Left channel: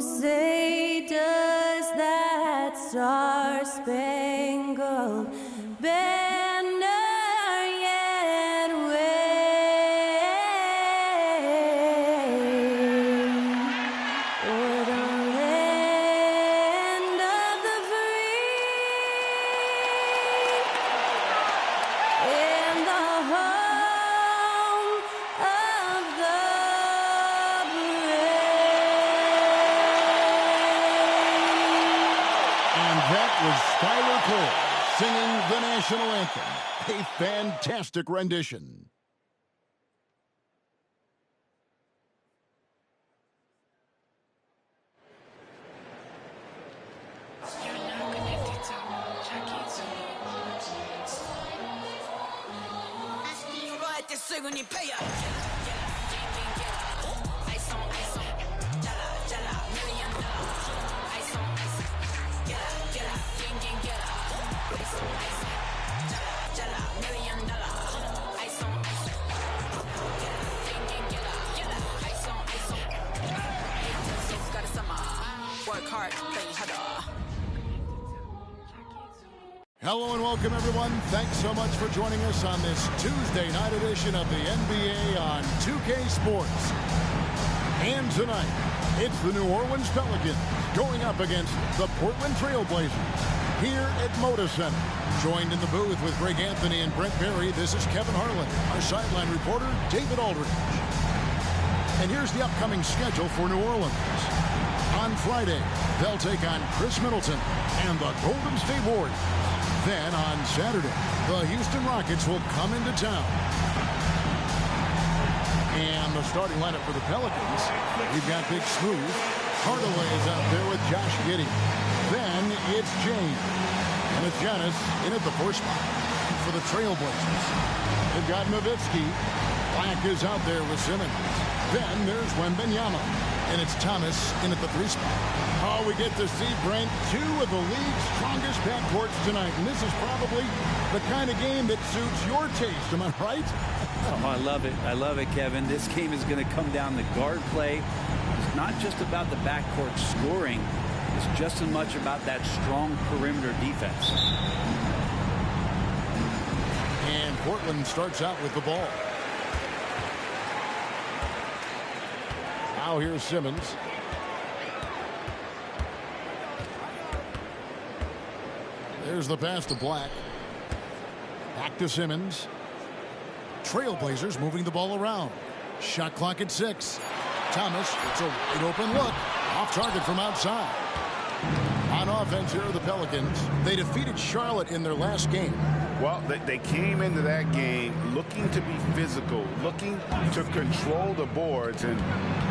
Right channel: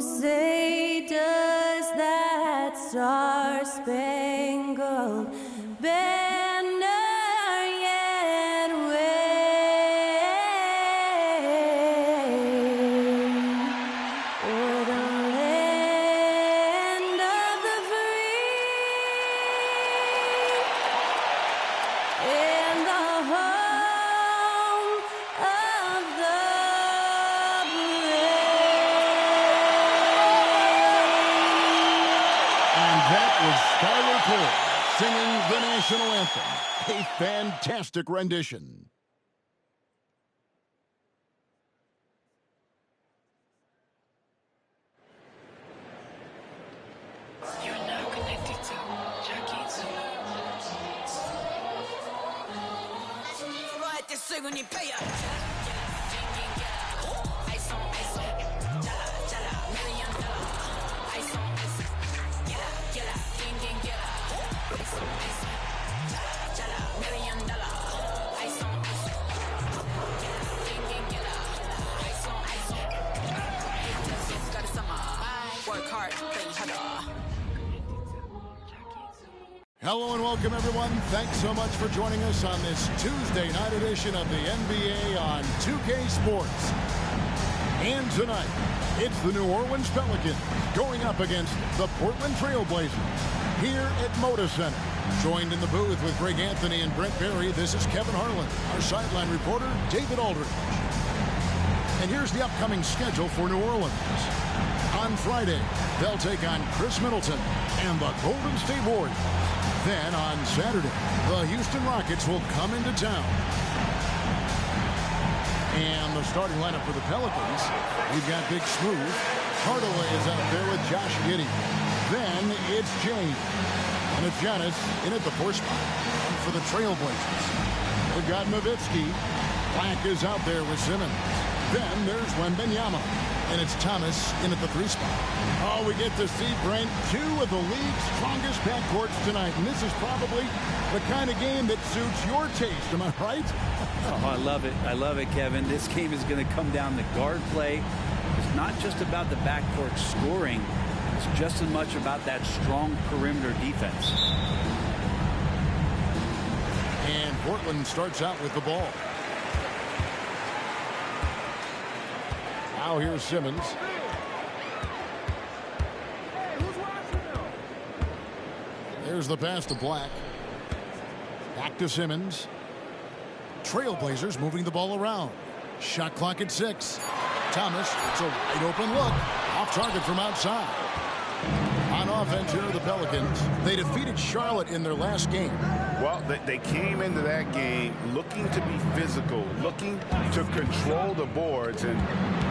say does that star-spangled banner yet wave o'er the land of the free and the home of the That was Skylar Cole singing the national anthem. A fantastic rendition. You're now connected to Jackie Work hard, play harder. Hello and welcome, everyone. Thanks so much for joining us on this Tuesday night edition of the NBA on 2K Sports. And tonight, it's the New Orleans Pelicans going up against the Portland Trail Blazers here at Moda Center. Joined in the booth with Greg Anthony and Brent Berry, this is Kevin Harlan. Our sideline reporter, David Aldridge. And here's the upcoming schedule for New Orleans. On Friday, they'll take on Chris Middleton and the Golden State Warriors. Then on Saturday, the Houston Rockets will come into town. And the starting lineup for the Pelicans, we've got Big Smooth. Hardaway is out there with Josh Giddey. Then it's James. And it's Giannis in at the 4 spot. And for the Trailblazers, they've got Nowitzki. Black is out there with Simmons. Then there's Wembanyama. And it's Thomas in at the 3 spot. Oh, we get to see, Brent, 2 of the league's strongest backcourts tonight. And this is probably the kind of game that suits your taste. Am I right? Oh, I love it. I love it, Kevin. This game is going to come down to guard play. It's not just about the backcourt scoring. It's just as much about that strong perimeter defense. And Portland starts out with the ball. Now here's Simmons. There's the pass to Black. Back to Simmons. Trailblazers moving the ball around. Shot clock at 6. Thomas, it's a wide open look. Off target from outside. On offense here are the Pelicans. They defeated Charlotte in their last game. Well, they came into that game looking to be physical, looking to control the boards, and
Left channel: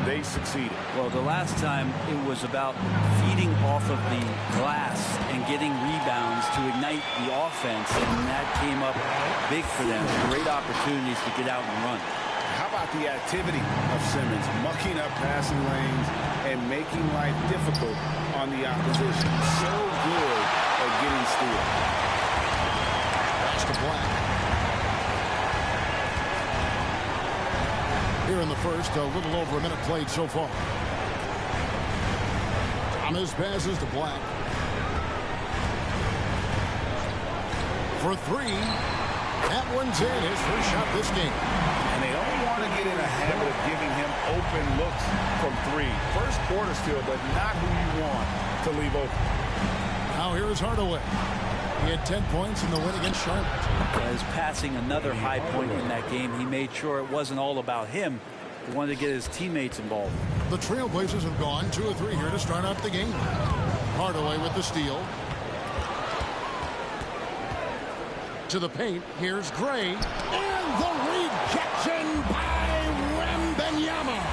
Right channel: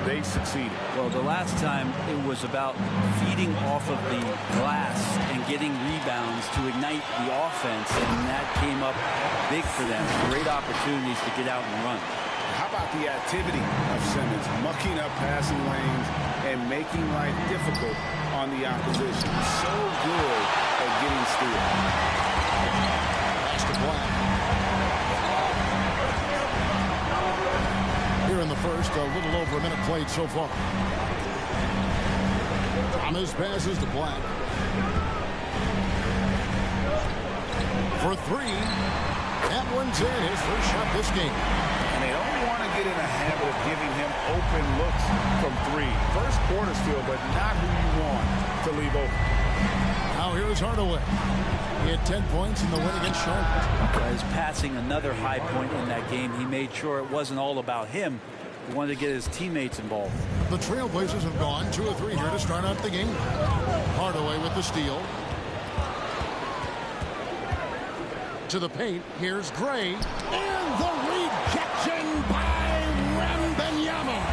they succeeded. Well, the last time it was about feeding off of the glass and getting rebounds to ignite the offense, and that came up big for them. Great opportunities to get out and run. How about the activity of Simmons, mucking up passing lanes and making life difficult on the opposition? So good at getting steals. Pass to Black. Here in the first, a little over a minute played so far. Thomas passes to Black. For 3. That one's in, his first shot this game. And they don't want to get in a habit of giving him open looks from 3. First quarter still, but not who you want to leave open. Now here is Hardaway. He had 10 points in the win against Charlotte. As passing another high point in that game, he made sure it wasn't all about him. He wanted to get his teammates involved. The Trailblazers have gone 2 of 3 here to start out the game. Hardaway with the steal. To the paint, here's Gray. And the rejection by Wembanyama.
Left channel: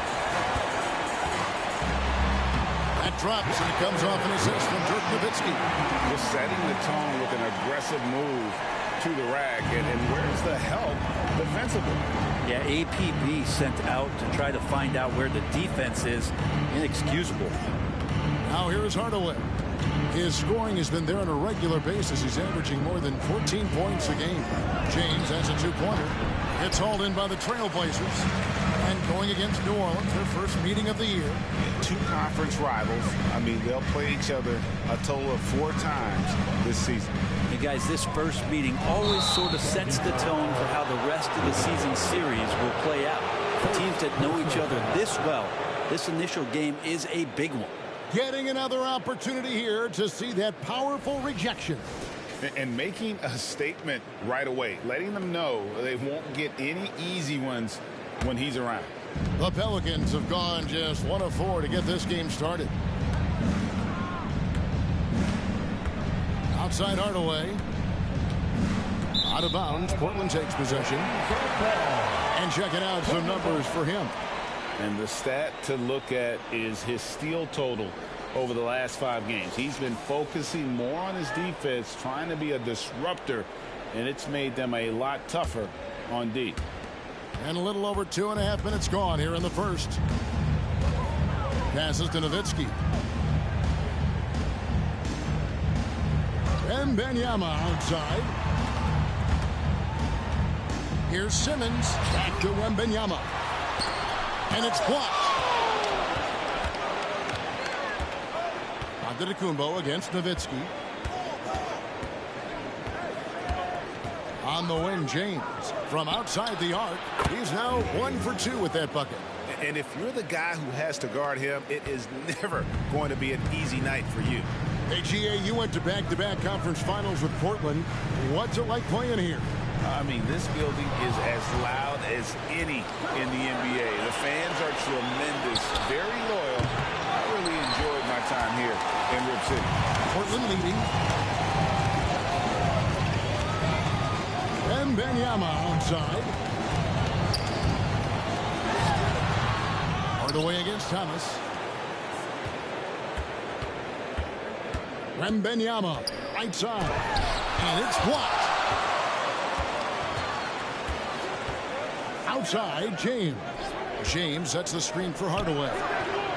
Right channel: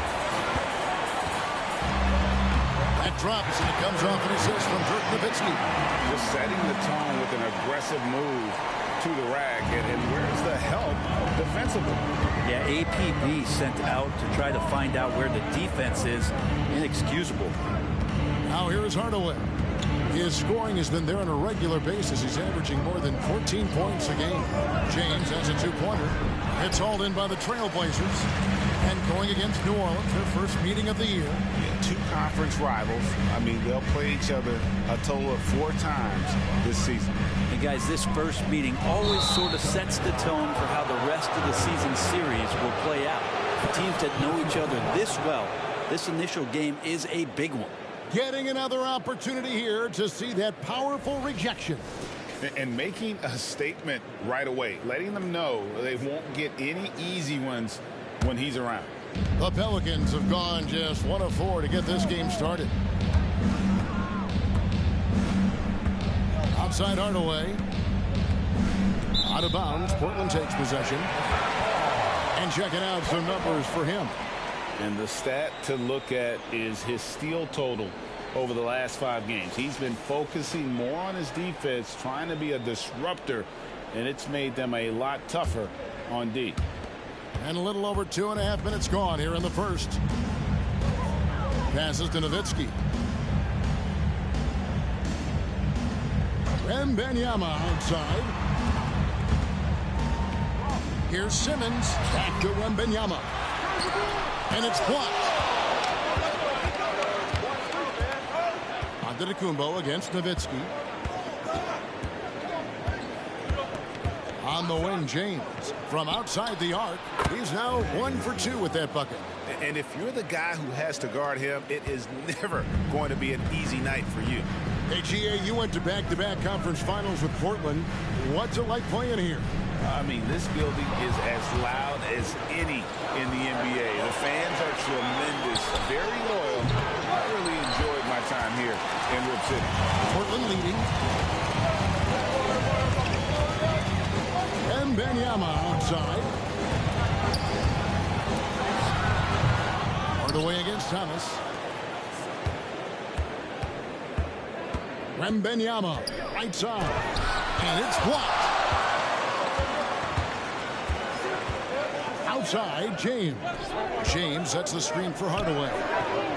That drops, and it comes off an assist from Dirk Nowitzki. Just setting the tone with an aggressive move to the rack. And where's the help defensively? Yeah, APB sent out to try to find out where the defense is. Inexcusable. Now here's Hardaway. His scoring has been there on a regular basis. He's averaging more than 14 points a game. James has a 2-pointer. It's hauled in by the Trailblazers. And going against New Orleans, their first meeting of the year. Yeah, two conference rivals. I mean, they'll play each other a total of 4 times this season. And guys, this first meeting always sort of sets the tone for how the rest of the season series will play out. For teams that know each other this well, this initial game is a big one. Getting another opportunity here to see that powerful rejection. And making a statement right away, letting them know they won't get any easy ones when he's around. The Pelicans have gone just 1 of 4 to get this game started. Outside Hardaway. Out of bounds. Portland takes possession. And checking out some numbers for him. And the stat to look at is his steal total over the last 5 games. He's been focusing more on his defense, trying to be a disruptor, and it's made them a lot tougher on D. And a little over 2.5 minutes gone here in the first. Passes to Nowitzki. Wembanyama outside. Here's Simmons. Back to Wembanyama. And it's blocked. Antetokounmpo against Nowitzki. On the wing, James from outside the arc. He's now 1 for 2 with that bucket. And if you're the guy who has to guard him, it is never going to be an easy night for you. Hey, GA, you went to back-to-back conference finals with Portland. What's it like playing here? I mean, this building is as loud as any in the NBA. The fans are tremendous, very loyal. I really enjoyed my time here in Rip City. Portland leading. Wembanyama outside. Hardaway against Thomas. Wembanyama right side. And it's blocked. Outside, James. James sets the screen for Hardaway.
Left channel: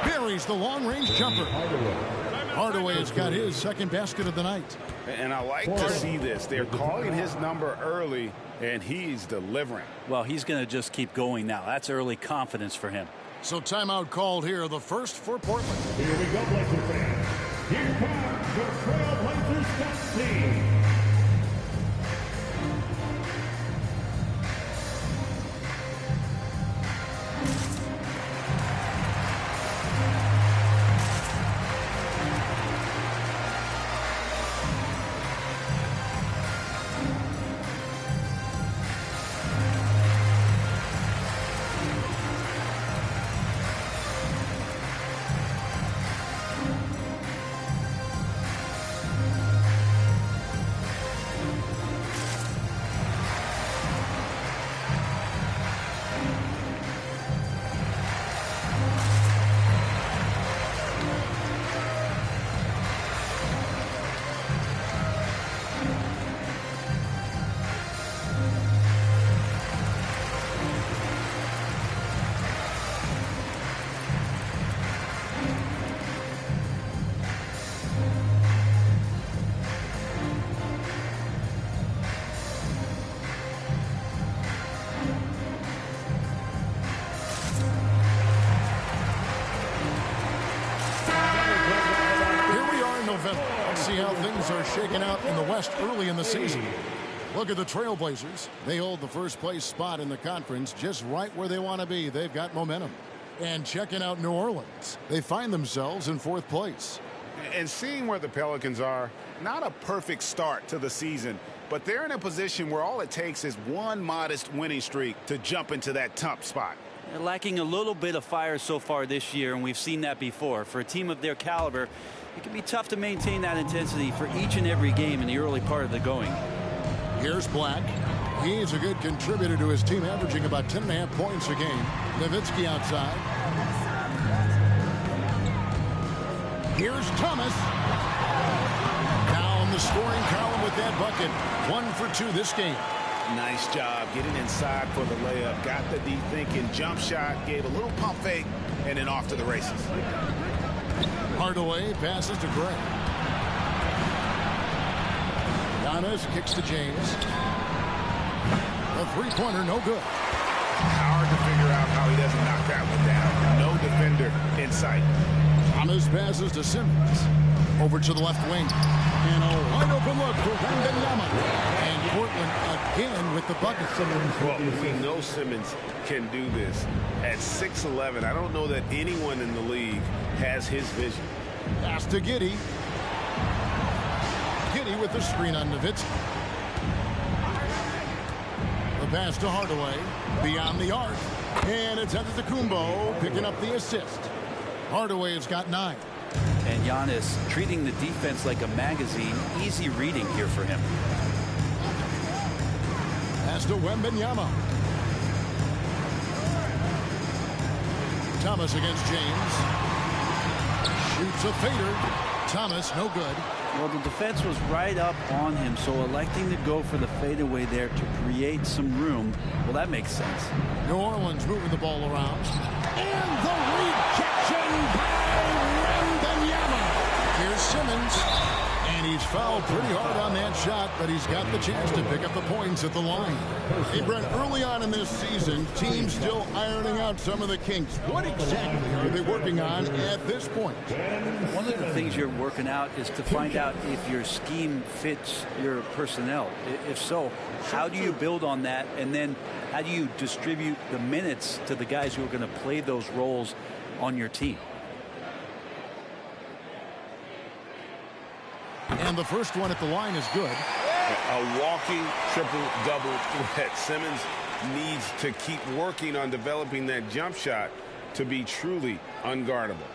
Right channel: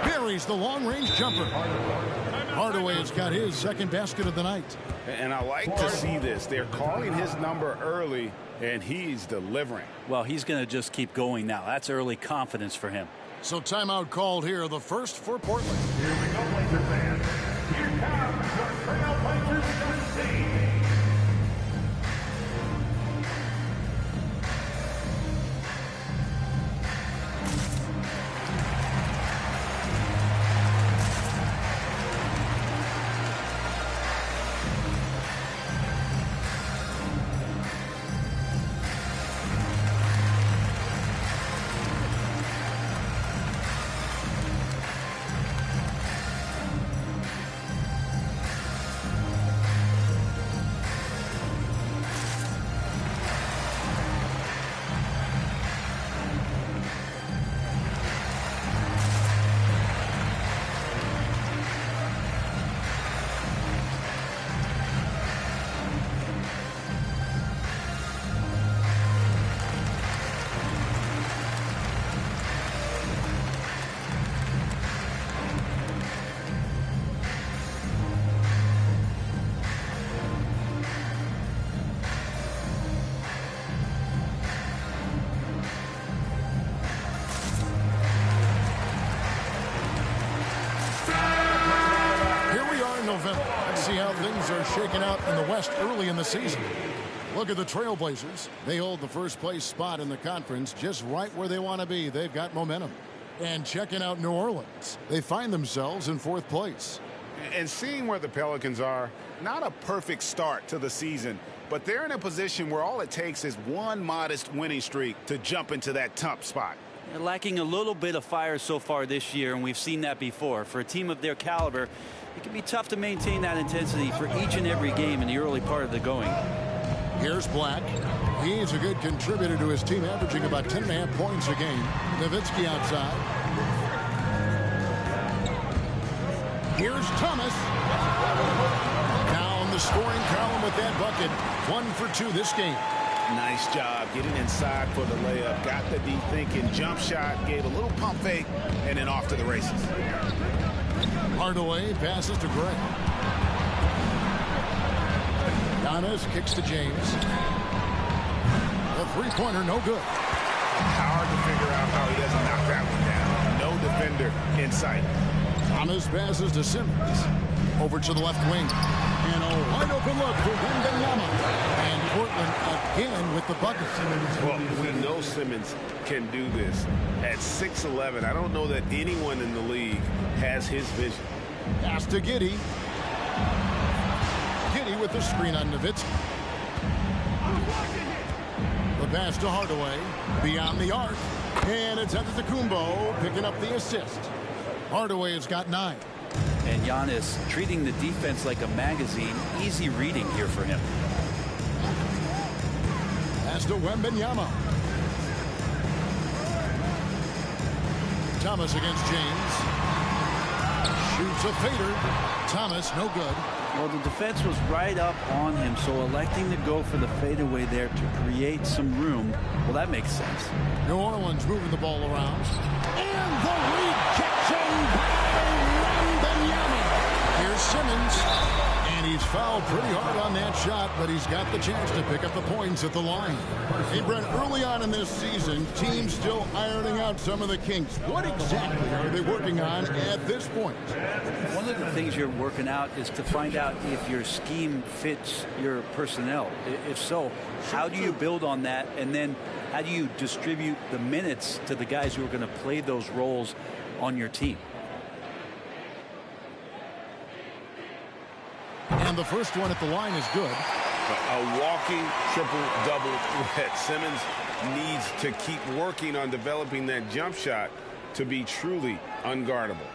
Buries the long-range jumper. Hardaway has got his second basket of the night. And I like to see this. They're calling his number early, and he's delivering. Well, he's going to just keep going now. That's early confidence for him. So timeout called here, the first for Portland. Here we go, Blazer fans. Here comes your Trailblazers Dusty. November. Let's see how things are shaking out in the West early in the season. Look at the Trailblazers. They hold the first place spot in the conference just right where they want to be. They've got momentum. And checking out New Orleans, they find themselves in 4th place. And seeing where the Pelicans are, not a perfect start to the season, but they're in a position where all it takes is one modest winning streak to jump into that top spot. They're lacking a little bit of fire so far this year, and we've seen that before. For a team of their caliber, it can be tough to maintain that intensity for each and every game in the early part of the going. Here's Black. He's a good contributor to his team, averaging about 10.5 points a game. Nowitzki outside. Here's Thomas. Down the scoring column with that bucket. 1 for 2 this game. Nice job getting inside for the layup. Got the D thinking, jump shot, gave a little pump fake, and then off to the races. Hardaway passes to Gray. Giannis kicks to James. The three-pointer, no good. Hard to figure out how he doesn't knock that one down. No defender in sight. Thomas passes to Simmons. Over to the left wing. And a wide open look for Wembanyama. And Portland again with the bucket. Well, we know Simmons can do this. At 6'11", I don't know that anyone in the league has his vision. Pass to Giddey. Giddey with the screen on Nowitzki. The pass to Hardaway. Beyond the arc. And it's Antetokounmpo picking up the assist. Hardaway has got 9. And Giannis treating the defense like a magazine. Easy reading here for him. Pass to Wembanyama. Thomas against James. Shoots a fader. Thomas, no good. Well, the defense was right up on him, so electing to go for the fadeaway there to create some room, well, that makes sense. New Orleans moving the ball around. And the rejection by Wembanyama. Here's Simmons. And he's fouled pretty hard on that shot, but he's got the chance to pick up the points at the line. Hey, Brent, early on in this season, teams still ironing out some of the kinks. What exactly are they working on at this point? One of the things you're working out is to find out if your scheme fits your personnel. If so, how do you build on that? And then how do you distribute the minutes to the guys who are going to play those roles on your team? And the first one at the line is good. A walking triple-double threat. Simmons needs to keep working on developing that jump shot to be truly unguardable.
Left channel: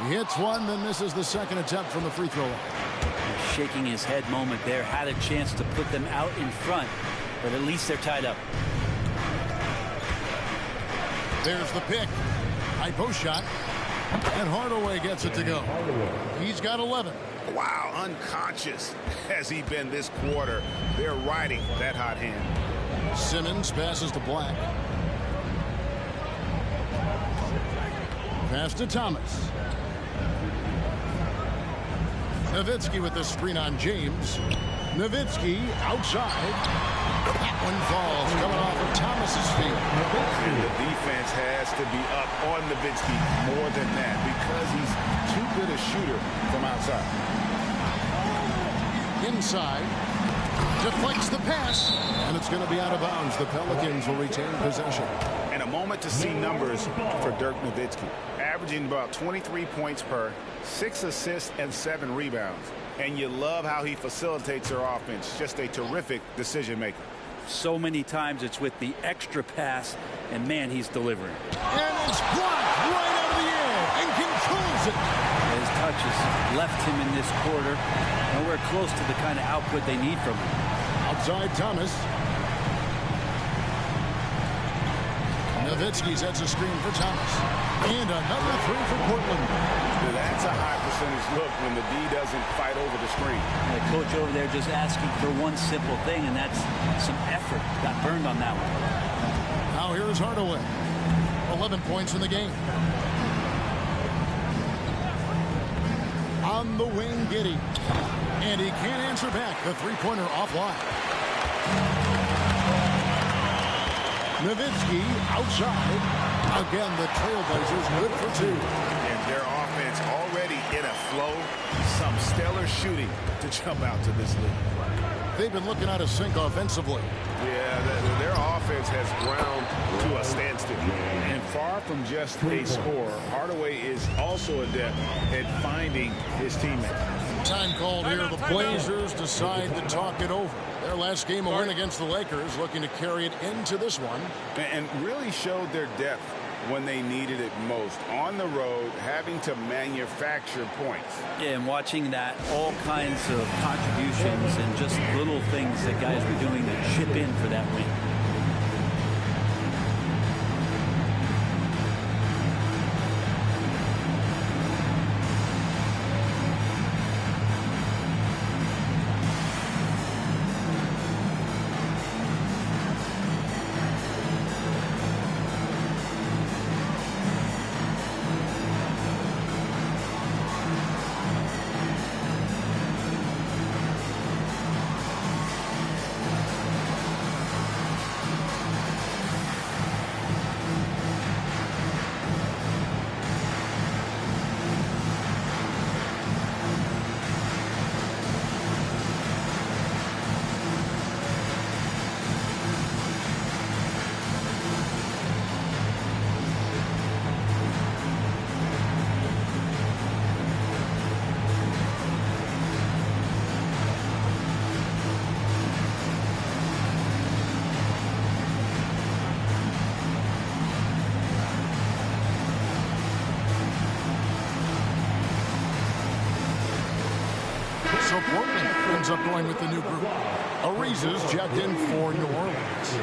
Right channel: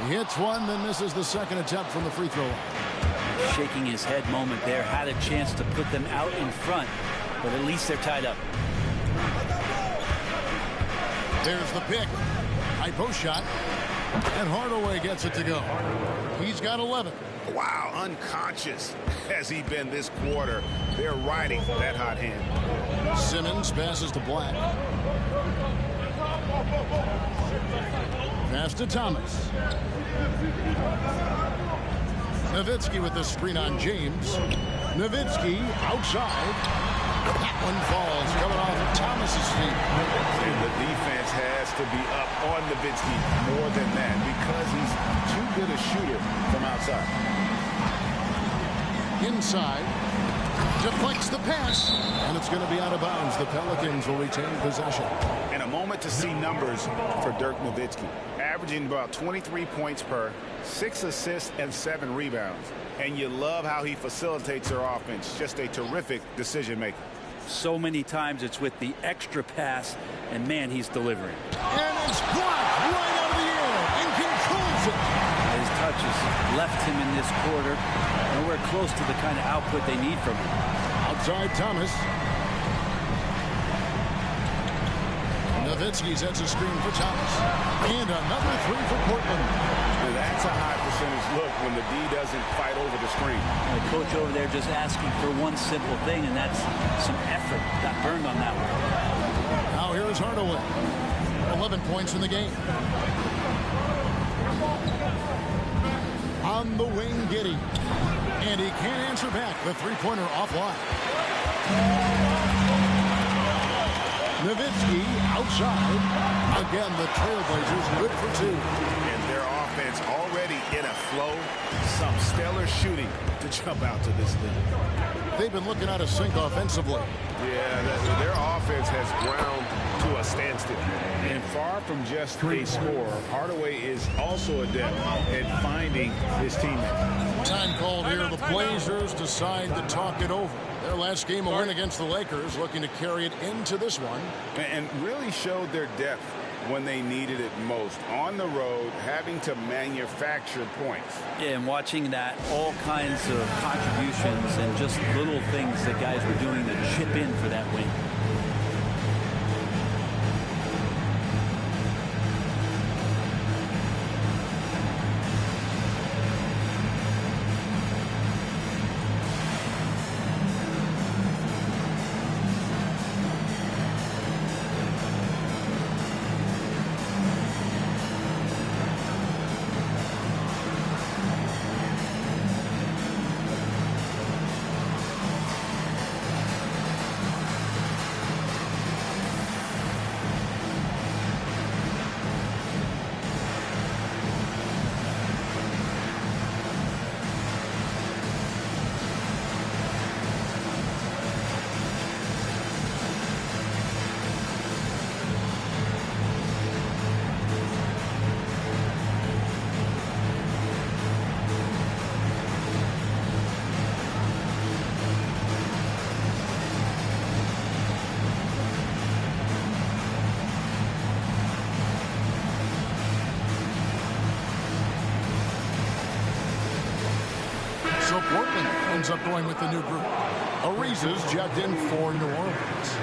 He hits one, then misses the second attempt from the free throw line. Shaking his head moment there. Had a chance to put them out in front, but at least they're tied up. There's the pick. High post shot. And Hardaway gets it to go. He's got 11. Wow, unconscious has he been this quarter. They're riding that hot hand. Simmons passes to Black. Pass to Thomas. Nowitzki with the screen on James. Nowitzki outside. That one falls, coming off of Thomas's feet. And the defense has to be up on Nowitzki more than that because he's too good a shooter from outside. Inside. Deflects the pass. And it's going to be out of bounds. The Pelicans will retain possession. And a moment to see numbers for Dirk Nowitzki. Averaging about 23 points per, 6 assists and 7 rebounds. And you love how he facilitates their offense. Just a terrific decision maker. So many times it's with the extra pass, and man, he's delivering. And it's blocked right out of the air and controls it. His touches left him in this quarter. Nowhere close to the kind of output they need from him. Outside Thomas. Nowitzki sets a screen for Thomas. And another three for Portland. That's a high percentage look when the D doesn't fight over the screen. The coach over there just asking for one simple thing, and that's some effort. Got burned on that one. Now here is Hardaway. 11 points in the game. On the wing, Giddey. And he can't answer back. The three-pointer offline. Nowitzki outside. Again, the Trailblazers good for 2. And their offense already in a flow. Some stellar shooting to jump out to this lead. They've been looking out of sync offensively. Yeah, their offense has ground to a standstill. And far from just a scorer, Hardaway is also adept at finding his teammates. Time called here. The Blazers decide to talk it over. Their last game, a win against the Lakers, looking to carry it into this one. And really showed their depth when they needed it most. On the road, having to manufacture points. Yeah, and watching that, all kinds of contributions and just little things that guys were doing to chip in for that win. So Portland ends up going with the new group. Ariza's checked in for New Orleans.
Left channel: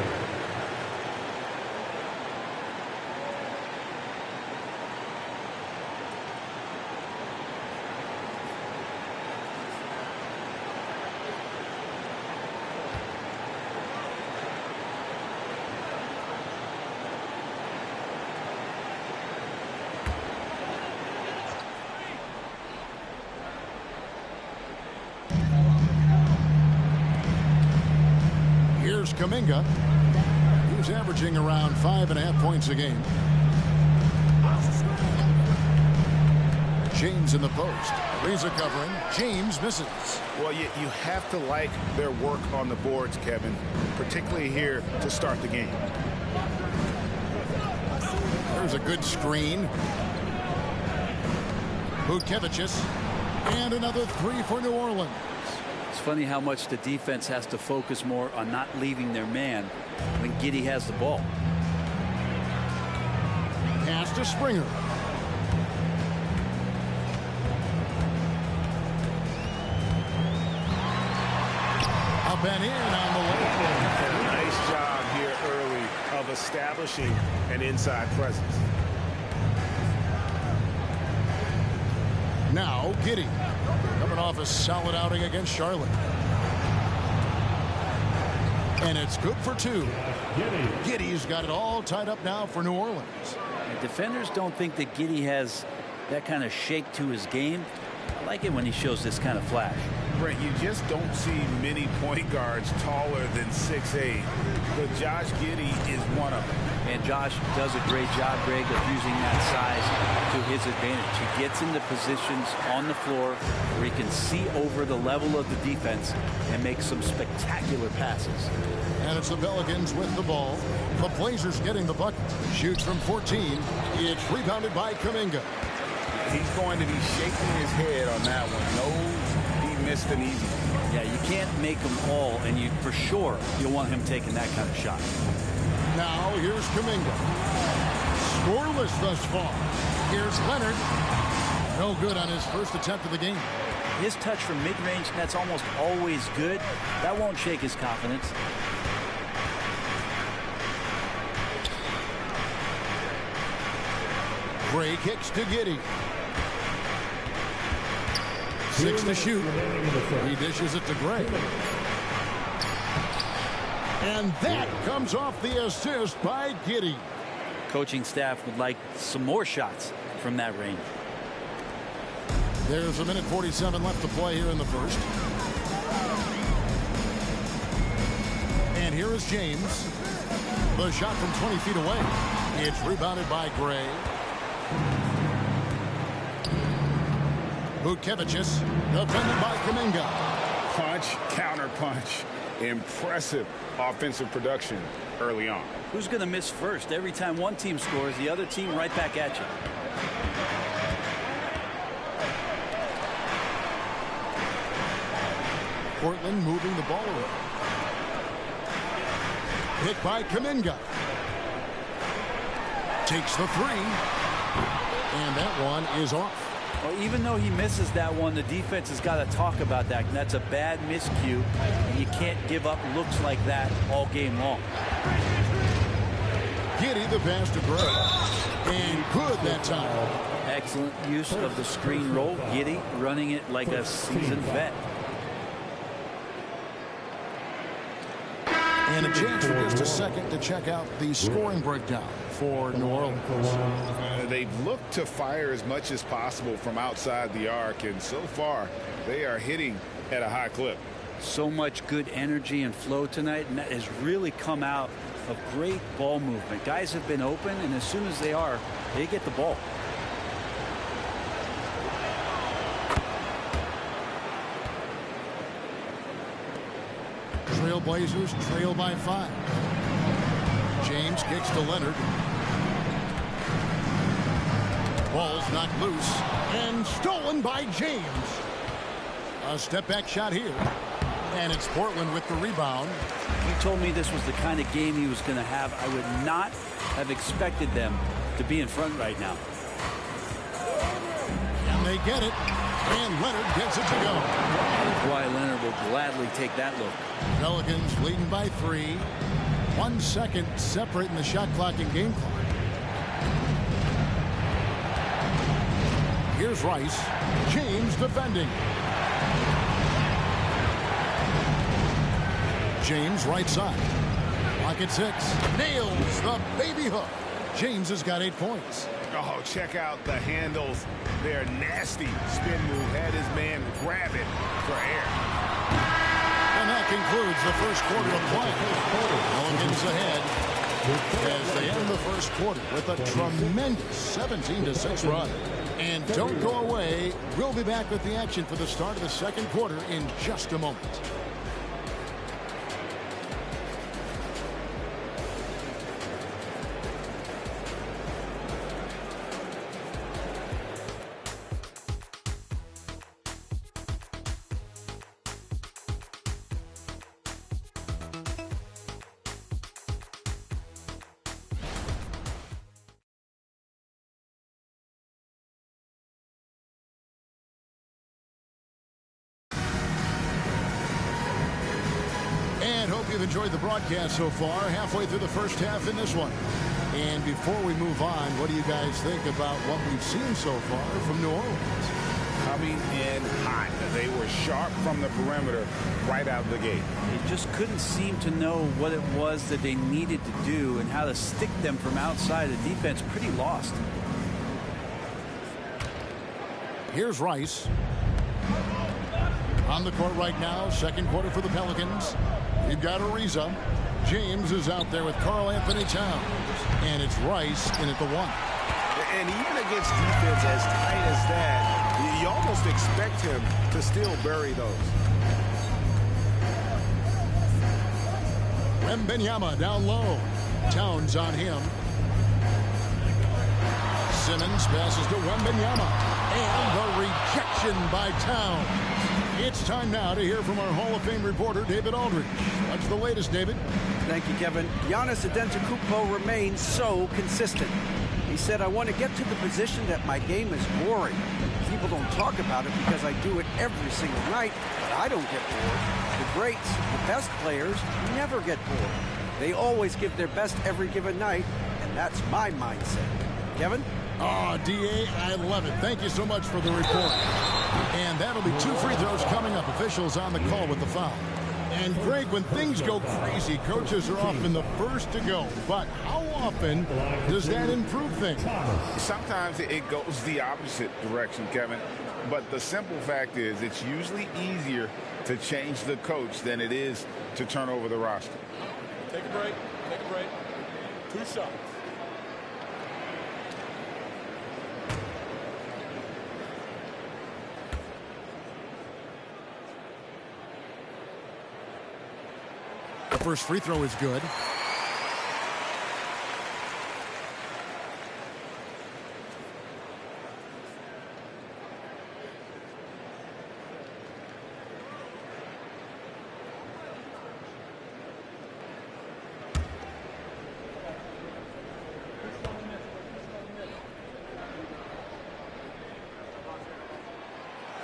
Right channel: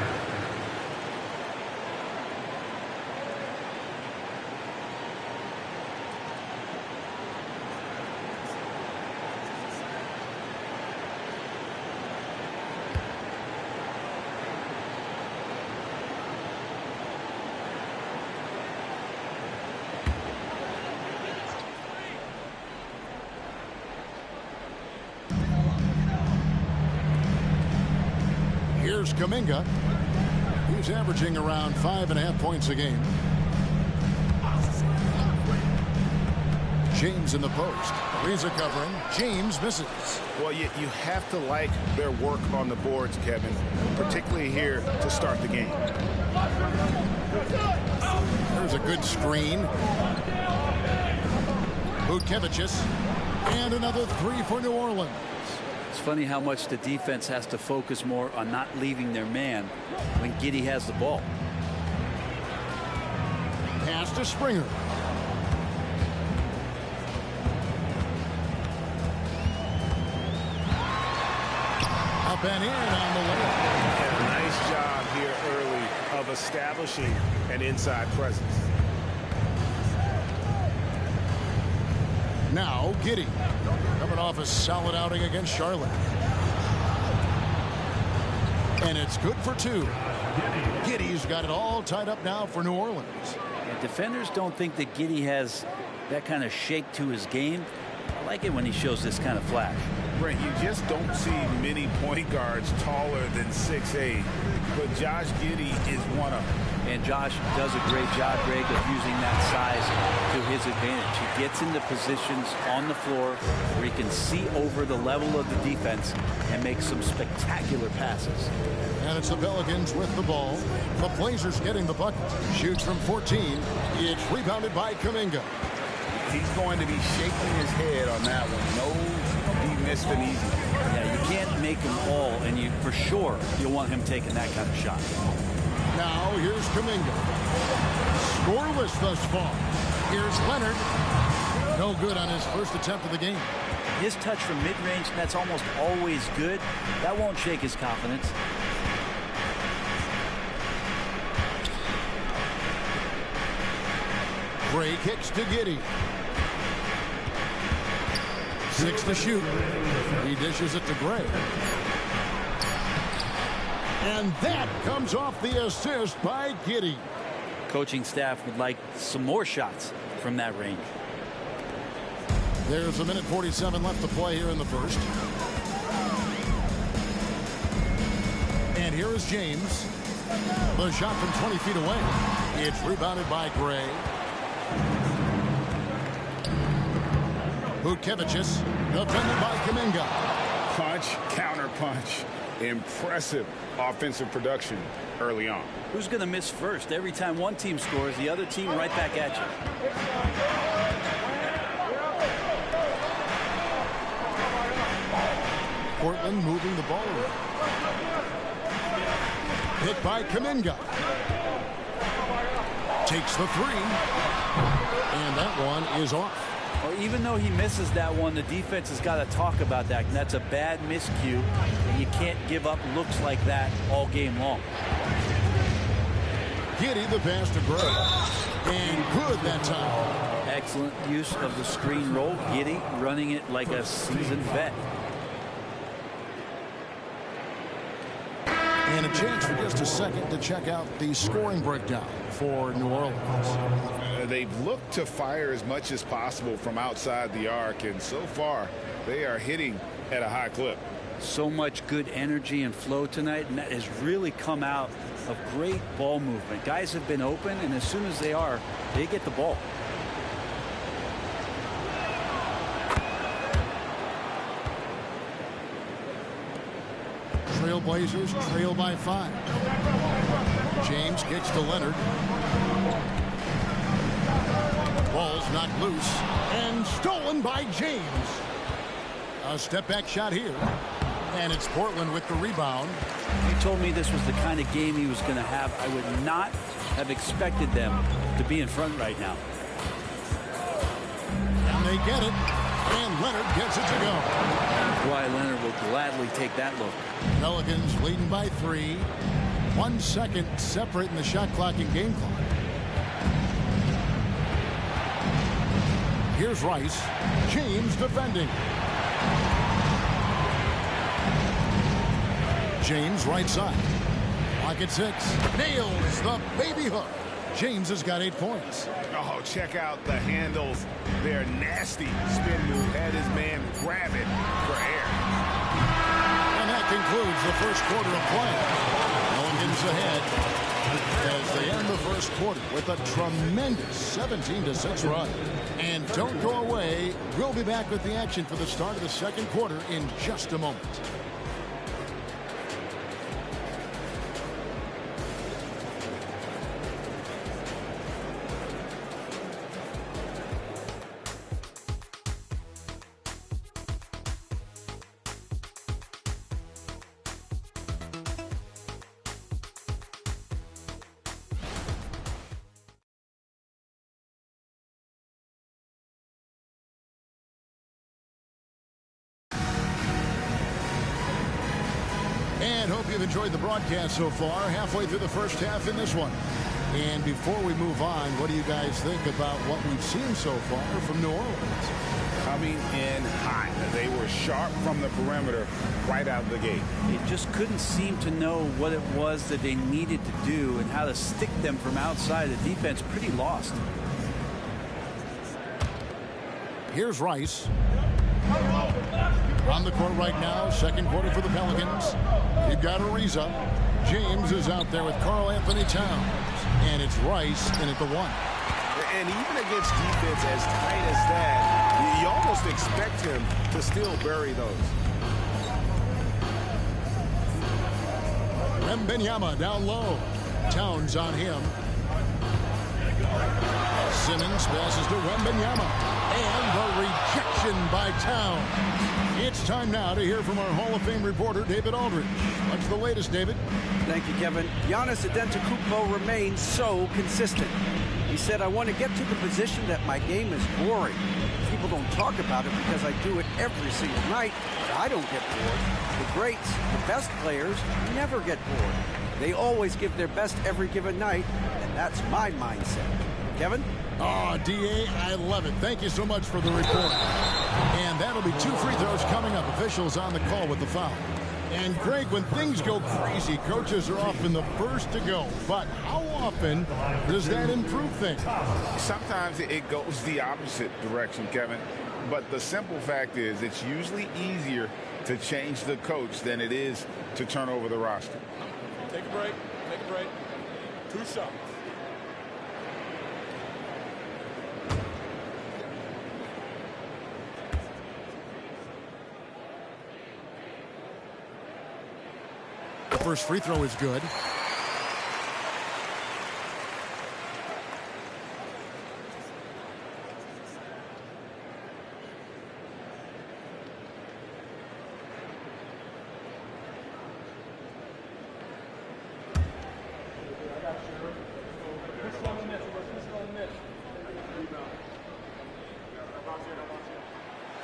Here's Kuminga. He's averaging around 5.5 points a game. James in the post. Ariza covering. James misses. Well, you have to like their work on the boards, Kevin, particularly here to start the game. There's a good screen. Vučević. And another three for New Orleans. It's funny how much the defense has to focus more on not leaving their man when Giddey has the ball. Pass to Springer. Up and in on the layup. And a nice job here early of establishing an inside presence. Now Giddey, coming off a solid outing against Charlotte. And it's good for two. Giddey's got it all tied up now for New Orleans. And defenders don't think that Giddey has that kind of shake to his game. I like it when he shows this kind of flash. Brent, you just don't see many point guards taller than 6'8", but Josh Giddey is one of them. And Josh does a great job, Greg, of using that size to his advantage. He gets into positions on the floor where he can see over the level of the defense and make some spectacular passes. And it's the Pelicans with the ball. The Blazers getting the bucket. Shoots from 14. It's rebounded by Kuminga. He's going to be shaking his head on that one. Knows he missed an easy one. Yeah, you can't make them all, and you for sure you'll want him taking that kind of shot. Now here's Kuminga. Scoreless thus far. Here's Leonard. No good on his first attempt of the game. His touch from mid-range, that's almost always good. That won't shake his confidence. Gray kicks to Giddey. 6 to shoot. He dishes it to Gray. And that comes off the assist by Giddey. Coaching staff would like some more shots from that range. There's a minute 47 left to play here in the first. And here is James. The shot from 20 feet away. It's rebounded by Gray. Vučević, defended by Kuminga. Punch, counter punch. Impressive offensive production early on. Who's going to miss first? Every time one team scores, the other team right back at you. Portland moving the ball around. Hit by Kuminga. Takes the three. And that one is off. Well, even though he misses that one, the defense has got to talk about that. And that's a bad miscue. And you can't give up looks like that all game long. Giddey the pass to Gray. And good that time. Excellent use of the screen roll. Giddey running it like a seasoned vet. And a chance for just a second to check out the scoring breakdown for New Orleans. They've looked to fire as much as possible from outside the arc, and so far they are hitting at a high clip. So much good energy and flow tonight, and that has really come out of great ball movement. Guys have been open, and as soon as they are, they get the ball. Trailblazers trail by 5. James kicks to Leonard. Ball's knocked loose and stolen by James. A step back shot here. And it's Portland with the rebound. If you told me this was the kind of game he was going to have, I would not have expected them to be in front right now. And they get it. And Leonard gets it to go. Kawhi Leonard will gladly take that look. Pelicans leading by 3. 1 second separating the shot clock and game clock. Here's Rice. James defending. James right side. Clock at 6. Nails the baby hook. James has got 8 points. Oh, check out the handles. They're nasty. Spin move. Had his man grab it for air. And that concludes the first quarter of play. Pelicans ahead as they end the first quarter with a tremendous 17-6 run. And don't go away. We'll be back with the action for the start of the second quarter in just a moment. And hope you've enjoyed the broadcast so far. Halfway through the first half in this one. And before we move on, what do you guys think about what we've seen so far from New Orleans? Coming in hot. They were sharp from the perimeter right out of the gate. They just couldn't seem to know what it was that they needed to do and how to stick them from outside. The defense pretty lost. Here's Rice. On the court right now, second quarter for the Pelicans. You've got Ariza. James is out there with Karl Anthony Towns. And it's Rice in at the 1. And even against defense as tight as that, you almost expect him to still bury those. Wembanyama down low. Towns on him. Simmons passes to Wembanyama. And the rejection by Towns. It's time now to hear from our Hall of Fame reporter, David Aldridge. What's the latest, David? Thank you, Kevin. Giannis Antetokounmpo remains so consistent. He said, I want to get to the position that my game is boring. People don't talk about it because I do it every single night, but I don't get bored. The greats, the best players, never get bored. They always give their best every given night, and that's my mindset. Kevin? Oh, D.A., I love it. Thank you so much for the report. And that'll be 2 free throws coming up. Officials on the call with the foul. And, Greg, when things go crazy, coaches are often the first to go. But how often does that improve things? Sometimes it goes the opposite direction, Kevin. But the simple fact is it's usually easier to change the coach than it is to turn over the roster. Take a break. Take a break. 2 shots. The first free throw is good.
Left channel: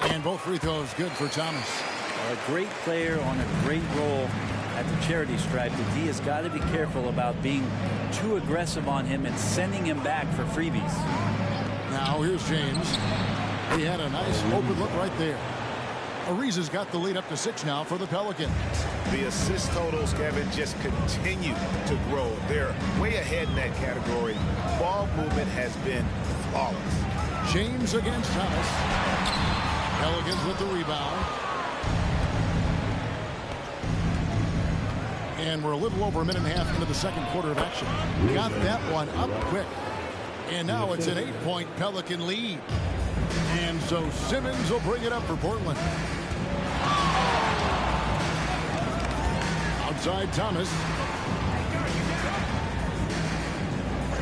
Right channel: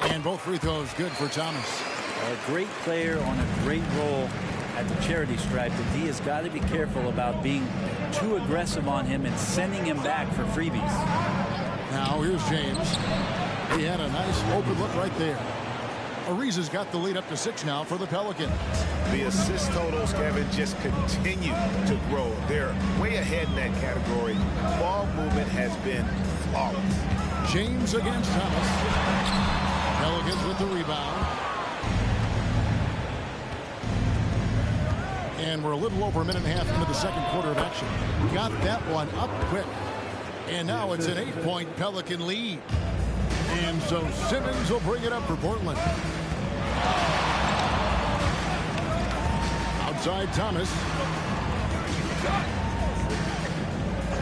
And both free throws good for Thomas. A great player on a great role at the charity stripe. The D has got to be careful about being too aggressive on him and sending him back for freebies. Now here's James. He had a nice open look right there. Ariza's got the lead up to 6 now for the Pelicans. The assist totals, Kevin, just continue to grow. They're way ahead in that category. Ball movement has been flawless. James against Thomas. Pelicans with the rebound. And we're a little over a minute and a half into the second quarter of action. Got that one up quick. And now it's an 8-point Pelican lead. And so Simmons will bring it up for Portland. Outside Thomas.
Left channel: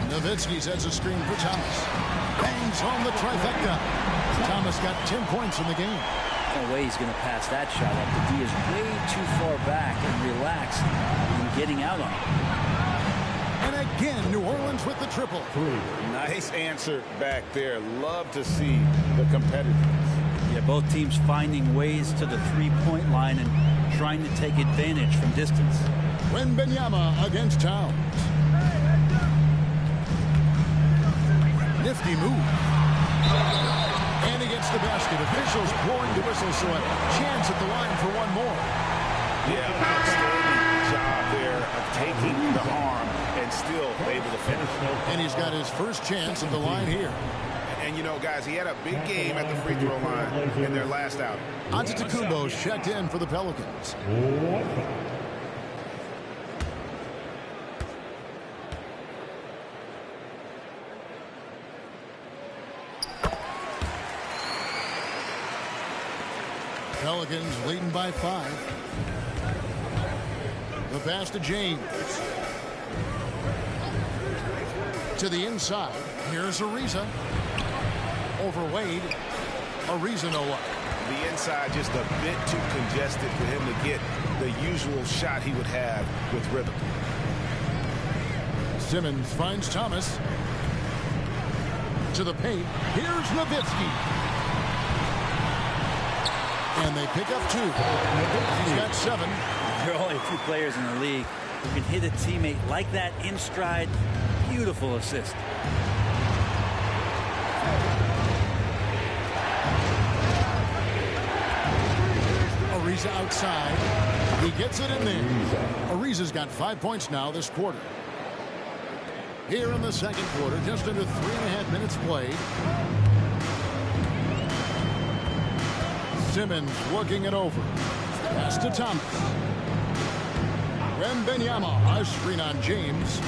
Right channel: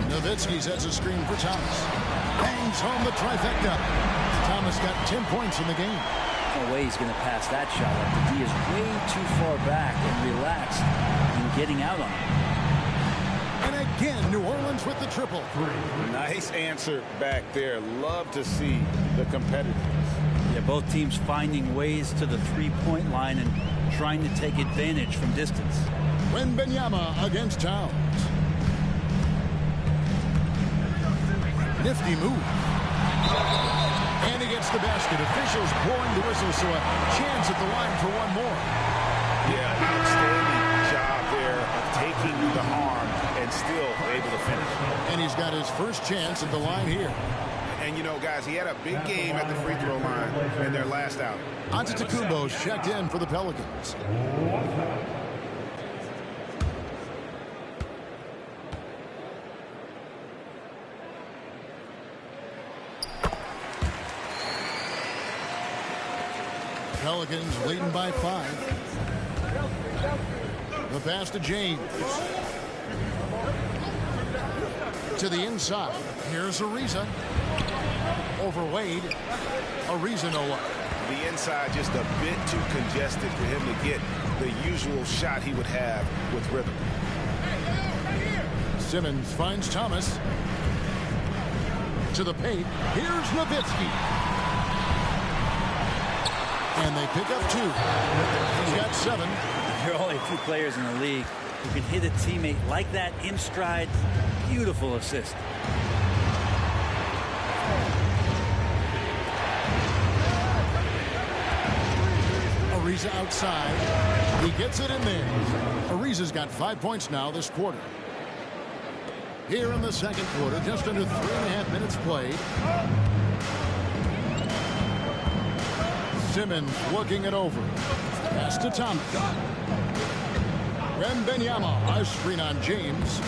Nowitzki sets a screen for Thomas. Bangs home the trifecta. Thomas got 10 points in the game. No way he's going to pass that shot up. The D is way too far back and relaxed in getting out on him. And again, New Orleans with the triple. Nice answer back there. Love to see the competitiveness. Yeah, both teams finding ways to the three-point line and trying to take advantage from distance. Wembanyama against Towns. Nifty move. And he gets the basket. Officials blowing the whistle, so a chance at the line for one more. Yeah, outstanding job there of taking the harm and still able to finish. And he's got his first chance at the line here. And, you know, guys, he had a big game at the free throw line in their last outing. Antetokounmpo's checked in for the Pelicans. Pelicans leading by 5. The pass to James. To the inside. Here's Ariza. Over Wade. Ariza no luck. The inside just a bit too congested for him to get the usual shot he would have with rhythm. Simmons finds Thomas. To the paint. Here's Nowitzki. And they pick up 2. He's got 7. There are only a few players in the league who can hit a teammate like that in stride. Beautiful assist. Ariza outside. He gets it in there. Ariza's got 5 points now this quarter. Here in the second quarter, just under 3.5 minutes played. Simmons looking it over. Pass to Thomas. Wembanyama, a screen on James.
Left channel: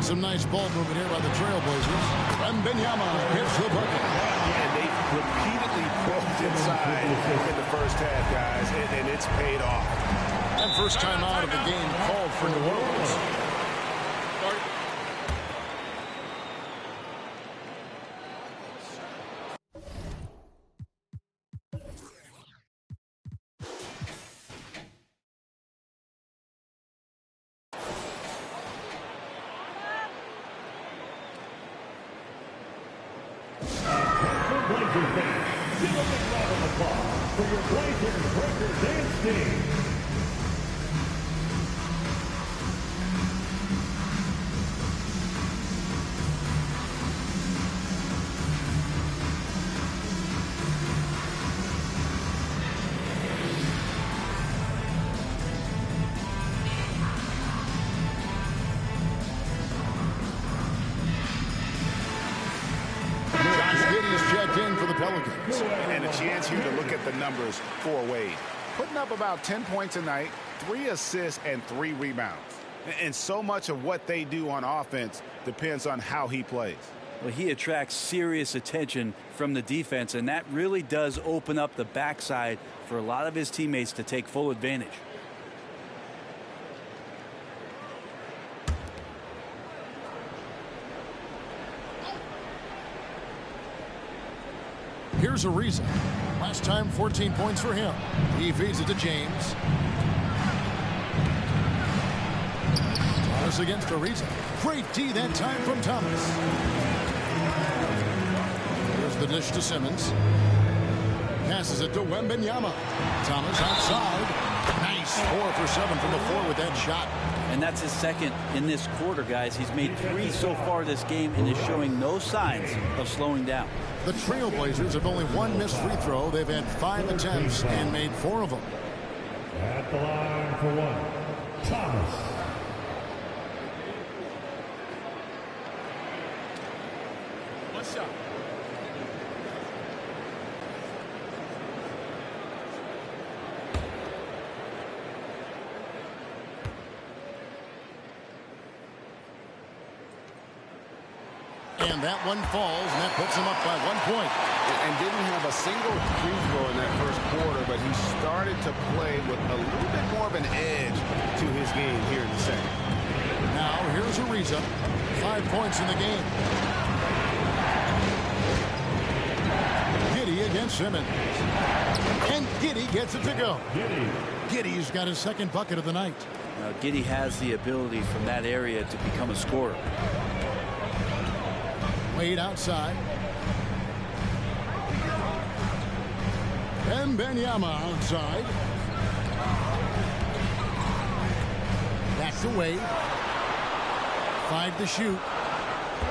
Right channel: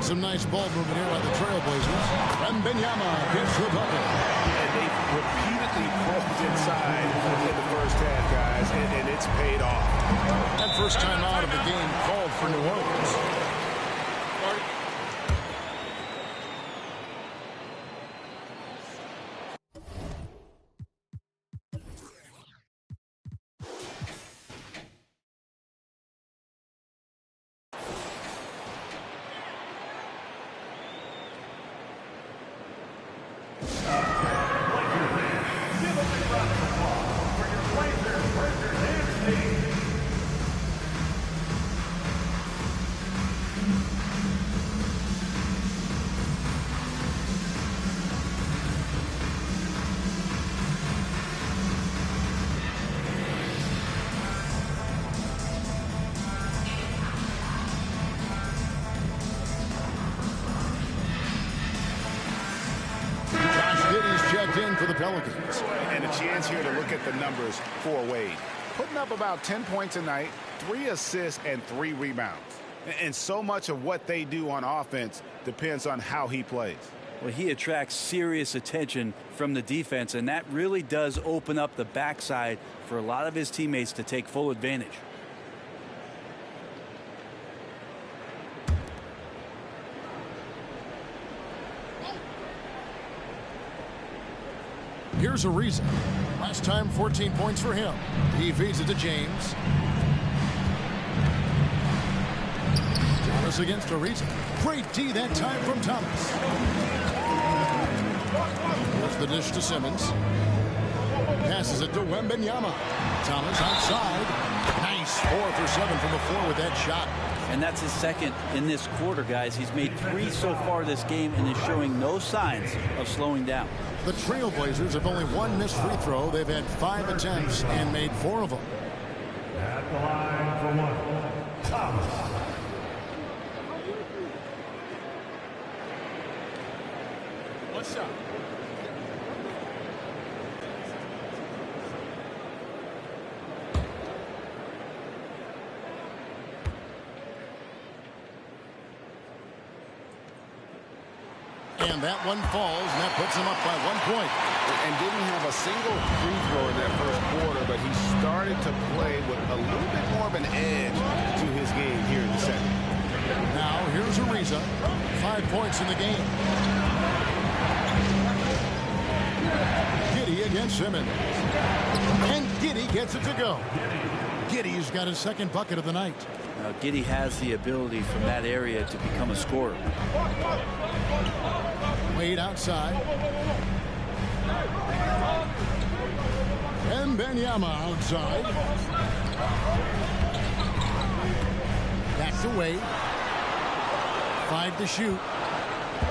Some nice ball movement here by the Trailblazers. Wembanyama gets the bucket. And they've repeatedly probed inside in the first half, guys, and it's paid off. And first time out of the game called for New Orleans. Give a big round of applause for your Blazers, Breakers, and Sting. Giddey's checked in for the Pelicans. And a chance here to look at the numbers for Wade. Putting up about 10 points a night, 3 assists, and 3 rebounds. And so much of what they do on offense depends on how he plays. Well, he attracts serious attention from the defense, and that really does open up the backside for a lot of his teammates to take full advantage. Here's Ariza. Last time, 14 points for him. He feeds it to James. Thomas against Ariza. Great D that time from Thomas. Here's the dish to Simmons. Passes it to Wembanyama. Thomas outside. Nice. 4 for 7 from the floor with that shot. And that's his second in this quarter, guys. He's made 3 so far this game and is showing no signs of slowing down. The Trailblazers have only 1 missed free throw. They've had 5 attempts and made 4 of them. At the line for 1, Thomas. One shot. And that one falls, and that puts him up by 1 point. And didn't have a single free throw in that first quarter, but he started to play with a little bit more of an edge to his game here in the second. Now here's Ariza. 5 points in the game. Giddey against Simmons. And Giddey gets it to go. Giddey's got his second bucket of the night. Now, Giddey has the ability from that area to become a scorer. Wade outside. Wembanyama outside. Back to Wade. 5 to shoot.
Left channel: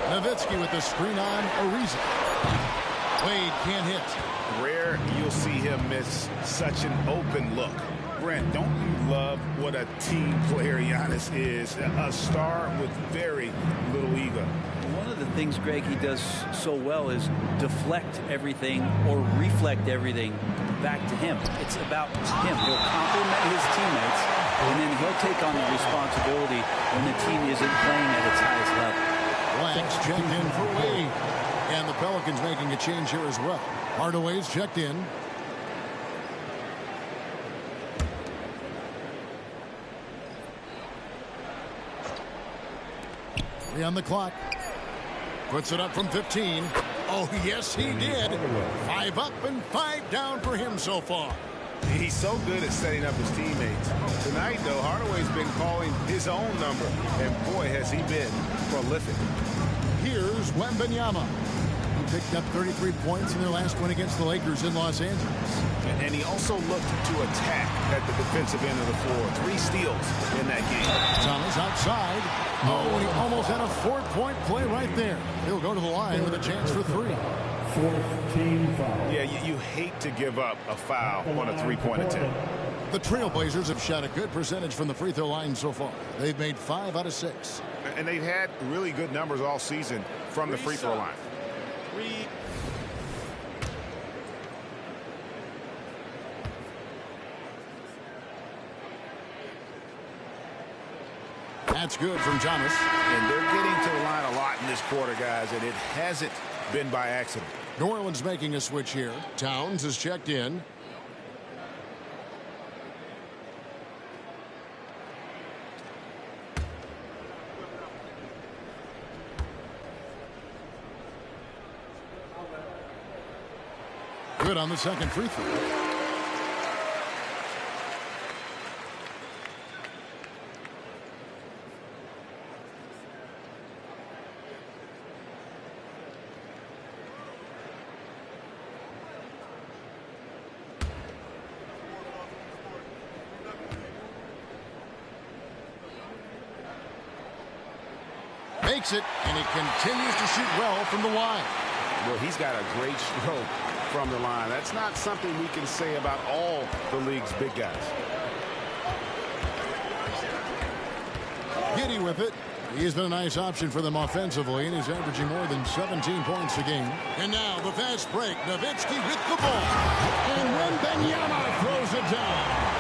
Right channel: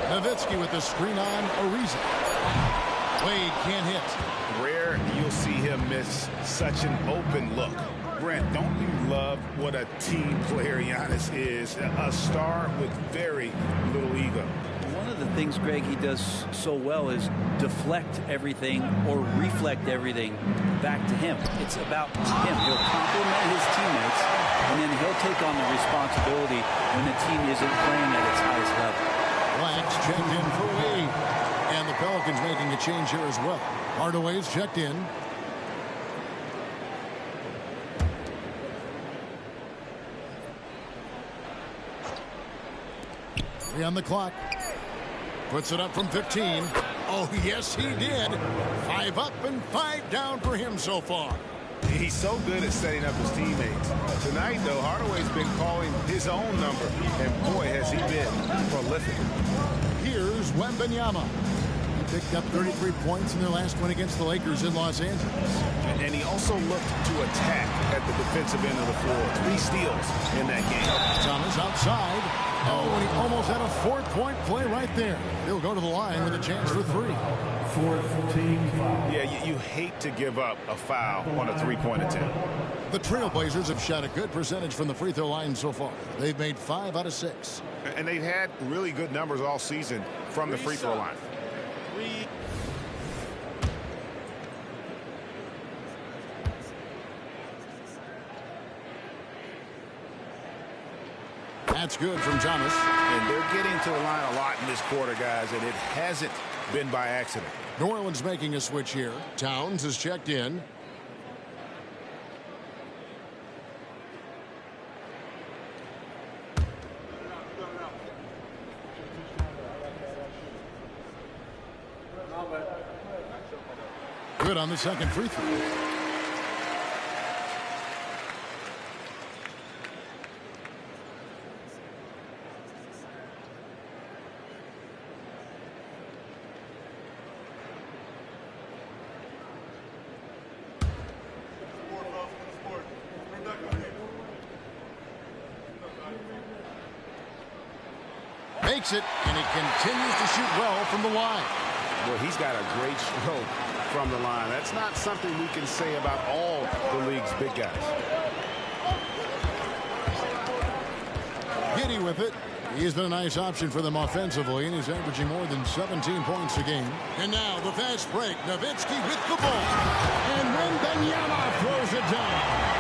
Nowitzki with the screen on Ariza. Wade can't hit. Rare you'll see him miss such an open look. Brent, don't you love what a team player Giannis is? A star with very little ego. One of the things, Greg, he does so well is deflect everything or reflect everything back to him. It's about him. He'll compliment his teammates, and then he'll take on the responsibility when the team isn't playing at its highest level. Blacks checked in for Wade. And the Pelicans making a change here as well. Hardaway's checked in. Three on the clock. Puts it up from 15. Oh, yes, he did. 5 up and 5 down for him so far. He's so good at setting up his teammates. Tonight, though, Hardaway's been calling his own number. And, boy, has he been prolific. Here's Wembanyama. He picked up 33 points in their last win against the Lakers in Los Angeles. And he also looked to attack at the defensive end of the floor. 3 steals in that game. Thomas outside. Oh, and he almost had a 4-point play right there. He'll go to the line with a chance for 3. Fourth team foul. Yeah, you hate to give up a foul on a 3-point attempt. The Trailblazers have shot a good percentage from the free throw line so far. They've made 5 out of 6. And they've had really good numbers all season from the free throw line. That's good from Thomas. And they're getting to the line a lot in this quarter, guys, and it hasn't been by accident. New Orleans making a switch here. Towns is checked in. Good on the second free throw. Makes it, and he continues to shoot well from the line. Well, he's got a great stroke from the line. That's not something we can say about all the league's big guys. Giddy with it. He's been a nice option for them offensively, and he's averaging more than 17 points a game. And now the fast break. Nowitzki with the ball. And Wembanyama throws it down.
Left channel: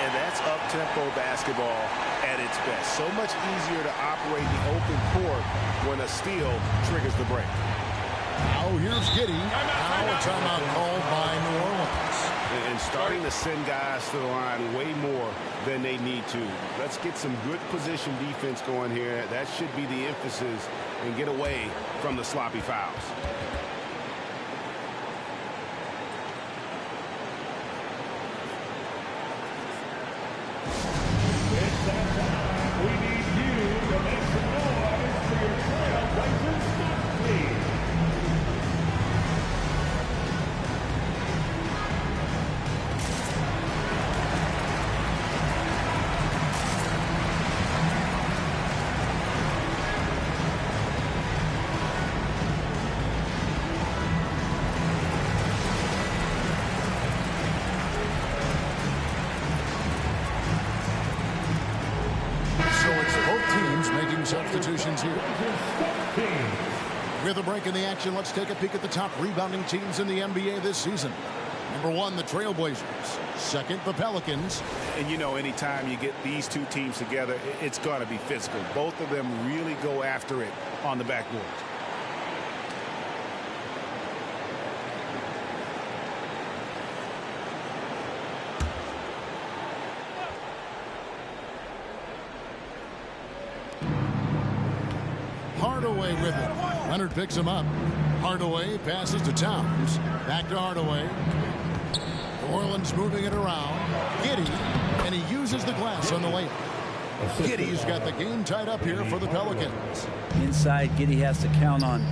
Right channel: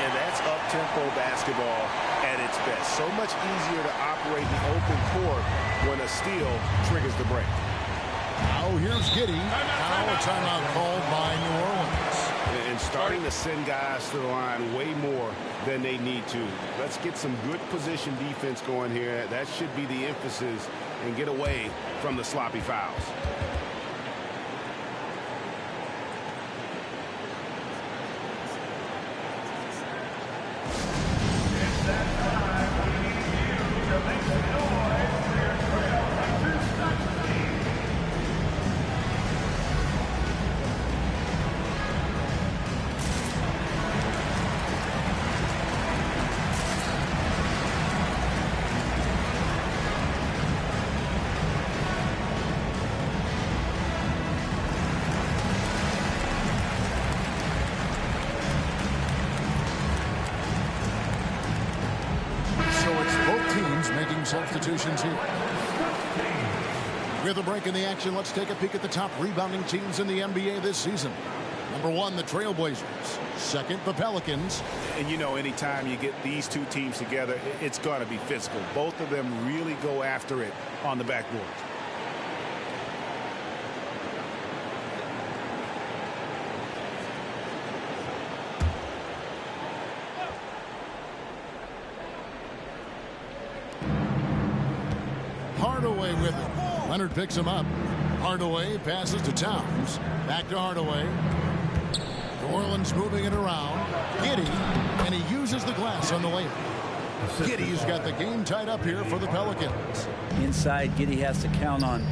And that's up-tempo basketball at its best. So much easier to operate the open court when a steal triggers the break. Now here's Giddy. Now a timeout called by New Orleans. And starting to send guys to the line way more than they need to. Let's get some good position defense going here. That should be the emphasis, and get away from the sloppy fouls. It's that time. We need you to make some noise for your Trailblazers dynasty. So it's both teams making substitutions here. With a break in the action, let's take a peek at the top rebounding teams in the NBA this season. Number 1, the Trailblazers. Second, the Pelicans. And you know, anytime you get these two teams together, it's going to be physical. Both of them really go after it on the backboard. Hardaway with it. Leonard picks him up. Hardaway passes to Towns. Back to Hardaway. New Orleans moving it around. Giddy, and he uses the glass on the layup. Giddy's got the game tied up here for the Pelicans. Inside, Giddy has to count on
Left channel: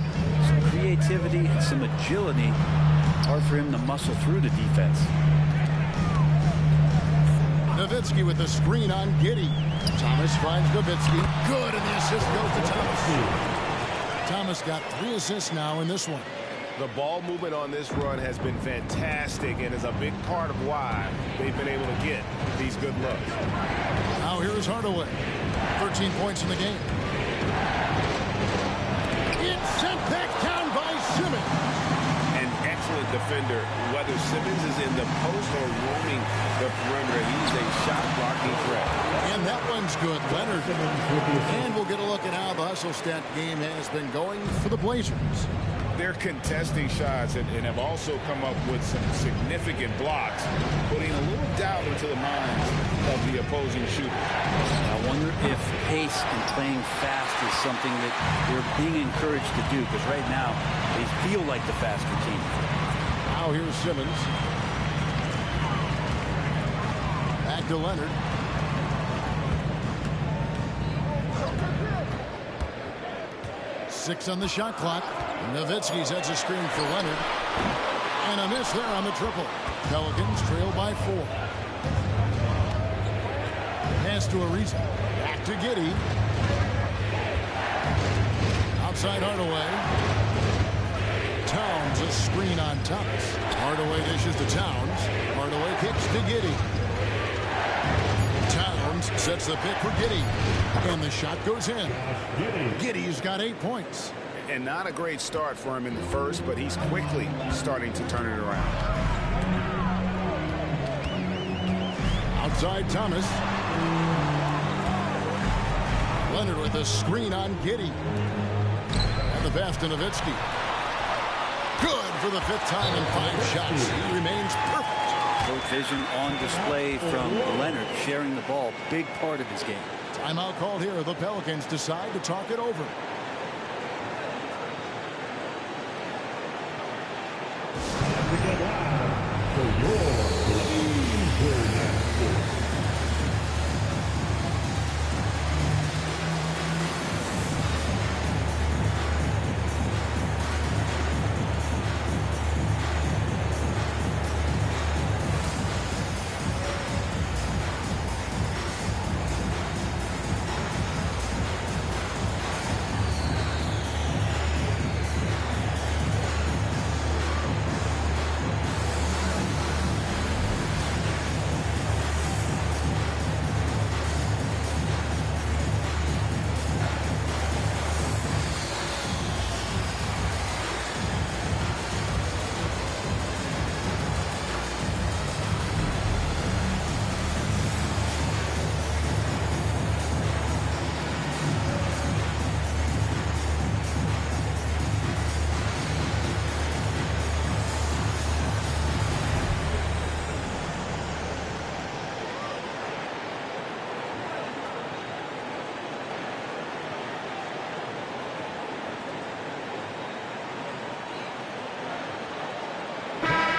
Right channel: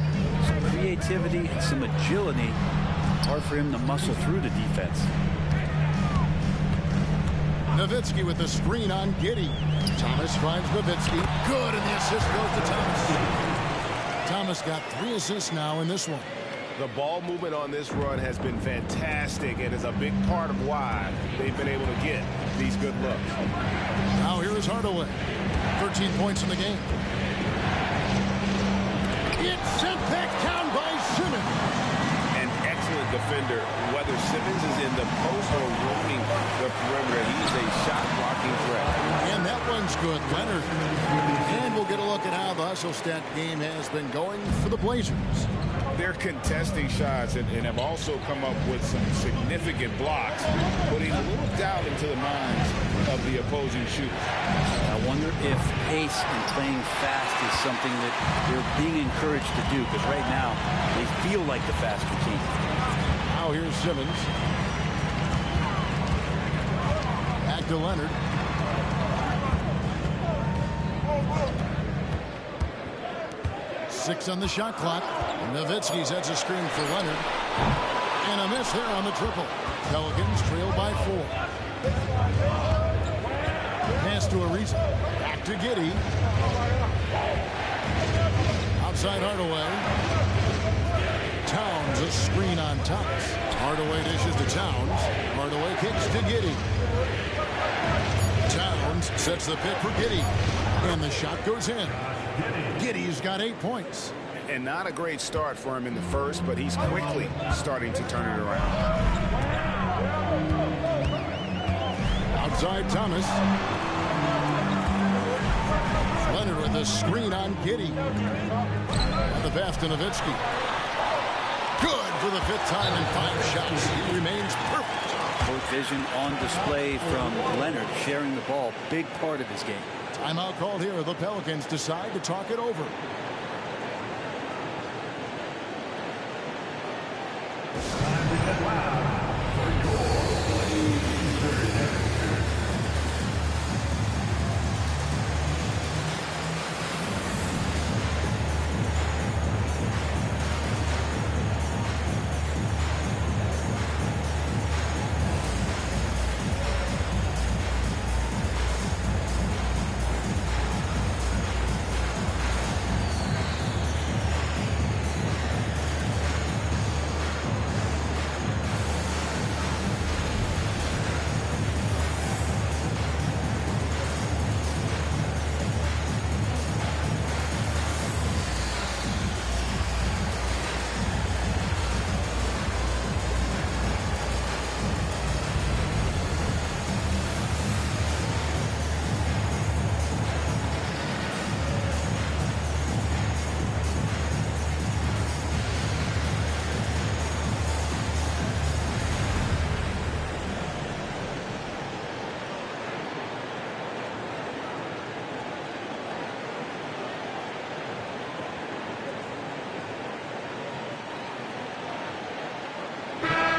some creativity and some agility Hard for him to muscle through the defense. Nowitzki with the screen on Giddey. Thomas finds Nowitzki. Good, and the assist goes to Thomas. Thomas got 3 assists now in this one. The ball movement on this run has been fantastic and is a big part of why they've been able to get these good looks. Now here's Hardaway. 13 points in the game. It's sent back down by Simmons. An excellent defender, whether Simmons is in the post or roaming the perimeter. He's a shot-blocking threat. And that one's good, Leonard. And we'll get a look at how the hustle stat game has been going for the Blazers. They're contesting shots and have also come up with some significant blocks, putting a little doubt into the minds of the opposing shooter. I wonder if pace and playing fast is something that they're being encouraged to do, because right now they feel like the faster team. Now here's Simmons. Back to Leonard. Six on the shot clock. Nowitzki sets a screen for Leonard. And a miss there on the triple. Pelicans trail by 4. Pass to Ariza. Back to Giddey. Outside Hardaway. Towns a screen on Thomas. Hardaway dishes to Towns. Hardaway kicks to Giddey. Towns sets the pick for Giddey. And the shot goes in. Giddey's got 8 points. And not a great start for him in the first, but he's quickly starting to turn it around. Outside Thomas. Leonard with a screen on Giddey. And the pass to Nowitzki. Good for the 5th time in 5 shots. He remains perfect. Court vision on display from Leonard, sharing the ball, big part of his game. Timeout called here. The Pelicans decide to talk it over. Time to get loud for your Blazers.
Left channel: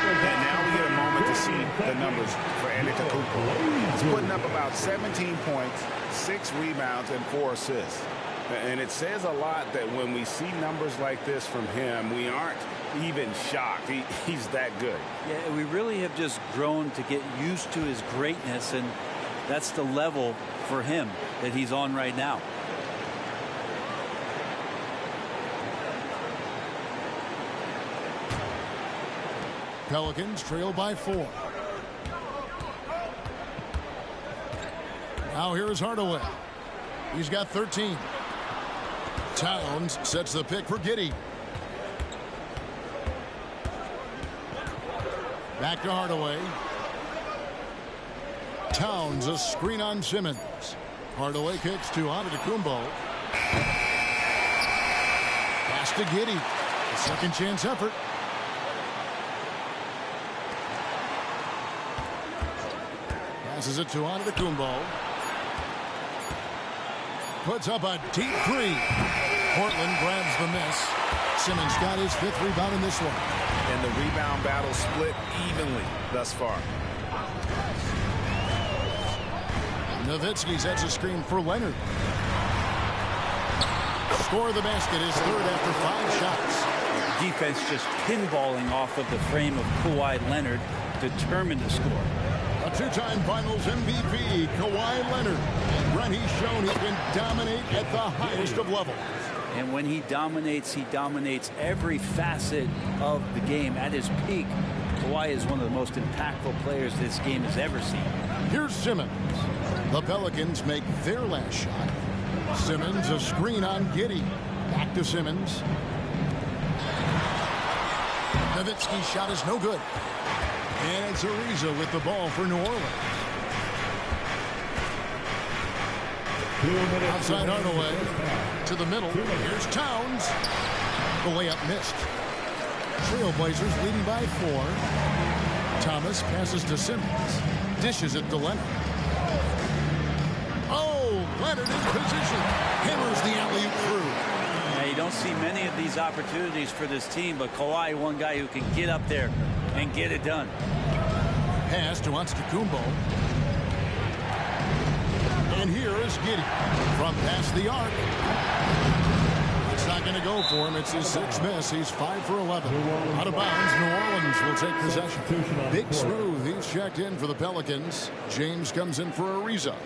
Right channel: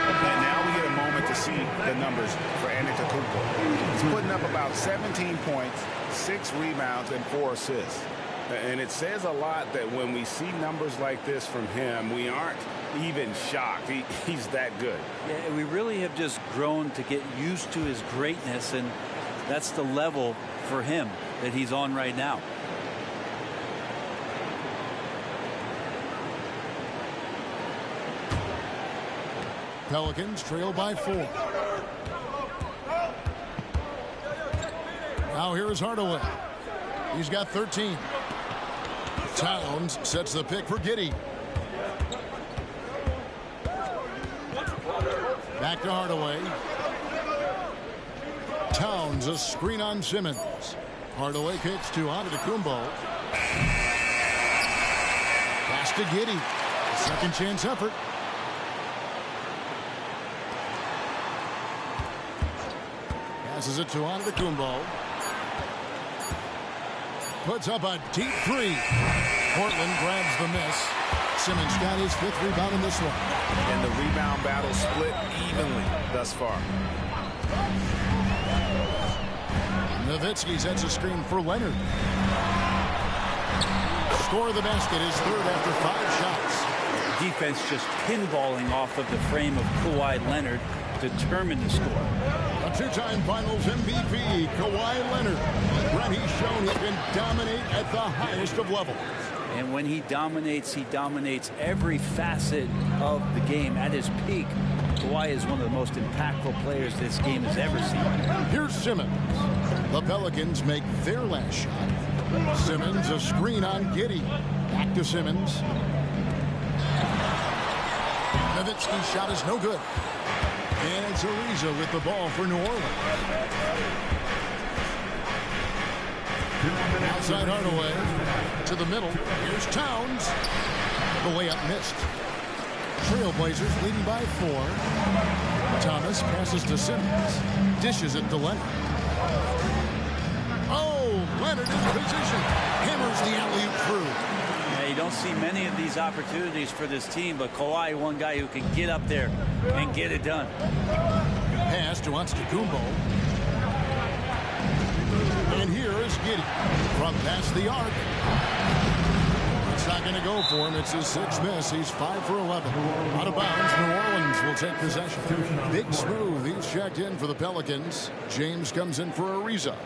And now we get a moment to see the numbers for Antetokounmpo. He's putting up about 17 points, 6 rebounds, and 4 assists. And it says a lot that when we see numbers like this from him, we aren't even shocked. He's that good. Yeah, we really have just grown to get used to his greatness, and that's the level for him that he's on right now. Pelicans trail by 4. Now here's Hardaway. He's got 13. Towns sets the pick for Giddey. Back to Hardaway. Towns a screen on Simmons. Hardaway kicks to Antetokounmpo. Pass to Giddey. Second chance effort. Passes it to Antetokounmpo. Puts up a deep 3. Portland grabs the miss. Simmons got his 5th rebound in this one. And the rebound battle split evenly thus far. Nowitzki sets a screen for Leonard. Score the basket, his 3rd after 5 shots. Defense just pinballing off of the frame of Kawhi Leonard, determined to score. A two-time Finals MVP, Kawhi Leonard. Brent, he's shown he can dominate at the highest of levels. And when he dominates every facet of the game at his peak. Kawhi is one of the most impactful players this game has ever seen. Here's Simmons. The Pelicans make their last shot. Simmons, a screen on Giddey. Back to Simmons. Nowitzki's shot is no good. And it's Ariza with the ball for New Orleans. Outside Hardaway to the middle. Here's Towns. The layup missed. Trailblazers leading by 4. Thomas passes to Simmons. Dishes it to Leonard. Oh, Leonard in position. Hammers the alley-oop through. Yeah, you don't see many of these opportunities for this team, but Kawhi, one guy who can get up there and get it done. Pass to Antetokounmpo. And here is Giddey from past the arc. It's not going to go for him. It's his 6th miss. He's 5 for 11. Out of bounds, New Orleans will take possession. Big Smooth, he's checked in for the Pelicans. James comes in for Ariza.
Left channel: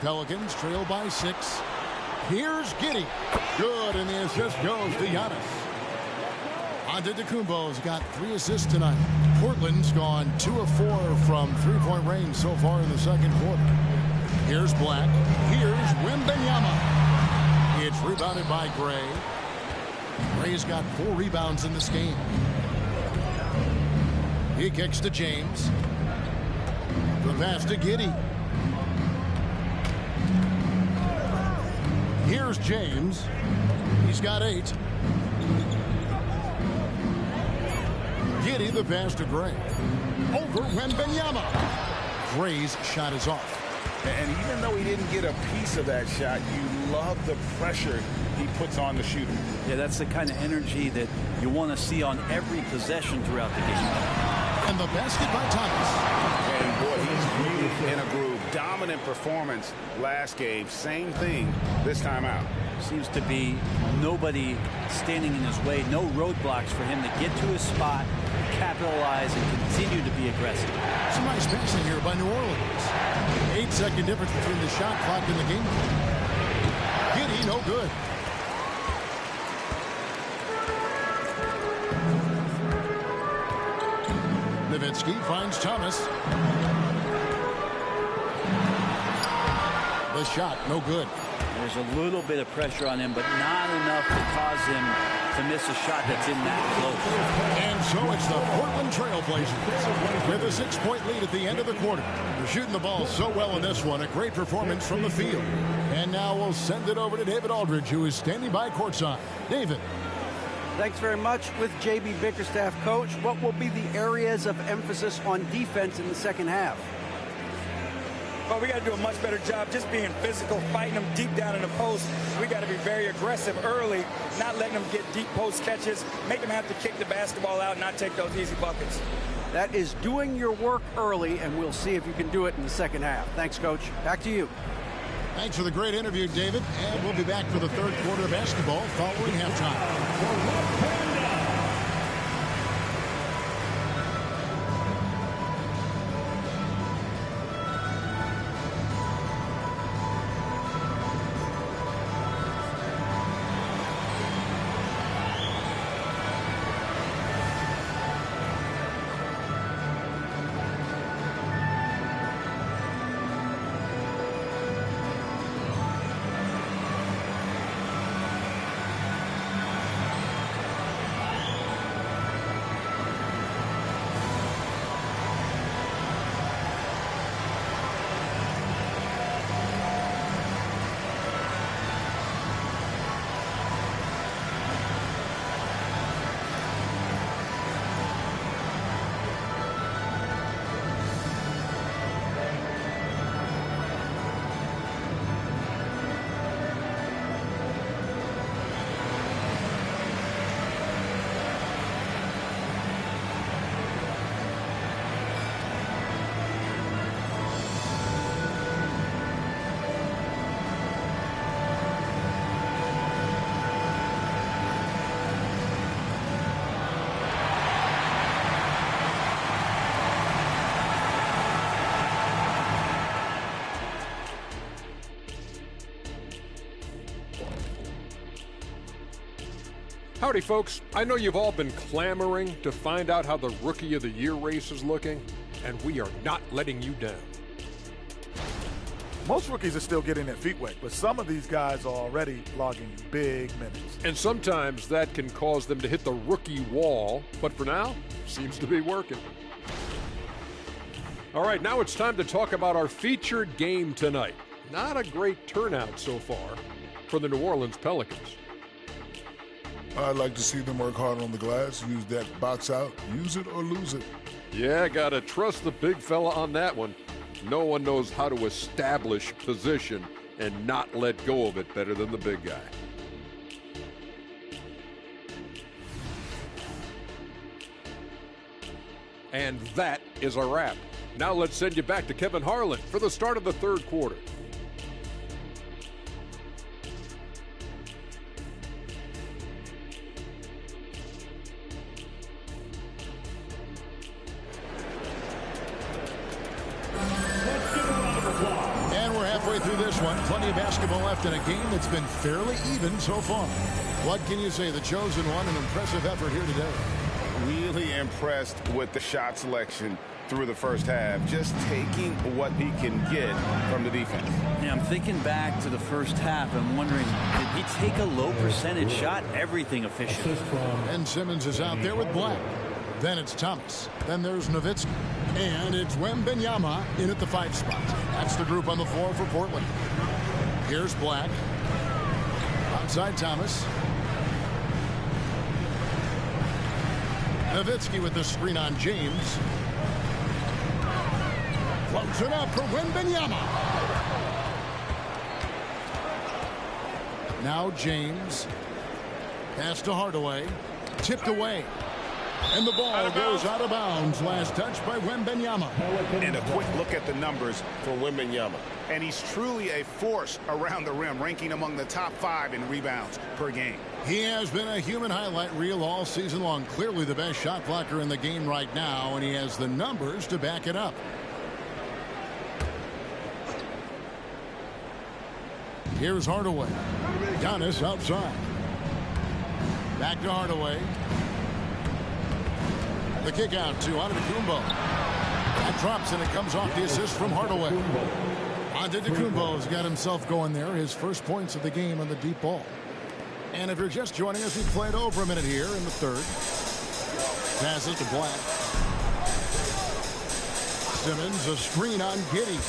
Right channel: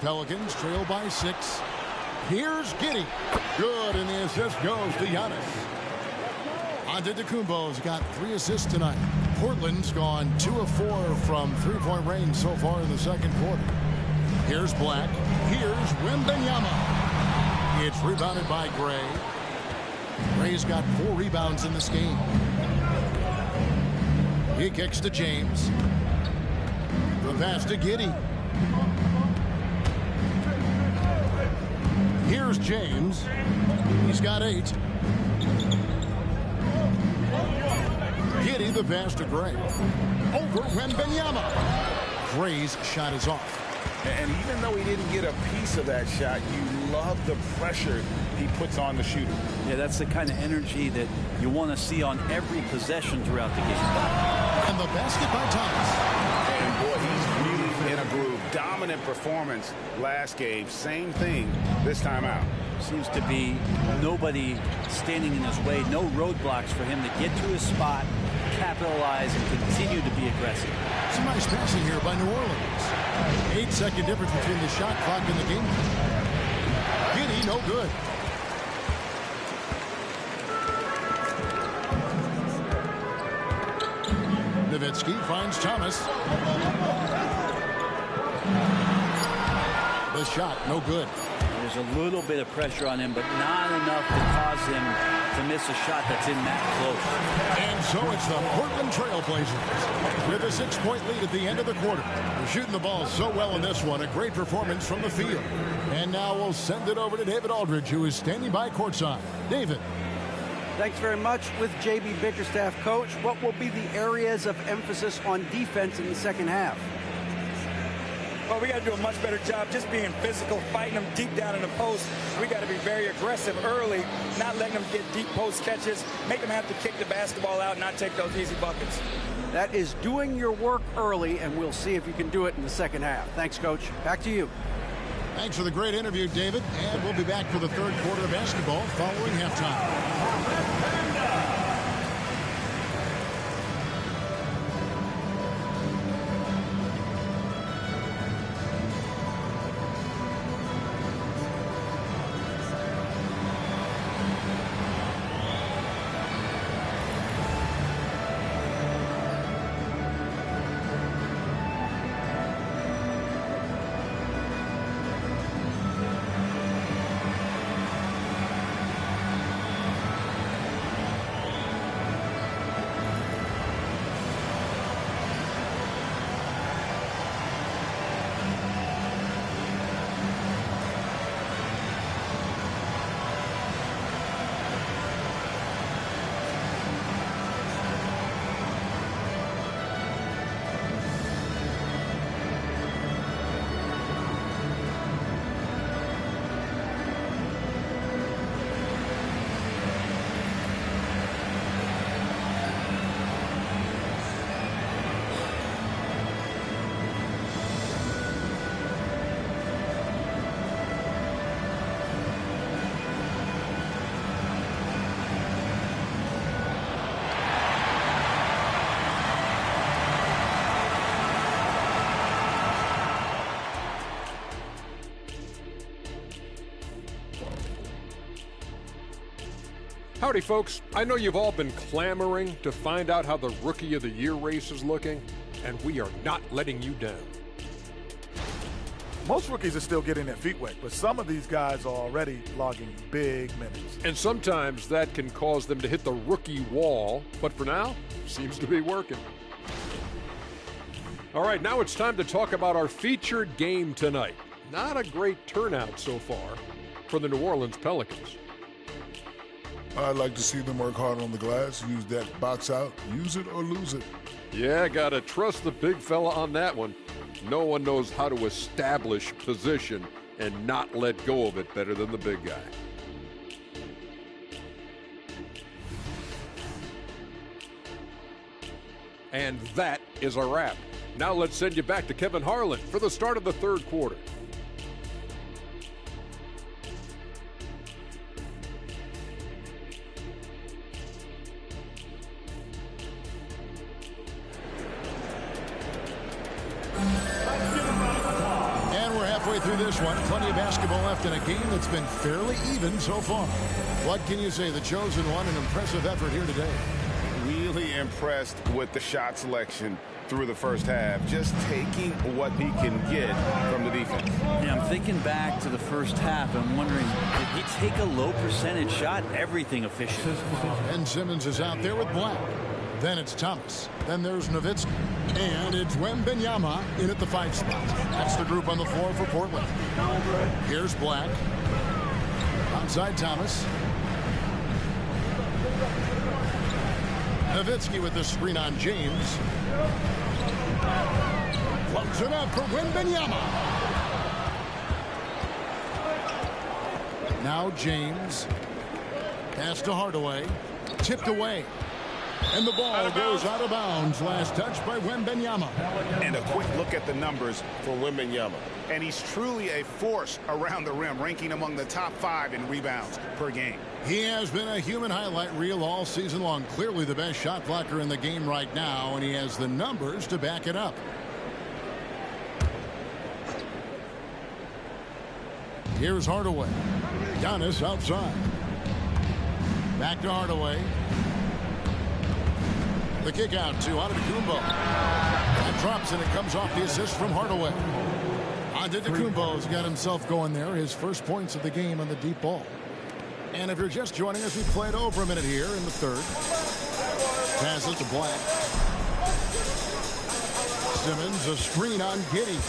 Pelicans trail by 6. Here's Giddey. Good, and the assist goes to Giannis. Antetokounmpo's got 3 assists tonight. Portland's gone 2 of 4 from three-point range so far in the second quarter. Here's Black. Here's Wembanyama. It's rebounded by Gray. Gray's got 4 rebounds in this game. He kicks to James. The pass to Giddey. Here's James. He's got 8. Giddey, the pass to Gray. Over Wembanyama. Gray's shot is off. And even though he didn't get a piece of that shot, you love the pressure he puts on the shooter. Yeah, that's the kind of energy that you want to see on every possession throughout the game. And the basket by Thomas. And boy, he's really in a groove. Dominant performance last game. Same thing this time out. Seems to be nobody standing in his way. No roadblocks for him to get to his spot, capitalize, and continue to be aggressive. Some nice passing here by New Orleans. 8-second difference between the shot clock and the game. Giddey, no good. Nowitzki finds Thomas. The shot, no good. There's a little bit of pressure on him, but not enough to cause him to miss a shot that's in that close. And so it's the Portland Trailblazers with a 6-point lead at the end of the quarter. They're shooting the ball so well in this one. A great performance from the field. And now we'll send it over to David Aldridge, who is standing by courtside. David. Thanks very much. With JB Bickerstaff, coach, what will be the areas of emphasis on defense in the second half? Well, we got to do a much better job just being physical, fighting them deep down in the post. We got to be very aggressive early, not letting them get deep post catches, make them have to kick the basketball out, not take those easy buckets. That is doing your work early, and we'll see if you can do it in the second half. Thanks, Coach. Back to you. Thanks for the great interview, David. And we'll be back for the third quarter of basketball following halftime. Howdy, folks. I know you've all been clamoring to find out how the Rookie of the Year race is looking, and we are not letting you down. Most rookies are still getting their feet wet, but some of these guys are already logging big minutes. And sometimes that can cause them to hit the rookie wall, but for now, seems to be working. All right, now it's time to talk about our featured game tonight. Not a great turnout so far for the New Orleans Pelicans. I'd like to see them work hard on the glass, use that box out, use it or lose it. Yeah, gotta trust the big fella on that one. No one knows how to establish position and not let go of it better than the big guy. And that is a wrap. Now let's send you back to Kevin Harlan for the start of the third quarter. And we're halfway through this one. Plenty of basketball left in a game that's been fairly even so far. What can you say? The chosen one, an impressive effort here today. Really impressed with the shot selection through the first half, just taking what he can get from the defense. Yeah, I'm thinking back to the first half. I'm wondering, did he take a low percentage shot? Everything efficient. Ben Simmons is out there with Black. Then it's Thomas. Then there's Nowitzki. And it's Wembanyama in at the 5 spot. That's the group on the floor for Portland. Here's Black. Outside Thomas. Nowitzki with the screen on James. Floats it up for Wembanyama. Now James. Pass to Hardaway. Tipped away. And the ball goes out of bounds. Last touch by Wembanyama. And a quick look at the numbers for Wembanyama. And he's truly a force around the rim, ranking among the top 5 in rebounds per game. He has been a human highlight reel all season long. Clearly the best shot blocker in the game right now, and he has the numbers to back it up. Here's Hardaway. Giannis outside. Back to Hardaway. The kick out to Antetokounmpo. That drops and it comes off the assist from Hardaway. Antetokounmpo's got himself going there. His first points of the game on the deep ball. And if you're just joining us, we played over a minute here in the third. Passes to Black. Simmons, a screen on Giddey.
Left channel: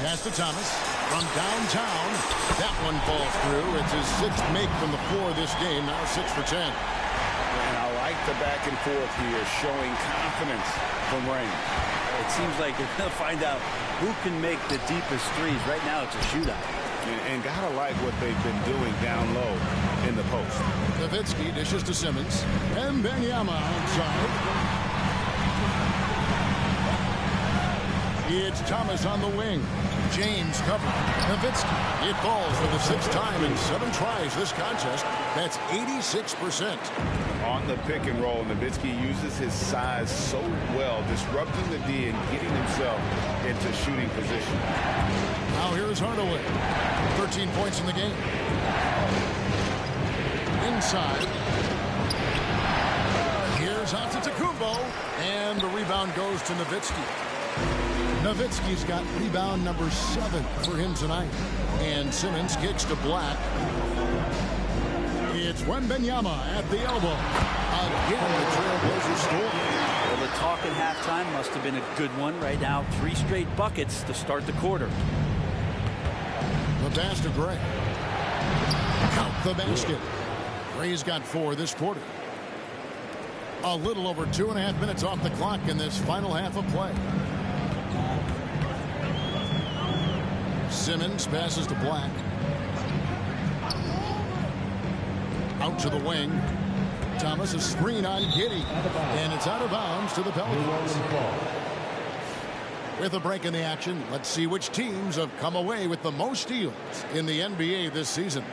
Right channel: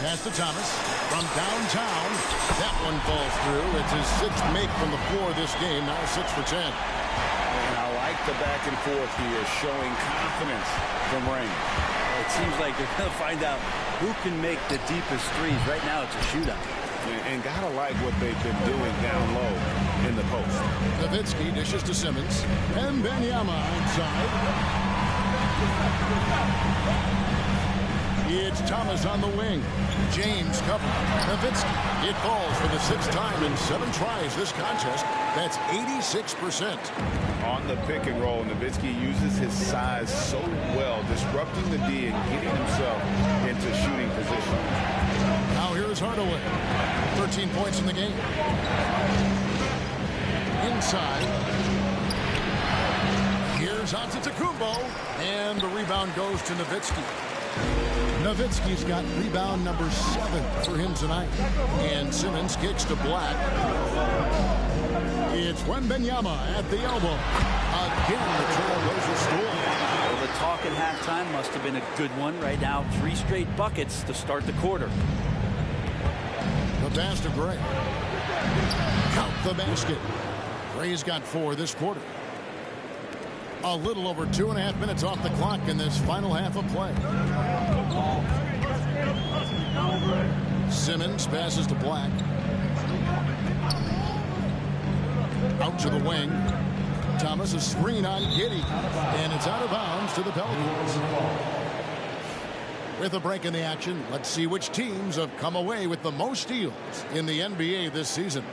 Pass to Thomas from downtown. That one falls through. It's his 6th make from the floor this game. Now 6 for 10. And I like the back and forth here, showing confidence from Rain. It seems like they're going to find out who can make the deepest threes. Right now it's a shootout. And gotta like what they've been doing down low in the post. Nowitzki dishes to Simmons. And Wembanyama outside. It's Thomas on the wing. James covering. Nowitzki. It falls for the 6th time in 7 tries this contest. That's 86%. On the pick and roll, Nowitzki uses his size so well, disrupting the D and getting himself into shooting position. Now here's Hardaway. 13 points in the game. Inside. Here's Antetokounmpo. And the rebound goes to Nowitzki. Nowitzki's got rebound number 7 for him tonight. And Simmons kicks to Black. It's Wembanyama at the elbow. Again, the Trailblazers score. Well, the talk at halftime must have been a good one. Right now, 3 straight buckets to start the quarter. The pass to Gray. Count the basket. Gray's got 4 this quarter. A little over 2.5 minutes off the clock in this final half of play. Simmons passes to Black. Out to the wing. Thomas, a screen on Giddey. And it's out of bounds to the Pelicans. With a break in the action, let's see which teams have come away with the most steals in the NBA this season.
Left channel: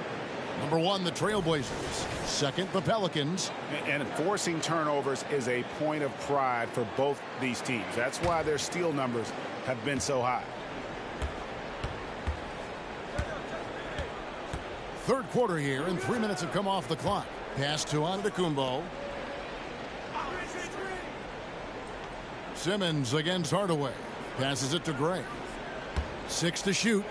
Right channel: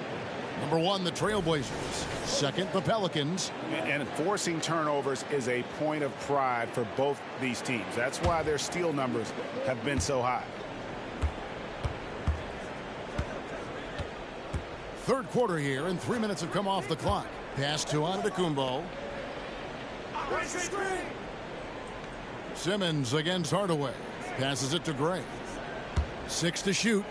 Number 1, the Trailblazers. Second, the Pelicans. And forcing turnovers is a point of pride for both these teams. That's why their steal numbers have been so high. Third quarter here, and 3 minutes have come off the clock. Pass to Antetokounmpo. Simmons against Hardaway. Passes it to Gray. 6 to shoot.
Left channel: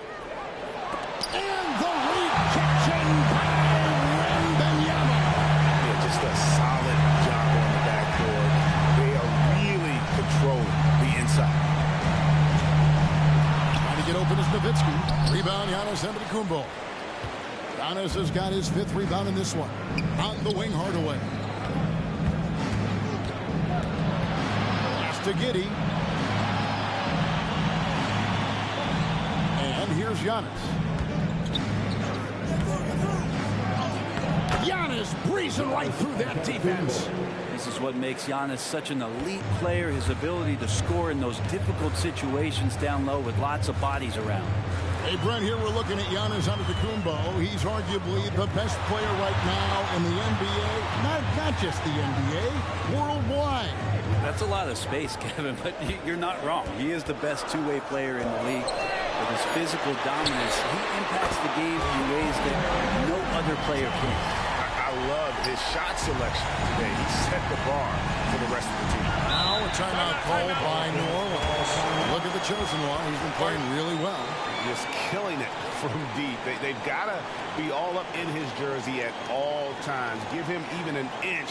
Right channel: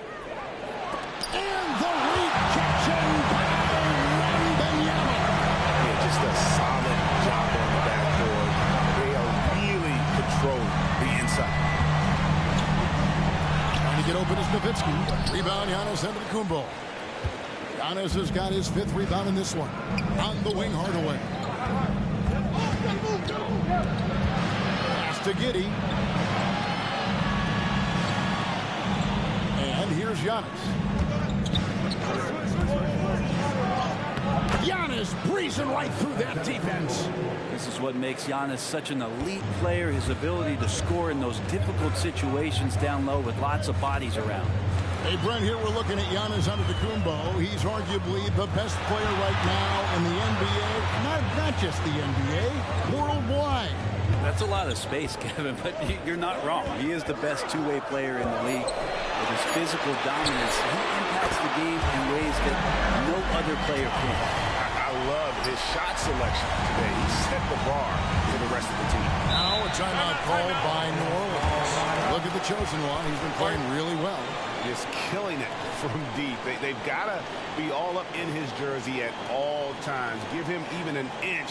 And the rejection by Wembanyama. Yeah, just a solid job on the backboard. They are really controlling the inside. Trying to get open is Nowitzki. Rebound, Giannis Antetokounmpo. Giannis has got his 5th rebound in this one. On the wing, Hardaway. Pass to Giddey. And here's Giannis. Giannis breezing right through that defense. This is what makes Giannis such an elite player, his ability to score in those difficult situations down low with lots of bodies around. Hey, Brent, here we're looking at Giannis Antetokounmpo. He's arguably the best player right now in the NBA. Not just the NBA, worldwide. That's a lot of space, Kevin, but you're not wrong. He is the best two-way player in the league. With his physical dominance, he impacts the game in ways that no other player can. I love his shot selection today. He set the bar for the rest of the team. Now a timeout called by New Orleans. Look at the chosen one. He's been playing really well. Just killing it from deep. They've got to be all up in his jersey at all times. Give him even an inch,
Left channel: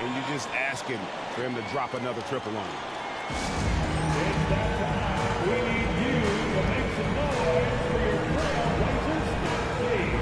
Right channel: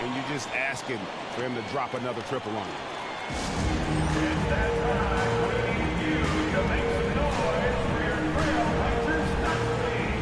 and you're just asking for him to drop another triple on you. It's that time. We need you to make some noise for your Trailblazers stat team.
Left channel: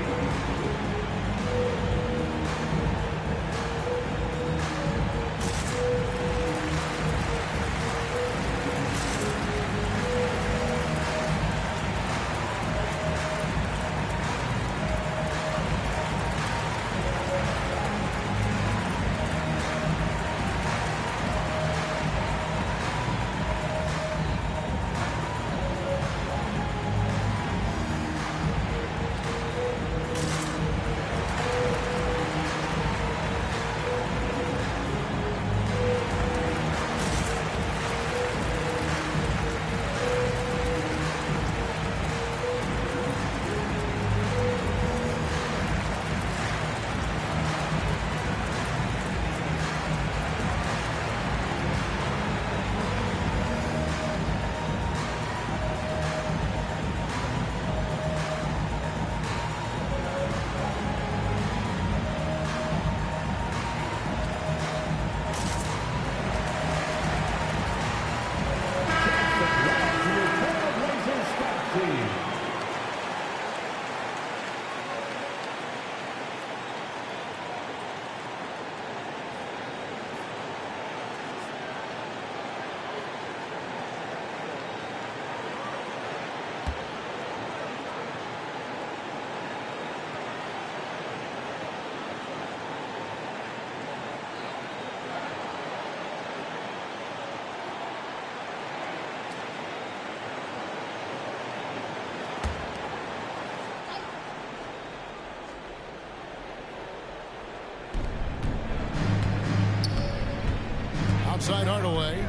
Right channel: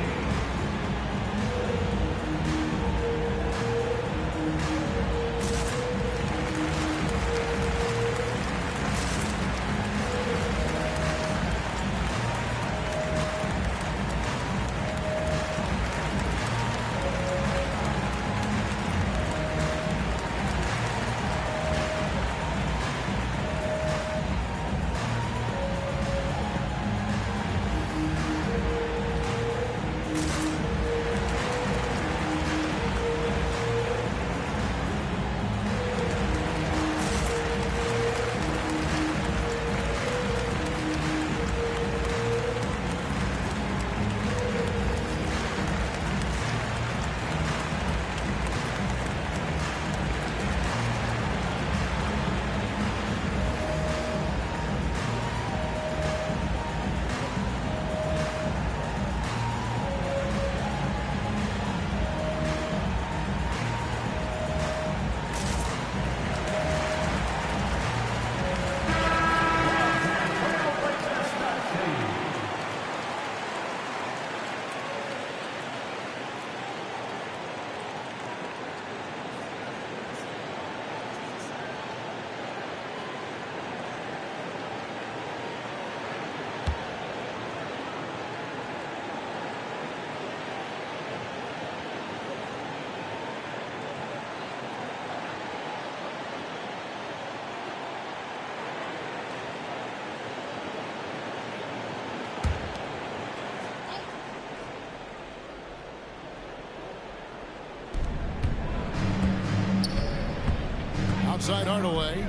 Outside Hardaway.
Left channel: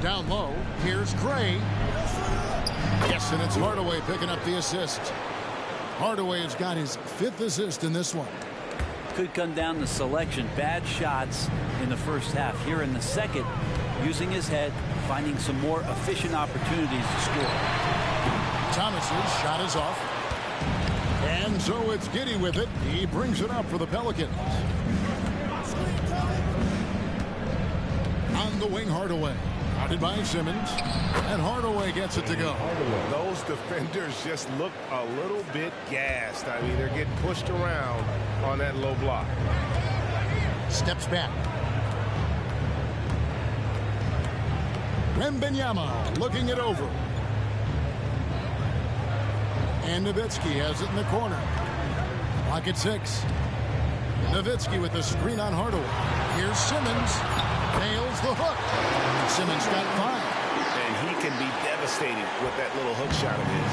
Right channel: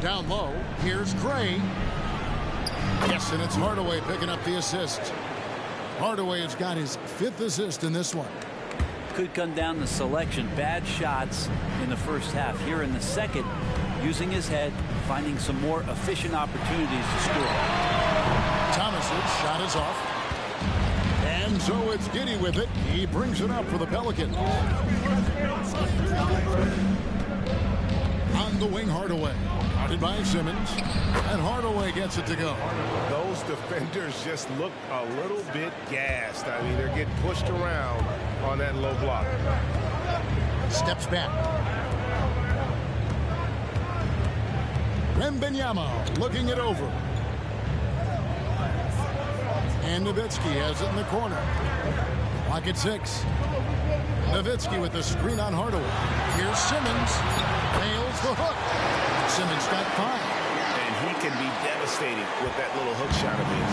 Down low. Here's Gray. Yes, and it's Hardaway picking up the assist. Hardaway has got his 5th assist in this one. Could come down to selection. Bad shots in the first half. Here in the second, using his head, finding some more efficient opportunities to score. Thomas's shot is off. And so it's Giddey with it. He brings it up for the Pelicans. On the wing, Hardaway. Guarded by Simmons. And Hardaway gets it to go. Those defenders just look a little bit gassed. I mean, they're getting pushed around on that low block. Steps back. Wembanyama looking it over. And Nowitzki has it in the corner. Clock at 6. Nowitzki with the screen on Hardaway. Here's Simmons. Nails the hook. Simmons got 5. And he can be devastating with that little hook shot of his.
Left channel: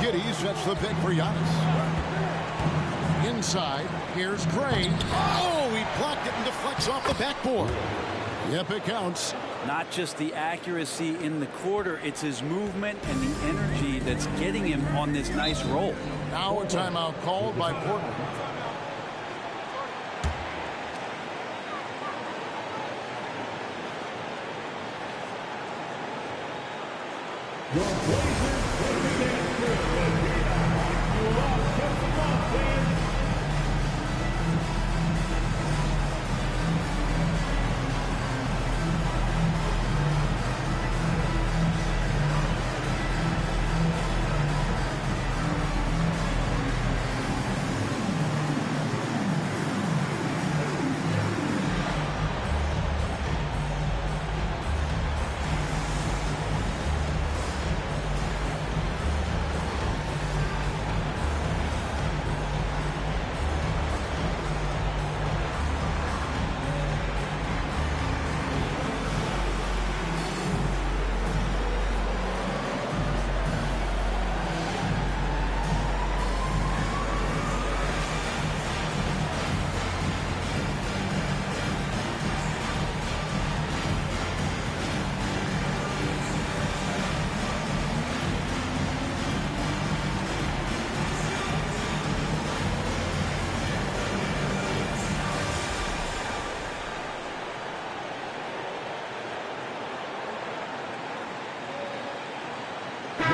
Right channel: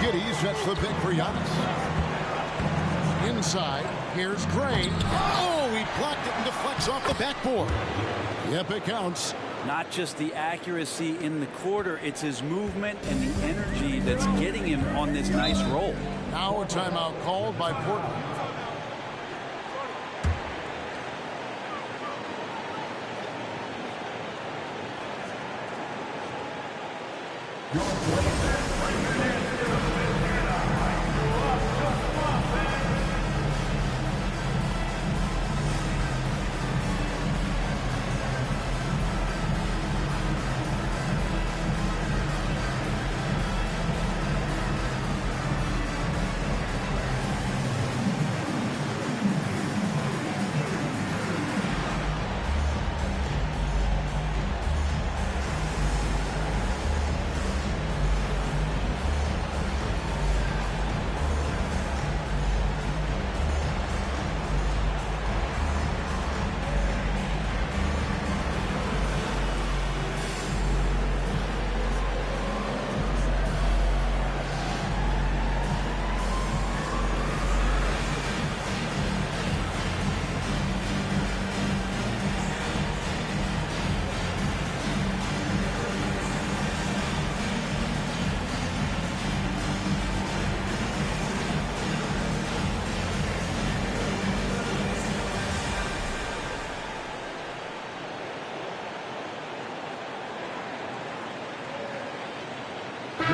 Giddey sets the pick for Giannis. Inside, here's Gray. Oh, he blocked it and deflects off the backboard. Yep, it counts. Not just the accuracy in the quarter, it's his movement and the energy that's getting him on this nice roll. Now a timeout called by Portland.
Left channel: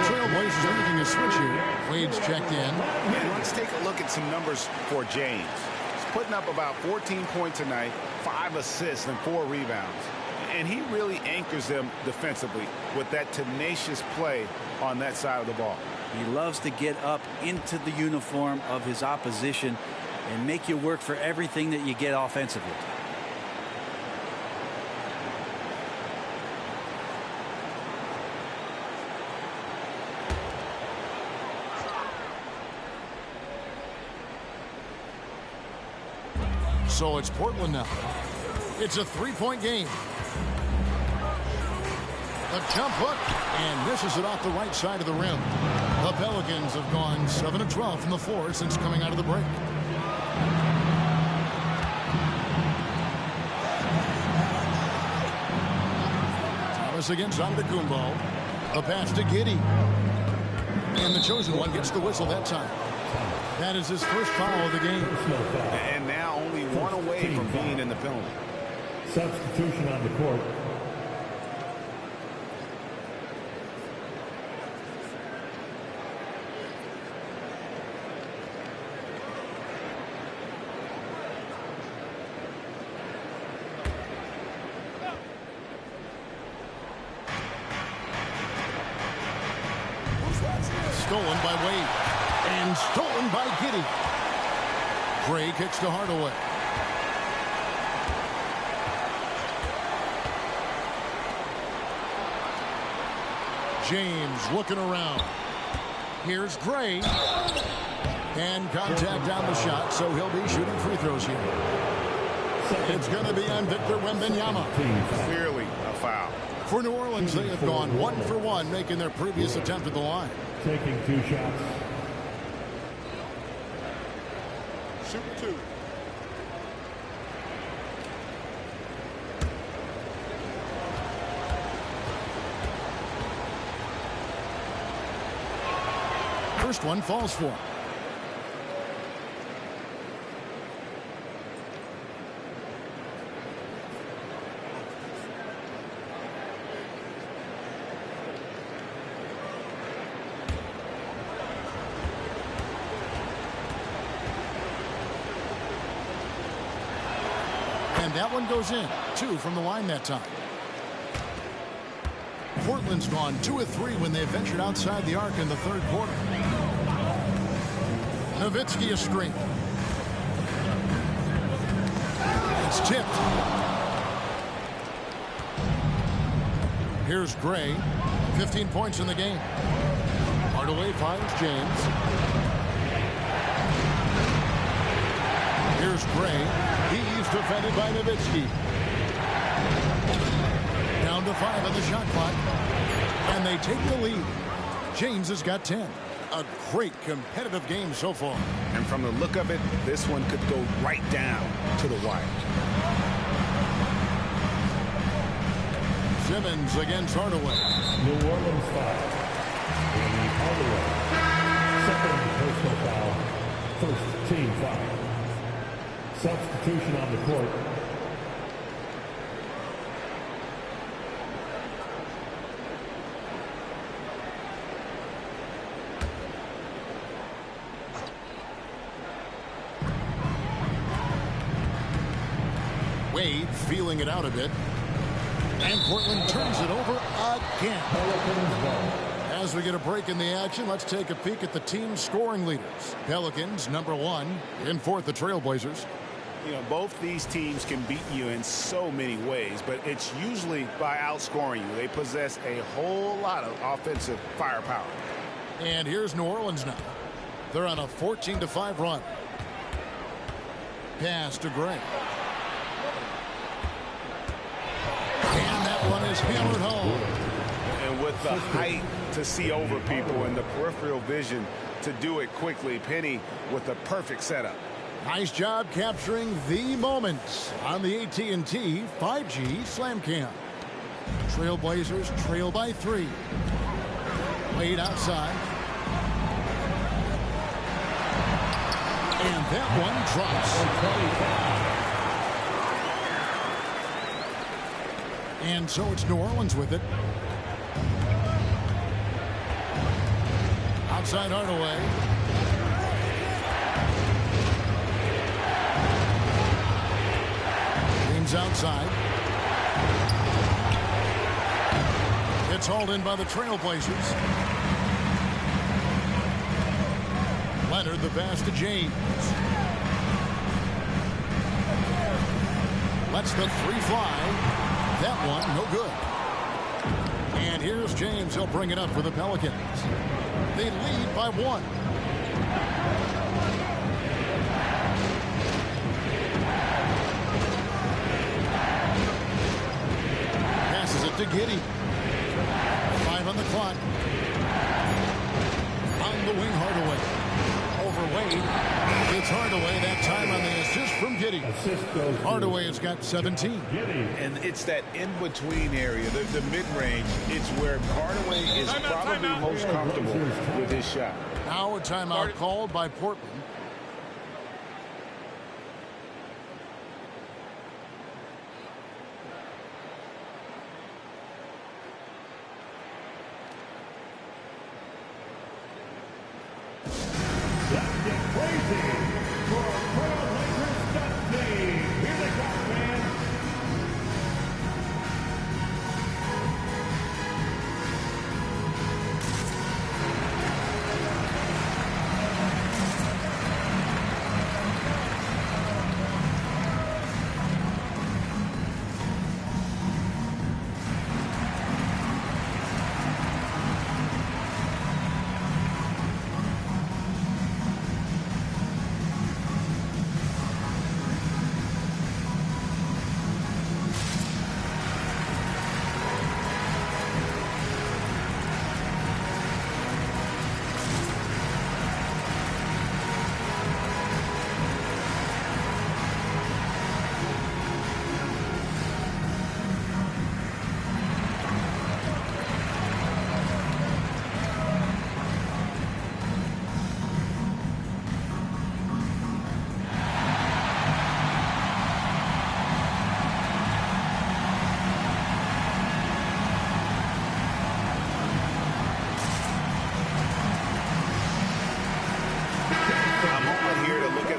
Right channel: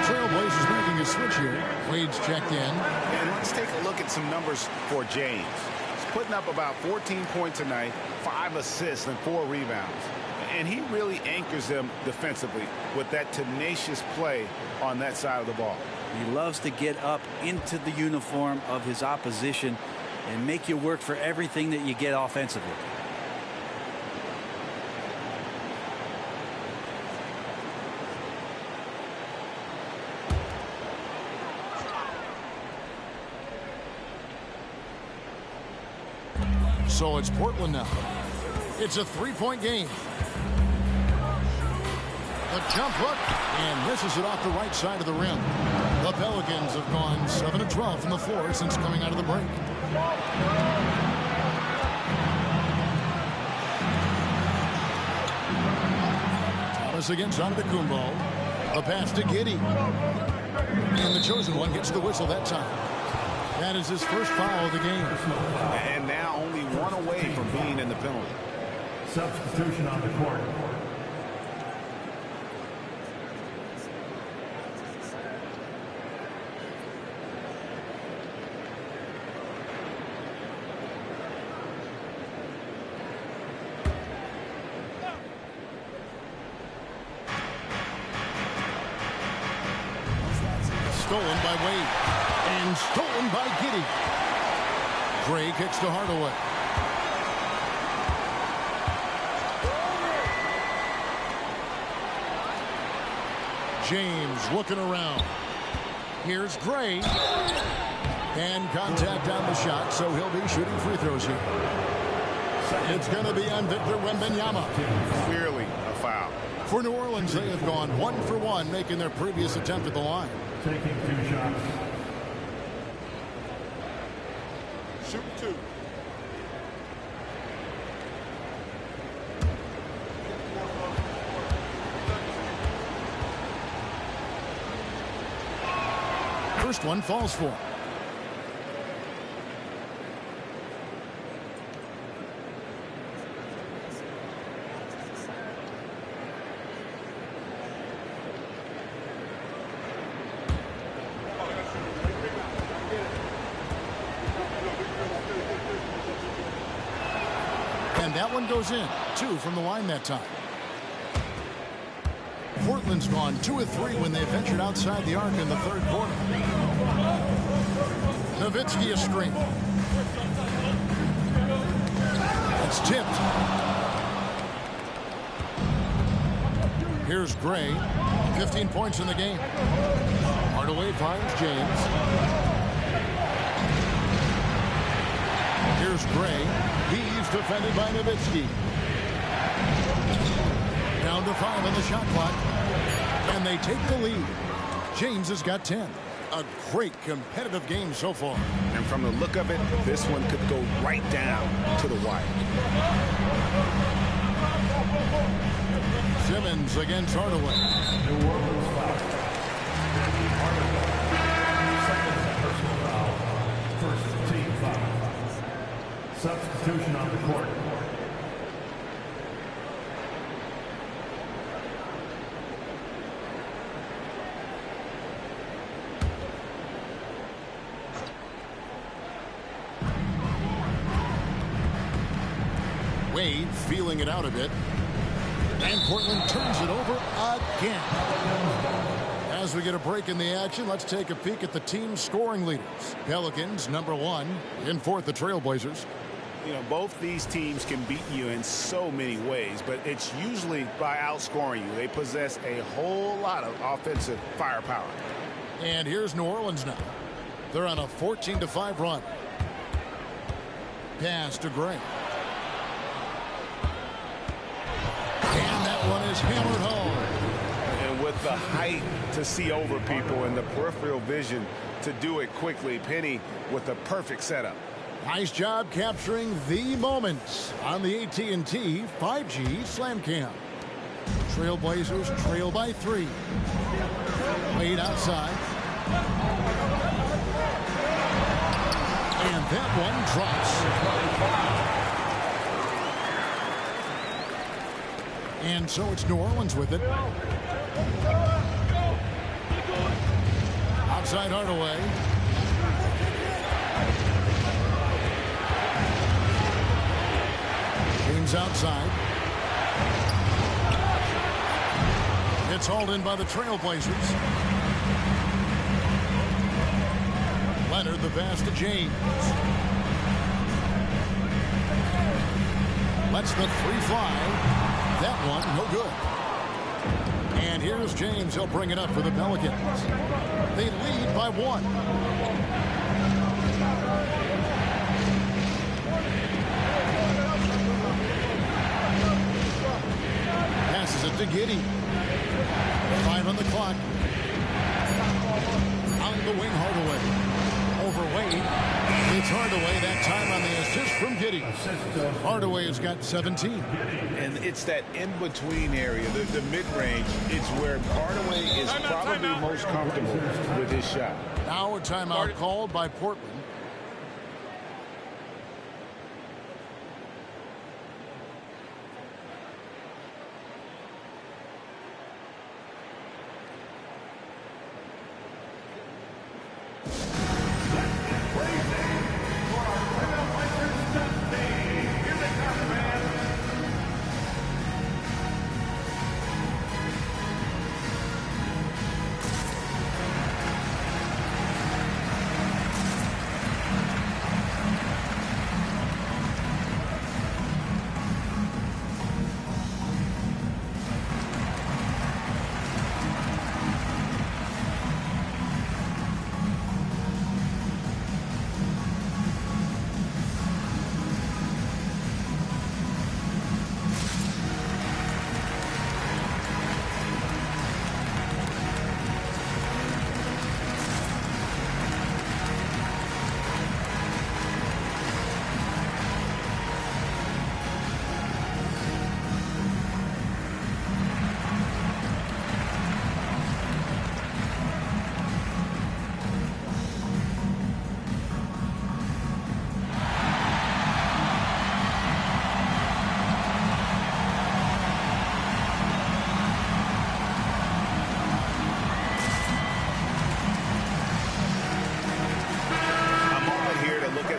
Trailblazers making a switch here. Wade's checked in. And let's take a look at some numbers for James. He's putting up about 14 points tonight, 5 assists and 4 rebounds. And he really anchors them defensively with that tenacious play on that side of the ball. He loves to get up into the uniform of his opposition and make you work for everything that you get offensively. So it's Portland now. It's a three-point game. The jump hook, and misses it off the right side of the rim. The Pelicans have gone 7 of 12 from the floor since coming out of the break. Thomas against Antetokounmpo. The pass to Giddey. And the chosen one gets the whistle that time. That is his first foul of the game. And now only one away from being in the penalty. Substitution on the court. Stolen by Wade. And stolen by Giddey. Gray kicks to Hardaway. James looking around. Here's Gray. And contact on the shot, so he'll be shooting free throws here. It's going to be on Victor Wembanyama. Clearly a foul. For New Orleans, they have gone 1 for 1, making their previous attempt at the line. Taking 2 shots. Shoot 2. First one falls for him. And that one goes in. 2 from the line that time. Portland's gone 2 of 3 when they ventured outside the arc in the third quarter. Nowitzki a screen. It's tipped. Here's Gray. 15 points in the game. Hardaway finds James. Here's Gray. He's defended by Nowitzki. Down to 5 on the shot clock. And they take the lead. James has got 10. A great competitive game so far. And from the look of it, this one could go right down to the wire. Simmons against Hardaway. New Orleans foul. Danny Hardaway. Second personal foul. First team foul. Substitution on the court. Wade feeling it out a bit. And Portland turns it over again. As we get a break in the action, let's take a peek at the team's scoring leaders. Pelicans, #1. In fourth, the Trailblazers. You know, both these teams can beat you in so many ways, but it's usually by outscoring you. They possess a whole lot of offensive firepower. And here's New Orleans now. They're on a 14-5 run. Pass to Gray. And that one is hammered home. And with the height to see over people and the peripheral vision to do it quickly, Penny with the perfect setup. Nice job capturing the moments on the AT&T 5G Slam Cam. Trailblazers trail by 3. Wade outside. And that one drops. And so it's New Orleans with it. Outside Hardaway. James outside. It's hauled in by the Trailblazers. Leonard the pass to James. Lets the 3 fly. That one, no good. And here's James. He'll bring it up for the Pelicans. They lead by 1. Passes it to Giddey. 5 on the clock. On the wing, Hardaway. Over Wade. It's Hardaway that time on the assist from Giddey. Hardaway has got 17. And it's that in-between area, the mid-range. It's where Hardaway is probably most comfortable with his shot. Now a timeout called by Portland.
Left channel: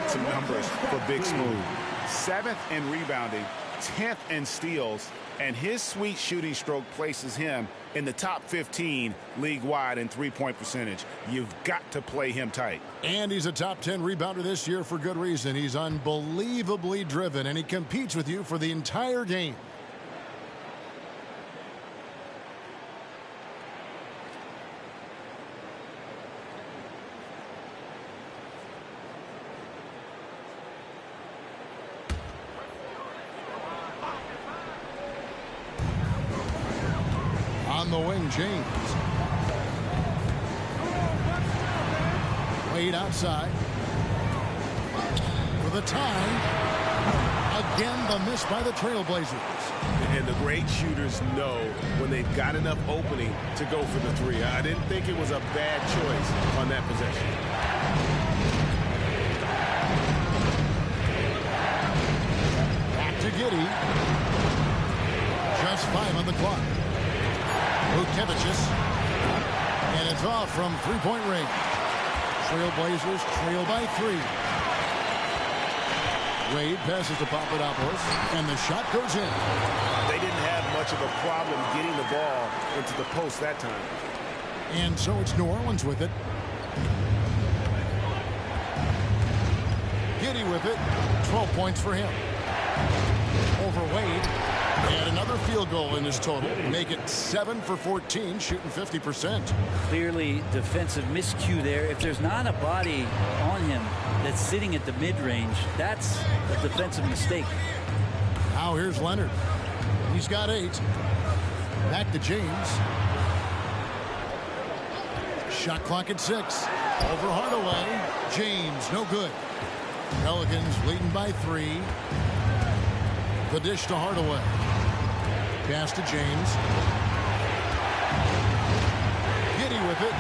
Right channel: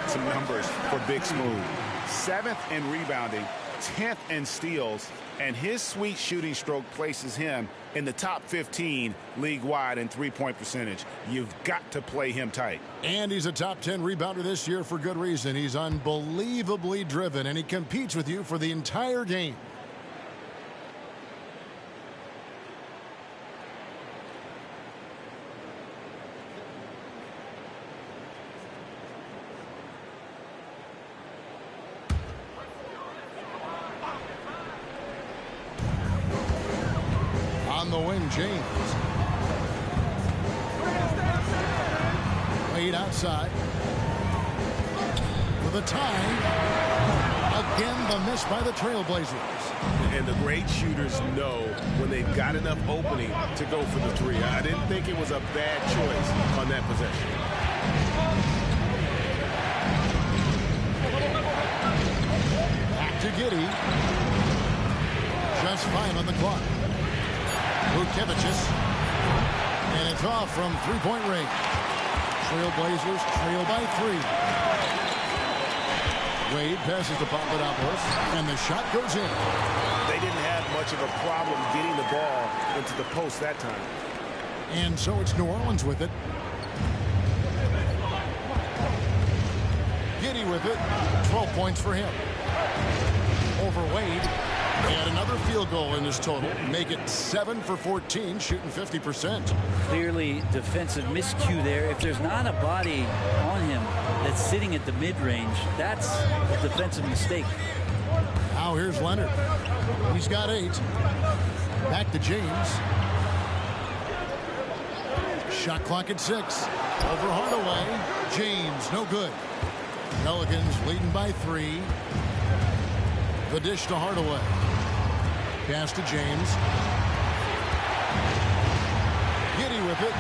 Some numbers for Big Smooth. 7th in rebounding, 10th in steals, and his sweet shooting stroke places him in the top 15 league-wide in three-point percentage. You've got to play him tight. And he's a top 10 rebounder this year for good reason. He's unbelievably driven, and he competes with you for the entire game. On the wing, James. Wade outside. For the tie. Again, the miss by the Trailblazers. And the great shooters know when they've got enough opening to go for the three. I didn't think it was a bad choice on that possession. Back to Giddey. Just 5 on the clock. Vucevic. And it's off from three-point range. Trailblazers trail by 3. Wade passes to Papadopoulos, and the shot goes in. They didn't have much of a problem getting the ball into the post that time. And so it's New Orleans with it. Giddey with it. 12 points for him. Over Wade. And another field goal in his total. Make it 7 for 14, shooting 50%. Clearly defensive miscue there. If there's not a body on him that's sitting at the mid-range, that's a defensive mistake. Now here's Leonard. He's got 8. Back to James. Shot clock at 6. Over Hardaway. James, no good. Pelicans leading by 3. The dish to Hardaway. Pass to James. Giddey with it.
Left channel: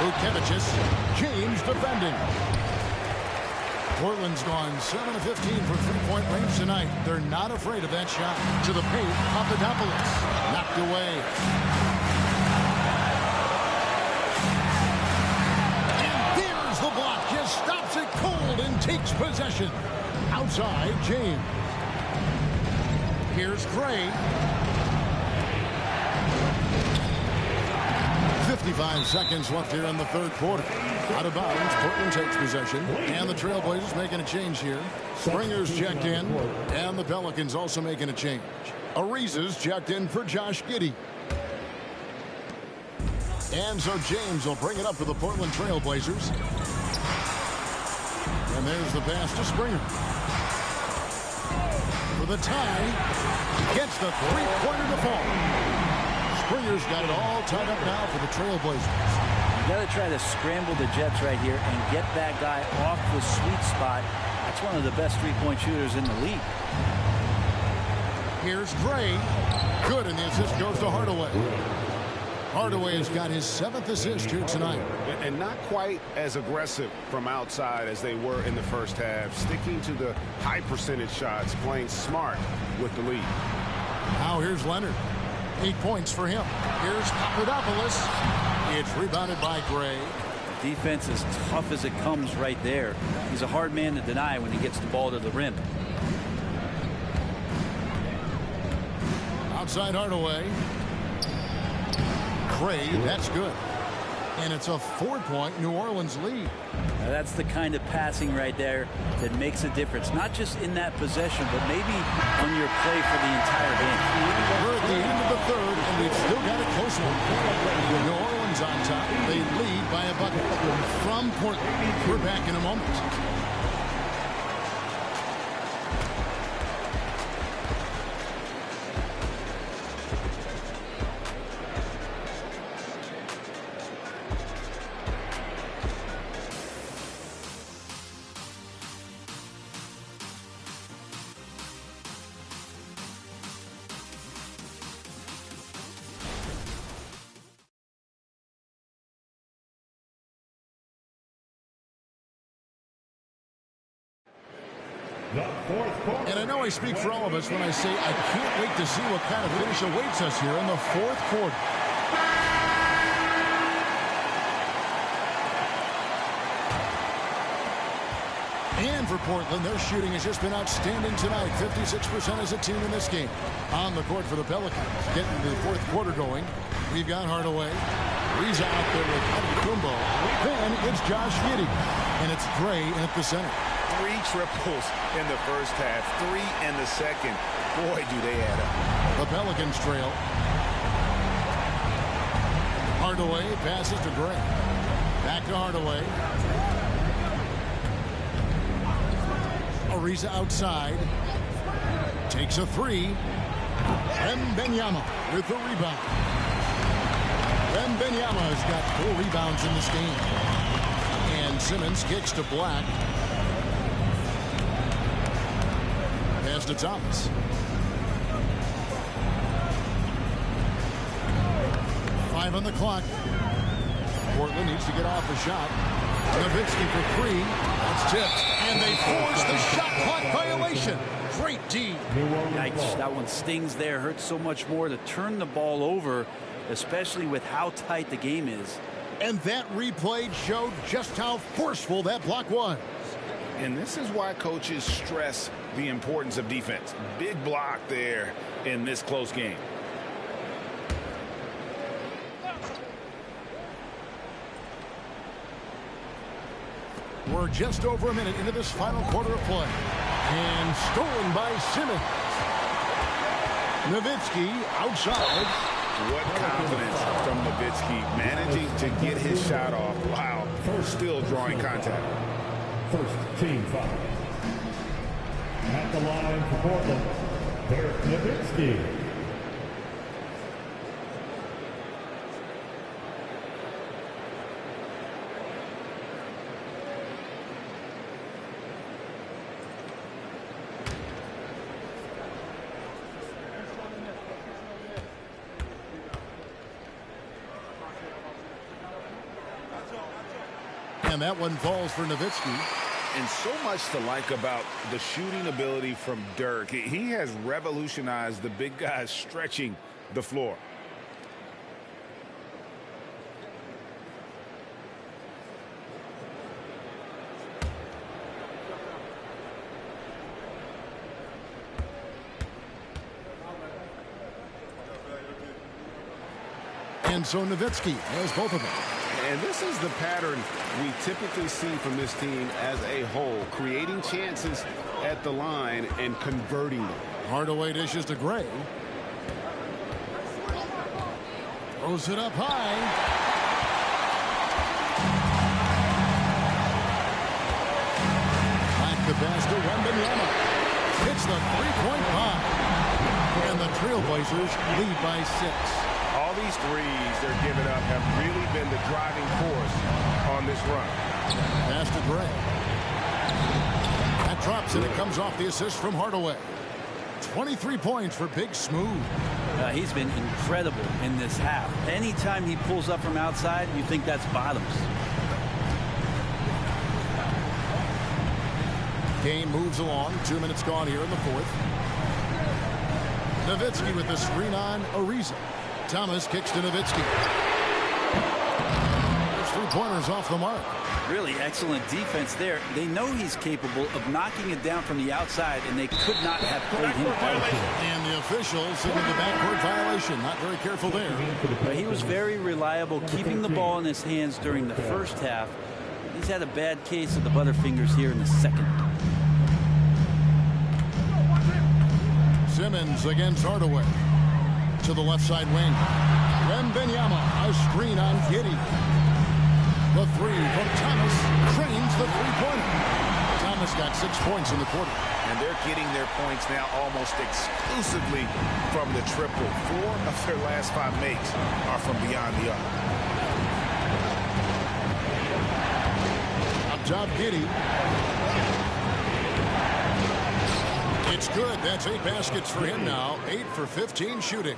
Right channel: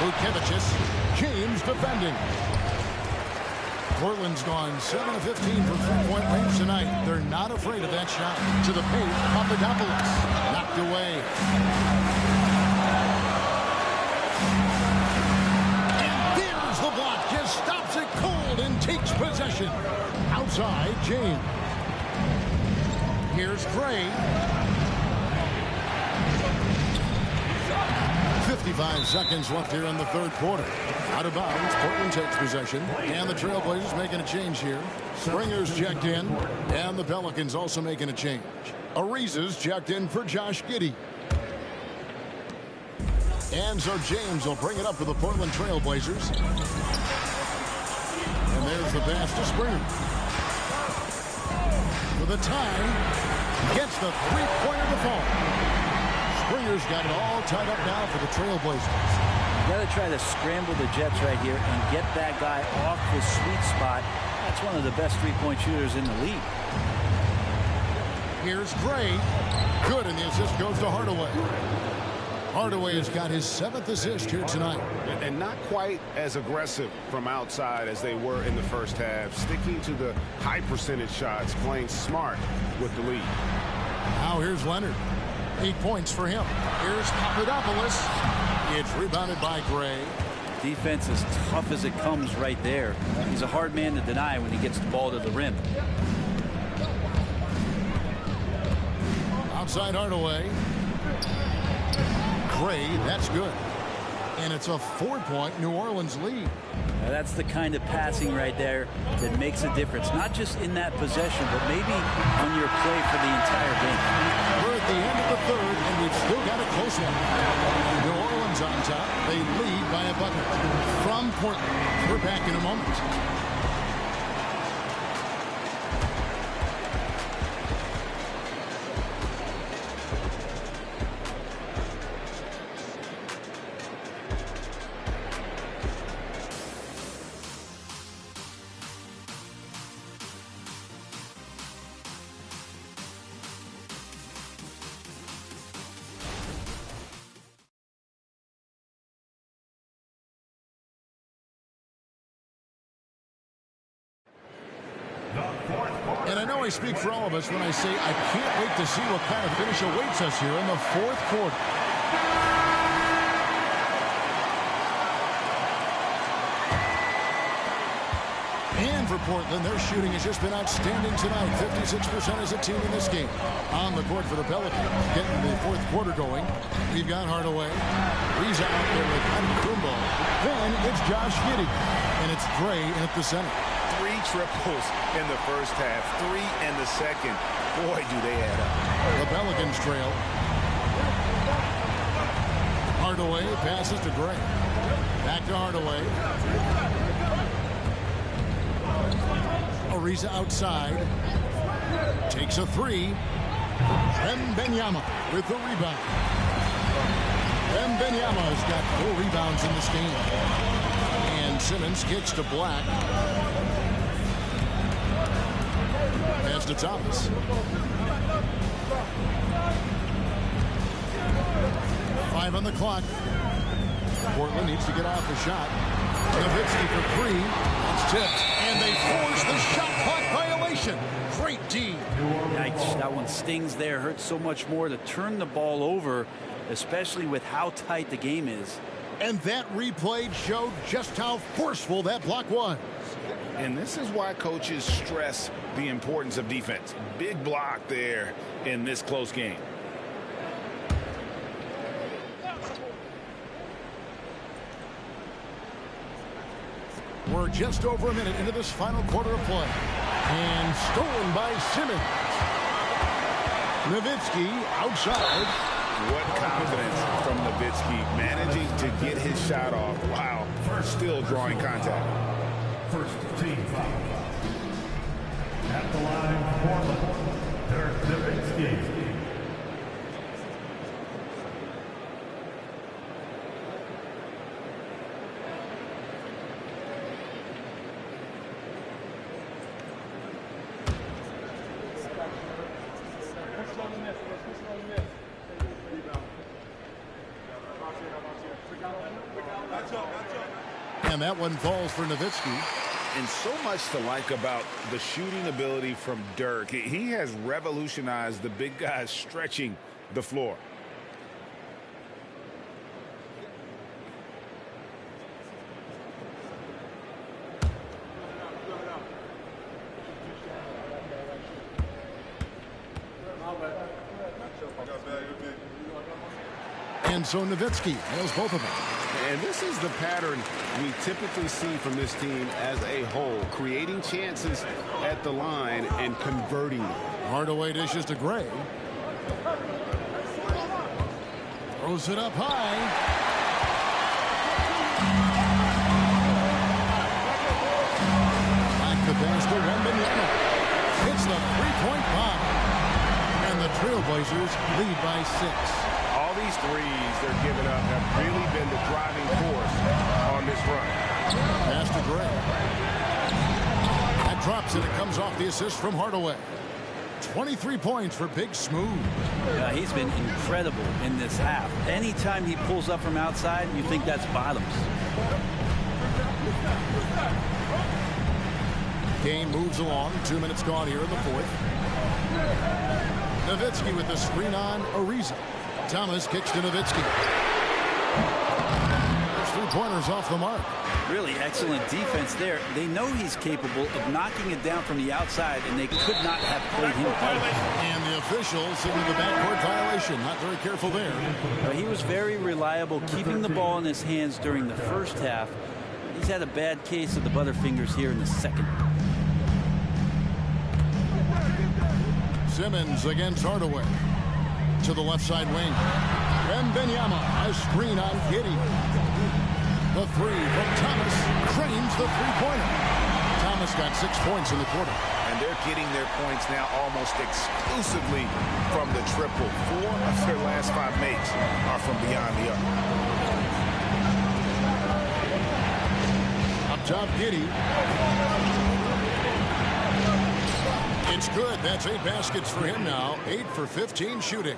Vucevic. James defending. Portland's gone 7 of 15 from three-point range tonight. They're not afraid of that shot. To the paint, Papadopoulos. Knocked away. And there's the block. Just stops it cold and takes possession. Outside, James. Here's Gray. 55 seconds left here in the third quarter. Out of bounds, Portland takes possession, and the Trailblazers making a change here. Springer's checked in, and the Pelicans also making a change. Ariza's checked in for Josh Giddey. And so James will bring it up for the Portland Trailblazers. And there's the pass to Springer. For the tie, gets the three-pointer to fall. Springer's got it all tied up now for the Trailblazers. You got to try to scramble the Jets right here and get that guy off the sweet spot. That's one of the best three-point shooters in the league. Here's Gray. Good, and the assist goes to Hardaway. Hardaway has got his 7th assist here tonight. And not quite as aggressive from outside as they were in the first half. Sticking to the high percentage shots, playing smart with the lead. Now here's Leonard. 8 points for him. Here's Papadopoulos. It's rebounded by Gray. Defense as tough as it comes right there. He's a hard man to deny when he gets the ball to the rim. Outside Hardaway. Gray, that's good. And it's a 4-point New Orleans lead. Now that's the kind of passing right there that makes a difference. Not just in that possession, but maybe on your play for the entire game. We're at the end of the third, and we've still got a close one. New Orleans on top. They lead by a bucket from Portland. We're back in a moment. And I know I speak for all of us when I say I can't wait to see what kind of finish awaits us here in the fourth quarter. And for Portland, their shooting has just been outstanding tonight. 56% as a team in this game. On the court for the Pelicans, getting the fourth quarter going. We've got Hardaway. Riza out there with Antetokounmpo. Then it's Josh Giddey. And it's Gray in at the center. 3 triples in the first half, 3 in the second. Boy, do they add up. The Pelicans trail. Hardaway passes to Gray. Back to Hardaway. Ariza outside. Takes a 3. Wembanyama with the rebound. Wembanyama has got 4 rebounds in this game. And Simmons kicks to Black. to Thomas. 5 on the clock. Portland needs to get off a shot. Nowitzki for 3. That's tipped. And they force the shot clock violation. Great D. Yikes, that one stings there. Hurts so much more to turn the ball over, especially with how tight the game is. And that replay showed just how forceful that block was. And this is why coaches stress the importance of defense. Big block there in this close game. We're just over a minute into this final quarter of play. And stolen by Simmons. Nowitzki outside. What confidence from Nowitzki, managing to get his shot off while still drawing contact. First team foul. At the line for Portland, Dirk Nowitzki. And that one falls for Nowitzki. And so much to like about the shooting ability from Dirk. He has revolutionized the big guys stretching the floor. And so Nowitzki nails both of them. And this is the pattern we typically see from this team as a whole, creating chances at the line and converting them. Hardaway dishes to Gray. Throws it up high. Back the pass to Wembanyama. Hits the three-point bomb. And the Trailblazers lead by 6. All these threes they're giving up have really been the driving force on this run. Pass to Gray. That drops and it comes off the assist from Hardaway. 23 points for Big Smooth. He's been incredible in this half. Anytime he pulls up from outside, you think that's bottoms. Game moves along. 2 minutes gone here in the fourth. Nowitzki with the screen on Ariza. Thomas kicks to Nowitzki. Those 3-pointers off the mark. Really excellent defense there. They know he's capable of knocking it down from the outside, and they could not have played him better. And the official signaled the backcourt violation. Not very careful there. But he was very reliable, keeping the ball in his hands during the first half. He's had a bad case of the butterfingers here in the second. Simmons against Hardaway. To the left side wing. Wembanyama, a screen on Giddey. The three from Thomas cranes the three-pointer. Thomas got 6 points in the quarter. And they're getting their points now almost exclusively from the triple. 4 of their last 5 makes are from beyond the arc. Up top, Giddey. It's good. That's 8 baskets for him now. 8 for 15 shooting.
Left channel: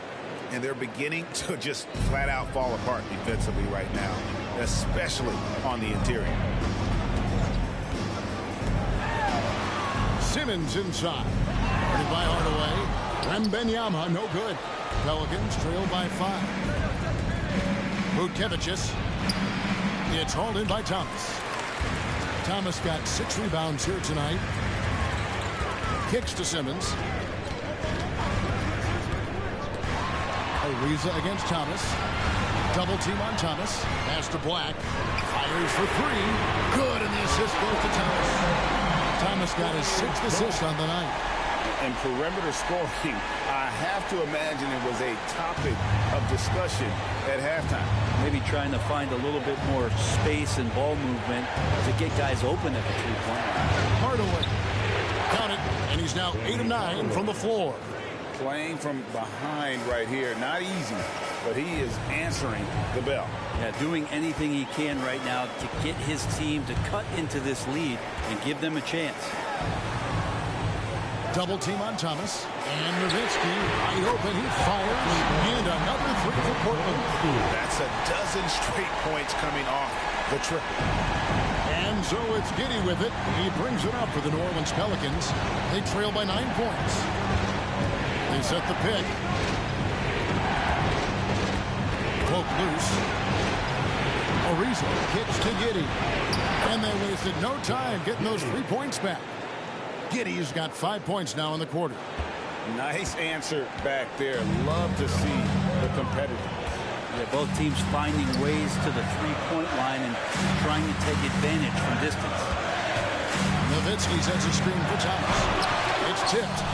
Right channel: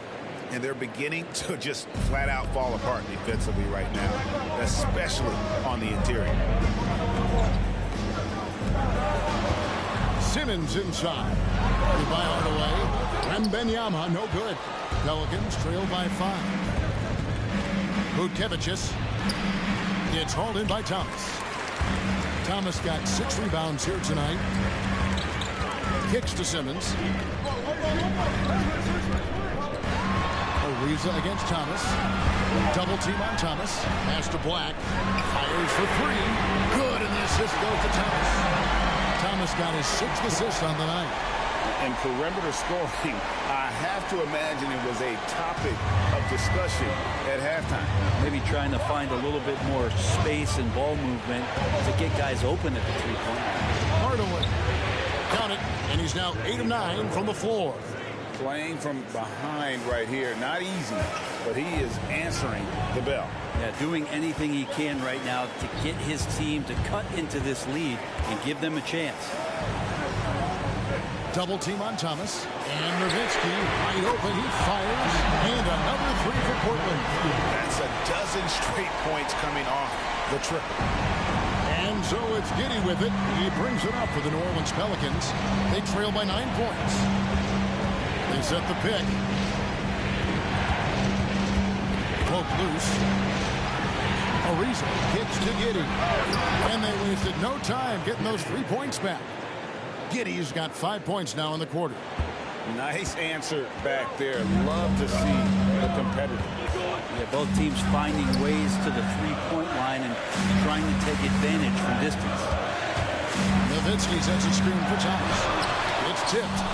And they're beginning to just flat out fall apart defensively right now, especially on the interior. Simmons inside. Guarded by Hardaway. Wembanyama, no good. Pelicans trail by 5. Vučević. It's hauled in by Thomas. Thomas got 6 rebounds here tonight. Kicks to Simmons. Ariza against Thomas. Double team on Thomas. Pass to Black. Fires for 3. Good, and the assist goes to Thomas. Thomas got his 6th assist on the night. And perimeter scoring, I have to imagine it was a topic of discussion at halftime. Maybe trying to find a little bit more space and ball movement to get guys open at the three-point line. Hardaway. Count it, and he's now 8 of 9 from the floor. Playing from behind right here, not easy, but he is answering the bell. Yeah, doing anything he can right now to get his team to cut into this lead and give them a chance. Double team on Thomas. And Nowitzki wide open. He fires. And another three for Portland. That's a dozen straight points coming off the triple. And so it's Giddy with it. He brings it up for the New Orleans Pelicans. They trail by 9 points. They set the pick. Poke loose. Ariza kicks to Giddy. And they wasted no time getting those 3 points back. Giddy's got 5 points now in the quarter. Nice answer back there. Love to see the competitor. Yeah, both teams finding ways to the three-point line and trying to take advantage from distance. Nowitzki sends a screen for Thomas. It's tipped.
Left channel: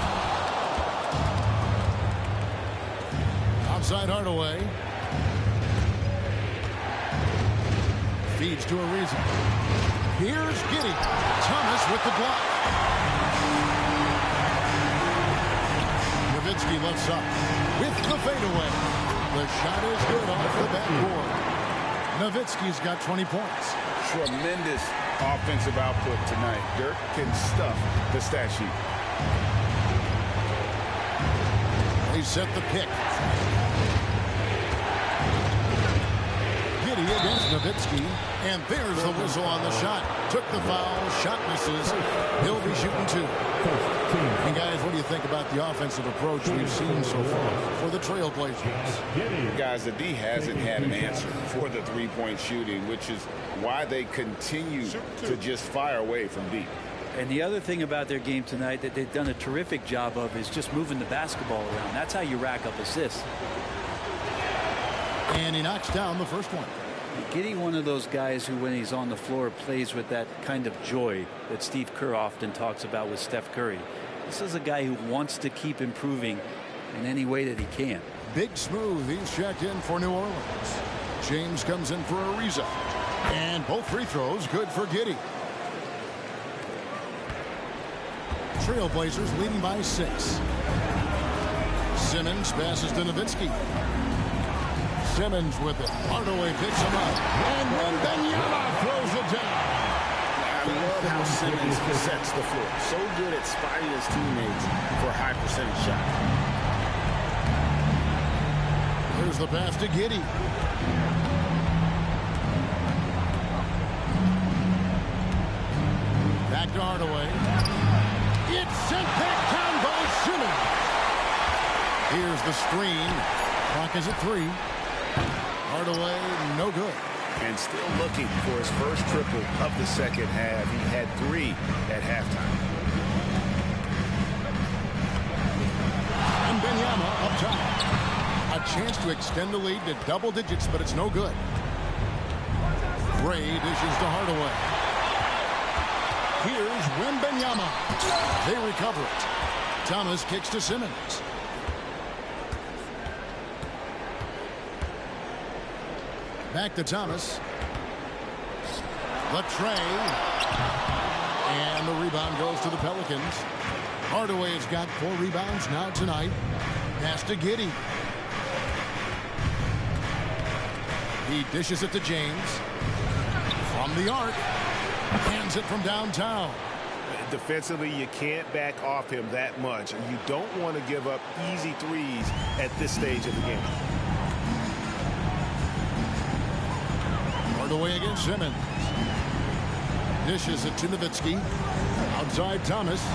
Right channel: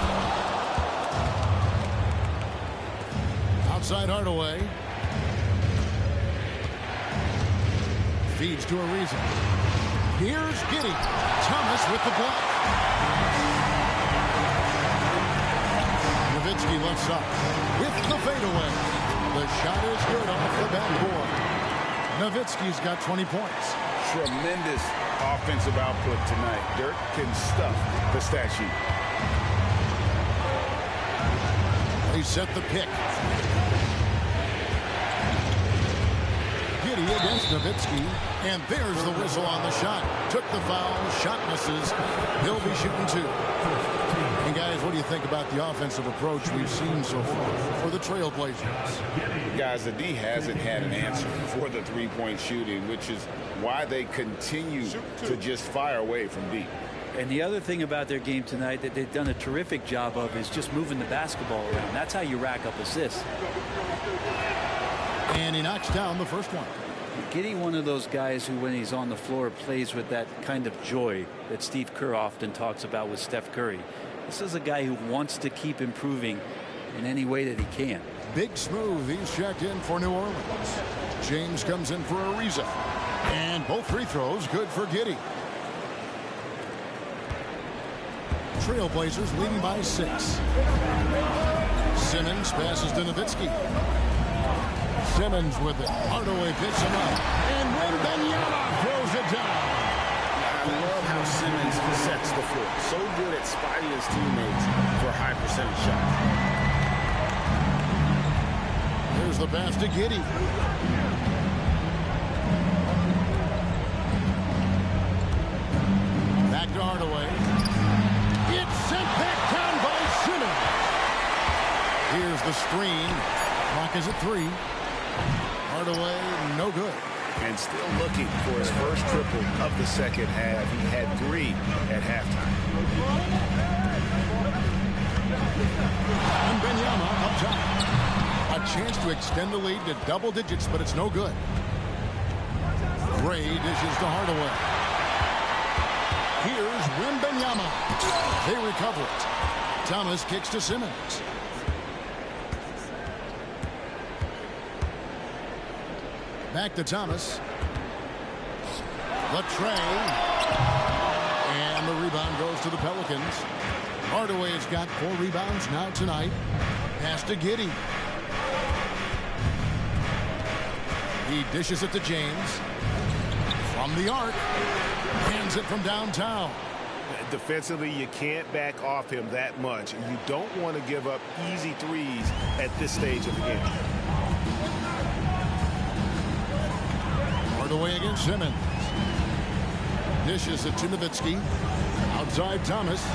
Outside Hardaway. Feeds to Ariza. Here's Giddy. Thomas with the block. Nowitzki left side with the fadeaway. The shot is good off the backboard. Nowitzki's got 20 points. Tremendous offensive output tonight. Dirk can stuff the stat sheet. They set the pick. Giddy against Nowitzki. And there's the whistle on the shot. Took the foul. Shot misses. He'll be shooting 2. And guys, what do you think about the offensive approach we've seen so far for the Trailblazers? Guys, the D hasn't had an answer for the three-point shooting, which is why they continue to just fire away from deep. And the other thing about their game tonight that they've done a terrific job of is just moving the basketball around. That's how you rack up assists. And he knocks down the first one. Giddy, one of those guys who, when he's on the floor, plays with that kind of joy that Steve Kerr often talks about with Steph Curry. This is a guy who wants to keep improving in any way that he can. Big Smooth, he's checked in for New Orleans. James comes in for Ariza. And both free throws good for Giddy. Trailblazers leading by 6. Simmons passes to Nowitzki. Simmons with it. Hardaway picks him up. And Wembanyama throws it down. I love how Simmons sets the floor. So good at spotting his teammates for high percentage shots. Here's the pass to Giddy. Back to Hardaway. It's sent back down by Simmons. Here's the screen. Clock is at 3. Hardaway, no good. And still looking for his first triple of the second half. He had 3 at halftime. And Wembanyama up top. A chance to extend the lead to double digits, but it's no good. Gray dishes to Hardaway. Here's Wembanyama. They recover it. Thomas kicks to Simmons. Back to Thomas. The tray. And the rebound goes to the Pelicans. Hardaway has got 4 rebounds now tonight. Pass to Giddy. He dishes it to James. From the arc. Hands it from downtown. Defensively, you can't back off him that much. And you don't want to give up easy threes at this stage of the game. Hardaway against Simmons. Dishes it to Nowitzki. Outside Thomas.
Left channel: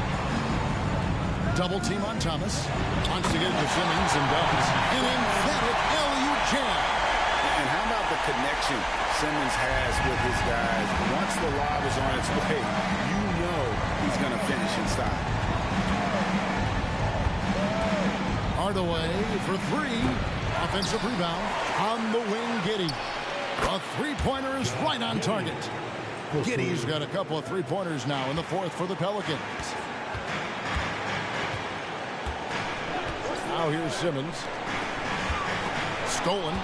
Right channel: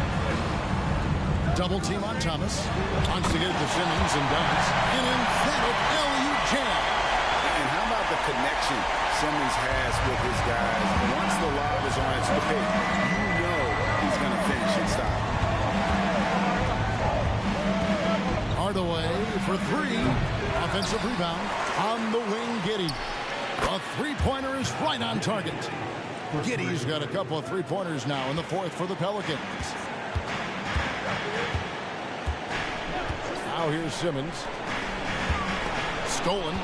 Double team on Thomas. Wants to get it to Simmons and does. An emphatic LU jam. And how about the connection Simmons has with his guys? Once the lob is on its way, you know he's going to finish in style. Hardaway for 3. Offensive rebound on the wing. Giddy. A three-pointer is right on target. Giddy's got a couple of three-pointers now in the 4th for the Pelicans. Now here's Simmons. Stolen.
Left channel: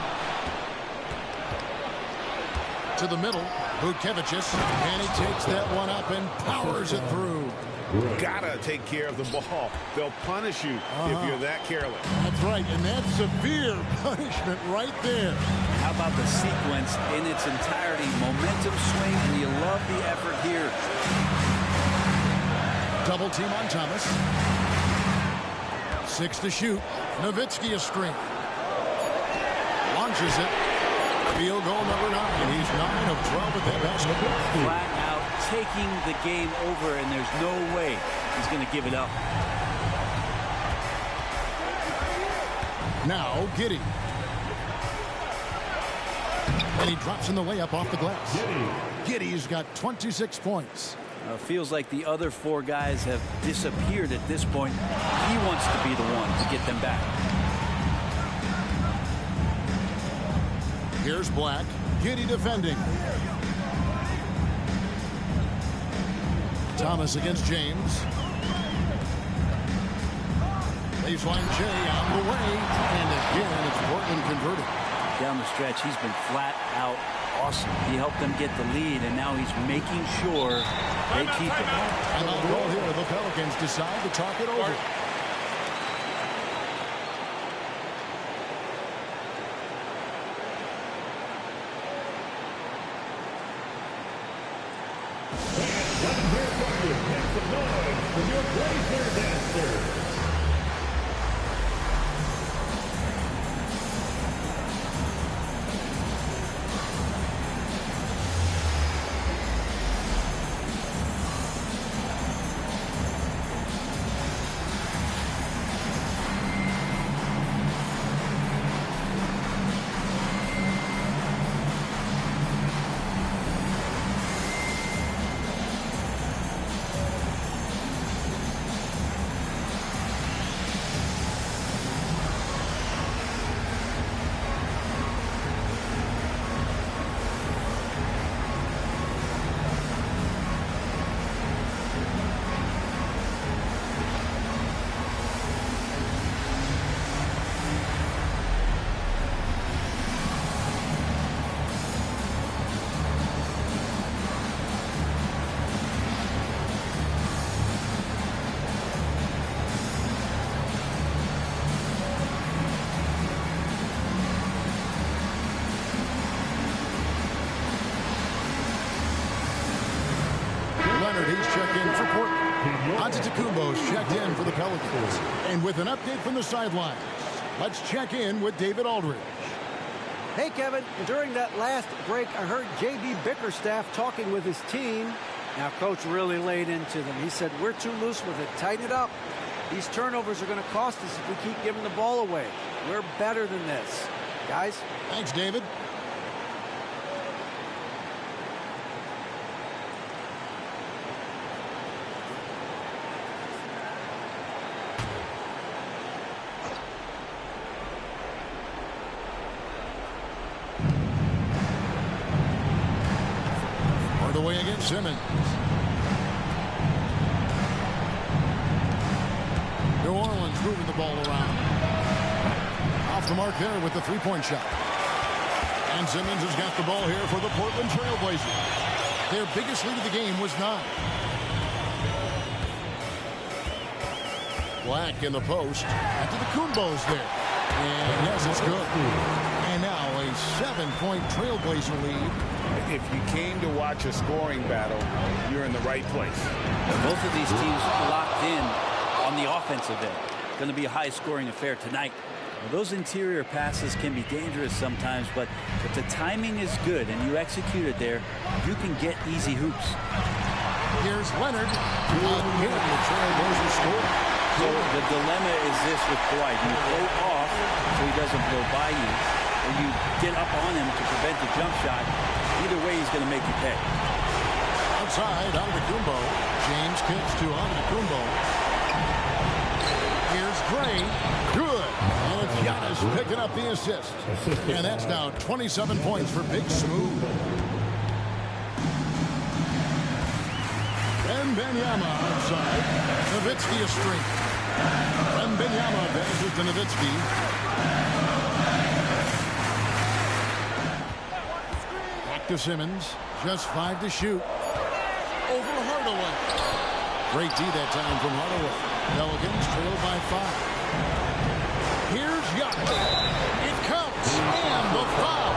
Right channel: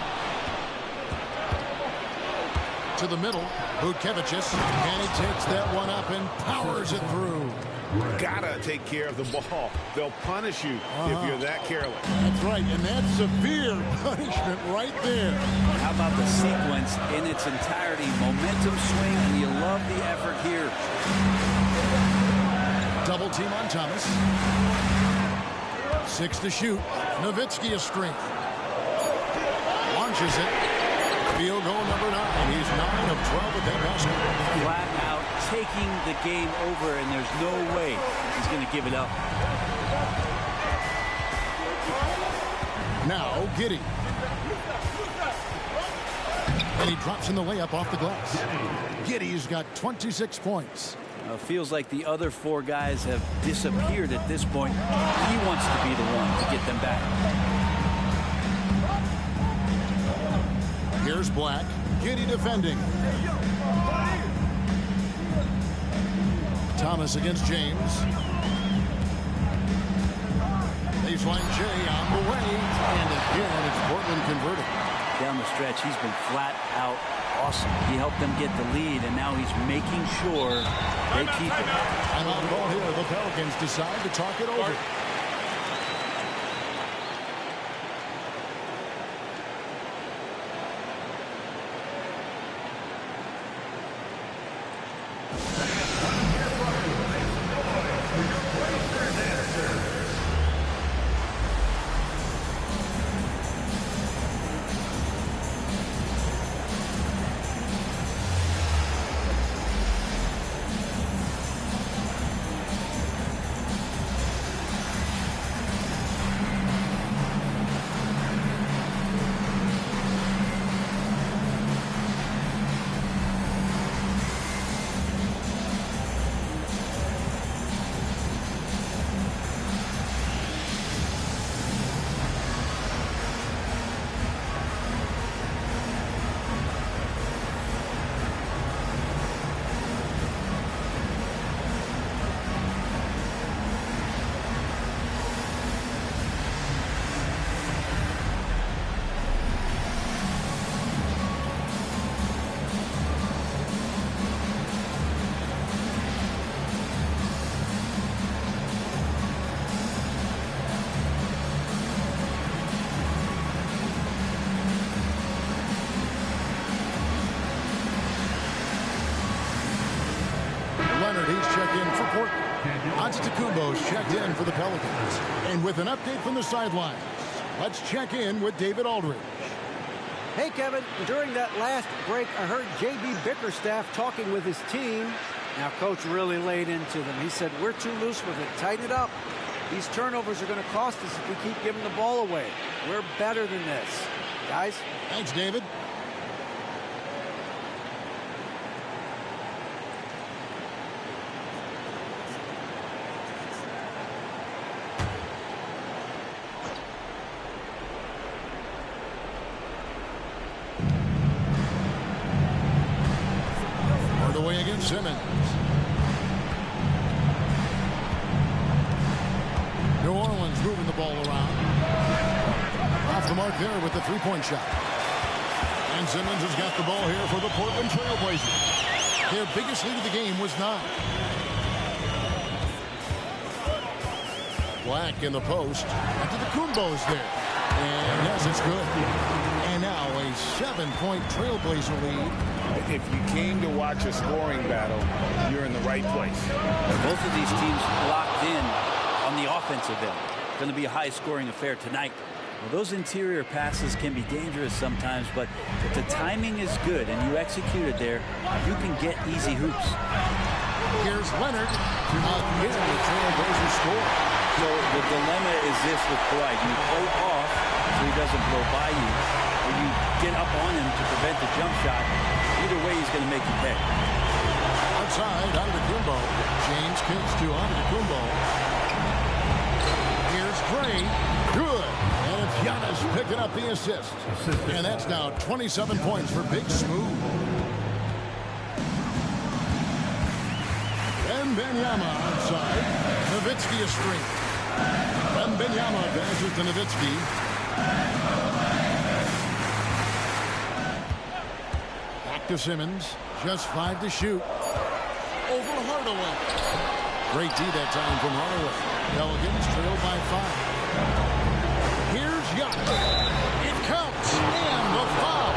To the middle. Vukevicius. And he takes that one up and powers it through. Gotta take care of the ball. They'll punish you if you're that careless. That's right, and that's severe punishment right there. How about the sequence in its entirety? Momentum swing, and you love the effort here. Double team on Thomas. 6 to shoot. Nowitzki a string. Launches it. Field goal number 9. He's 9 of 12 at that basket. Flat out taking the game over, and there's no way he's going to give it up. Now Giddey. And he drops in the layup off the glass. Giddey's got 26 points. Feels like the other 4 guys have disappeared at this point. He wants to be the one to get them back. Here's Black. Giddey defending. Thomas against James. Baseline J on the way. And again, it's Portland converting. Down the stretch, he's been flat out awesome. He helped them get the lead, and now he's making sure they keep it. Timeout called here. The Pelicans decide to talk it over. Leonard, he's checked in for Portland. Antetokounmpo's checked in for the Pelicans. And with an update from the sidelines, let's check in with David Aldridge. Hey, Kevin. During that last break, I heard J.B. Bickerstaff talking with his team. Now, Coach really laid into them. He said, we're too loose with it. Tighten it up. These turnovers are going to cost us if we keep giving the ball away. We're better than this. Guys? Thanks, David. Away against Simmons. New Orleans moving the ball around. Off the mark there with the three-point shot. And Simmons has got the ball here for the Portland Trail Blazers. Their biggest lead of the game was 9. Black in the post. Antetokounmpo's there. And yes, it's good. And now a 7-point Trailblazer lead. If you came to watch a scoring battle, you're in the right place. Both of these teams locked in on the offensive end. Going to be a high-scoring affair tonight. Well, those interior passes can be dangerous sometimes, but if the timing is good and you execute it there, you can get easy hoops. Here's Leonard. Again, the Trailblazers score. So the dilemma is this with Kawhi. Do you play off so he doesn't blow by you, or you get up on him to prevent the jump shot? Either way, he's going to make you pay. Outside, Antetokounmpo. James kicks to Antetokounmpo. Here's Gray. Good. And it's Giannis picking up the assist. And that's now 27 points for Big Smooth. Wembanyama outside. Nowitzki a string. Wembanyama passes to Nowitzki. Back to Simmons. Just 5 to shoot. Over Hardaway. Great D that time from Hardaway. Pelicans trail by 5. Here's Giannis. It counts. And the foul.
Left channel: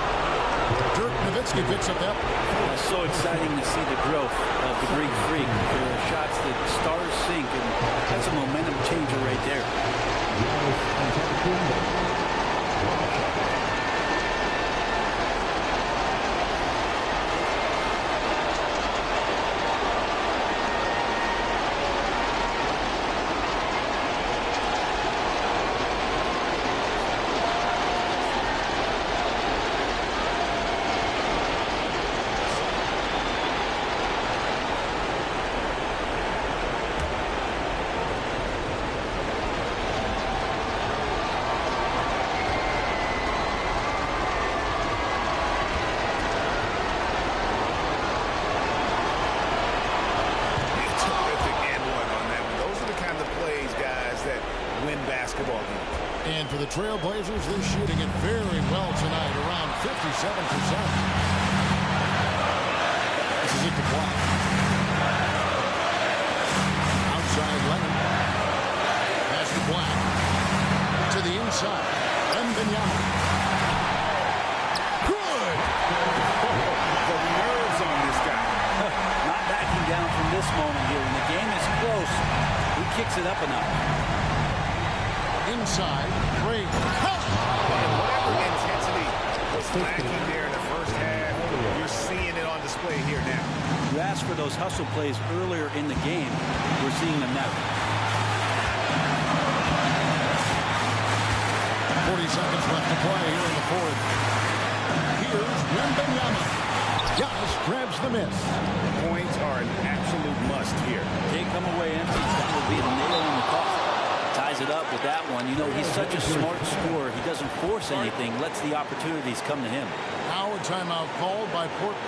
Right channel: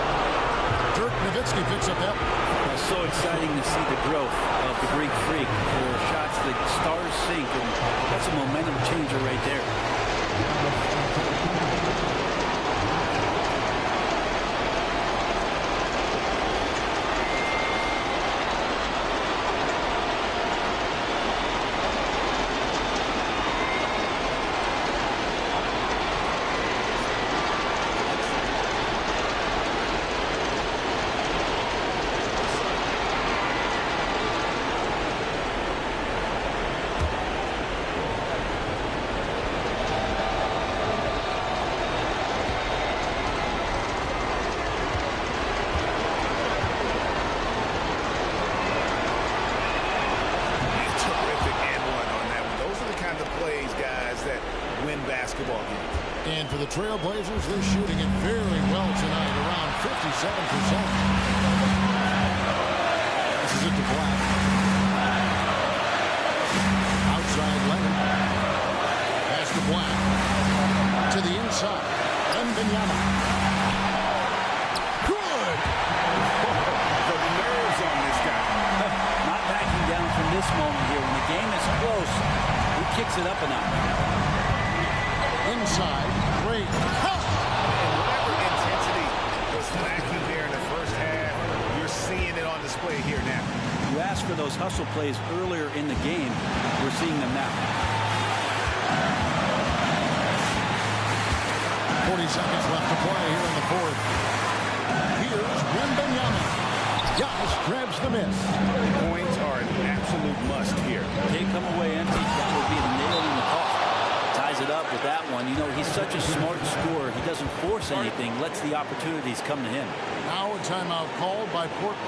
Dirk Nowitzki picks up that one. So exciting to see the growth of the Greek Freak. There are shots that stars sink, and that's a momentum changer right there. Basketball games. And for the Trailblazers, they're shooting it very well tonight, around 57%. This is it to Black. Outside Leonard. Pass to Black. To the inside. Wembanyama. Good! The nerves on this guy. Not backing down from this moment here. When the game is close, he kicks it up a notch. Inside, great cut. And whatever intensity was lacking there in the first half, you're seeing it on display here now. You asked for those hustle plays earlier in the game. We're seeing them now. 40 seconds left to play here in the fourth. Here's Wembanyama. Giannis grabs the miss. Points are an absolute must here. Can't come away empty. That would be the nail in the coffin. Ties it up with that one. You know, he's such a smart scorer. He doesn't force anything, lets the opportunities come to him. Now a timeout called by Portland.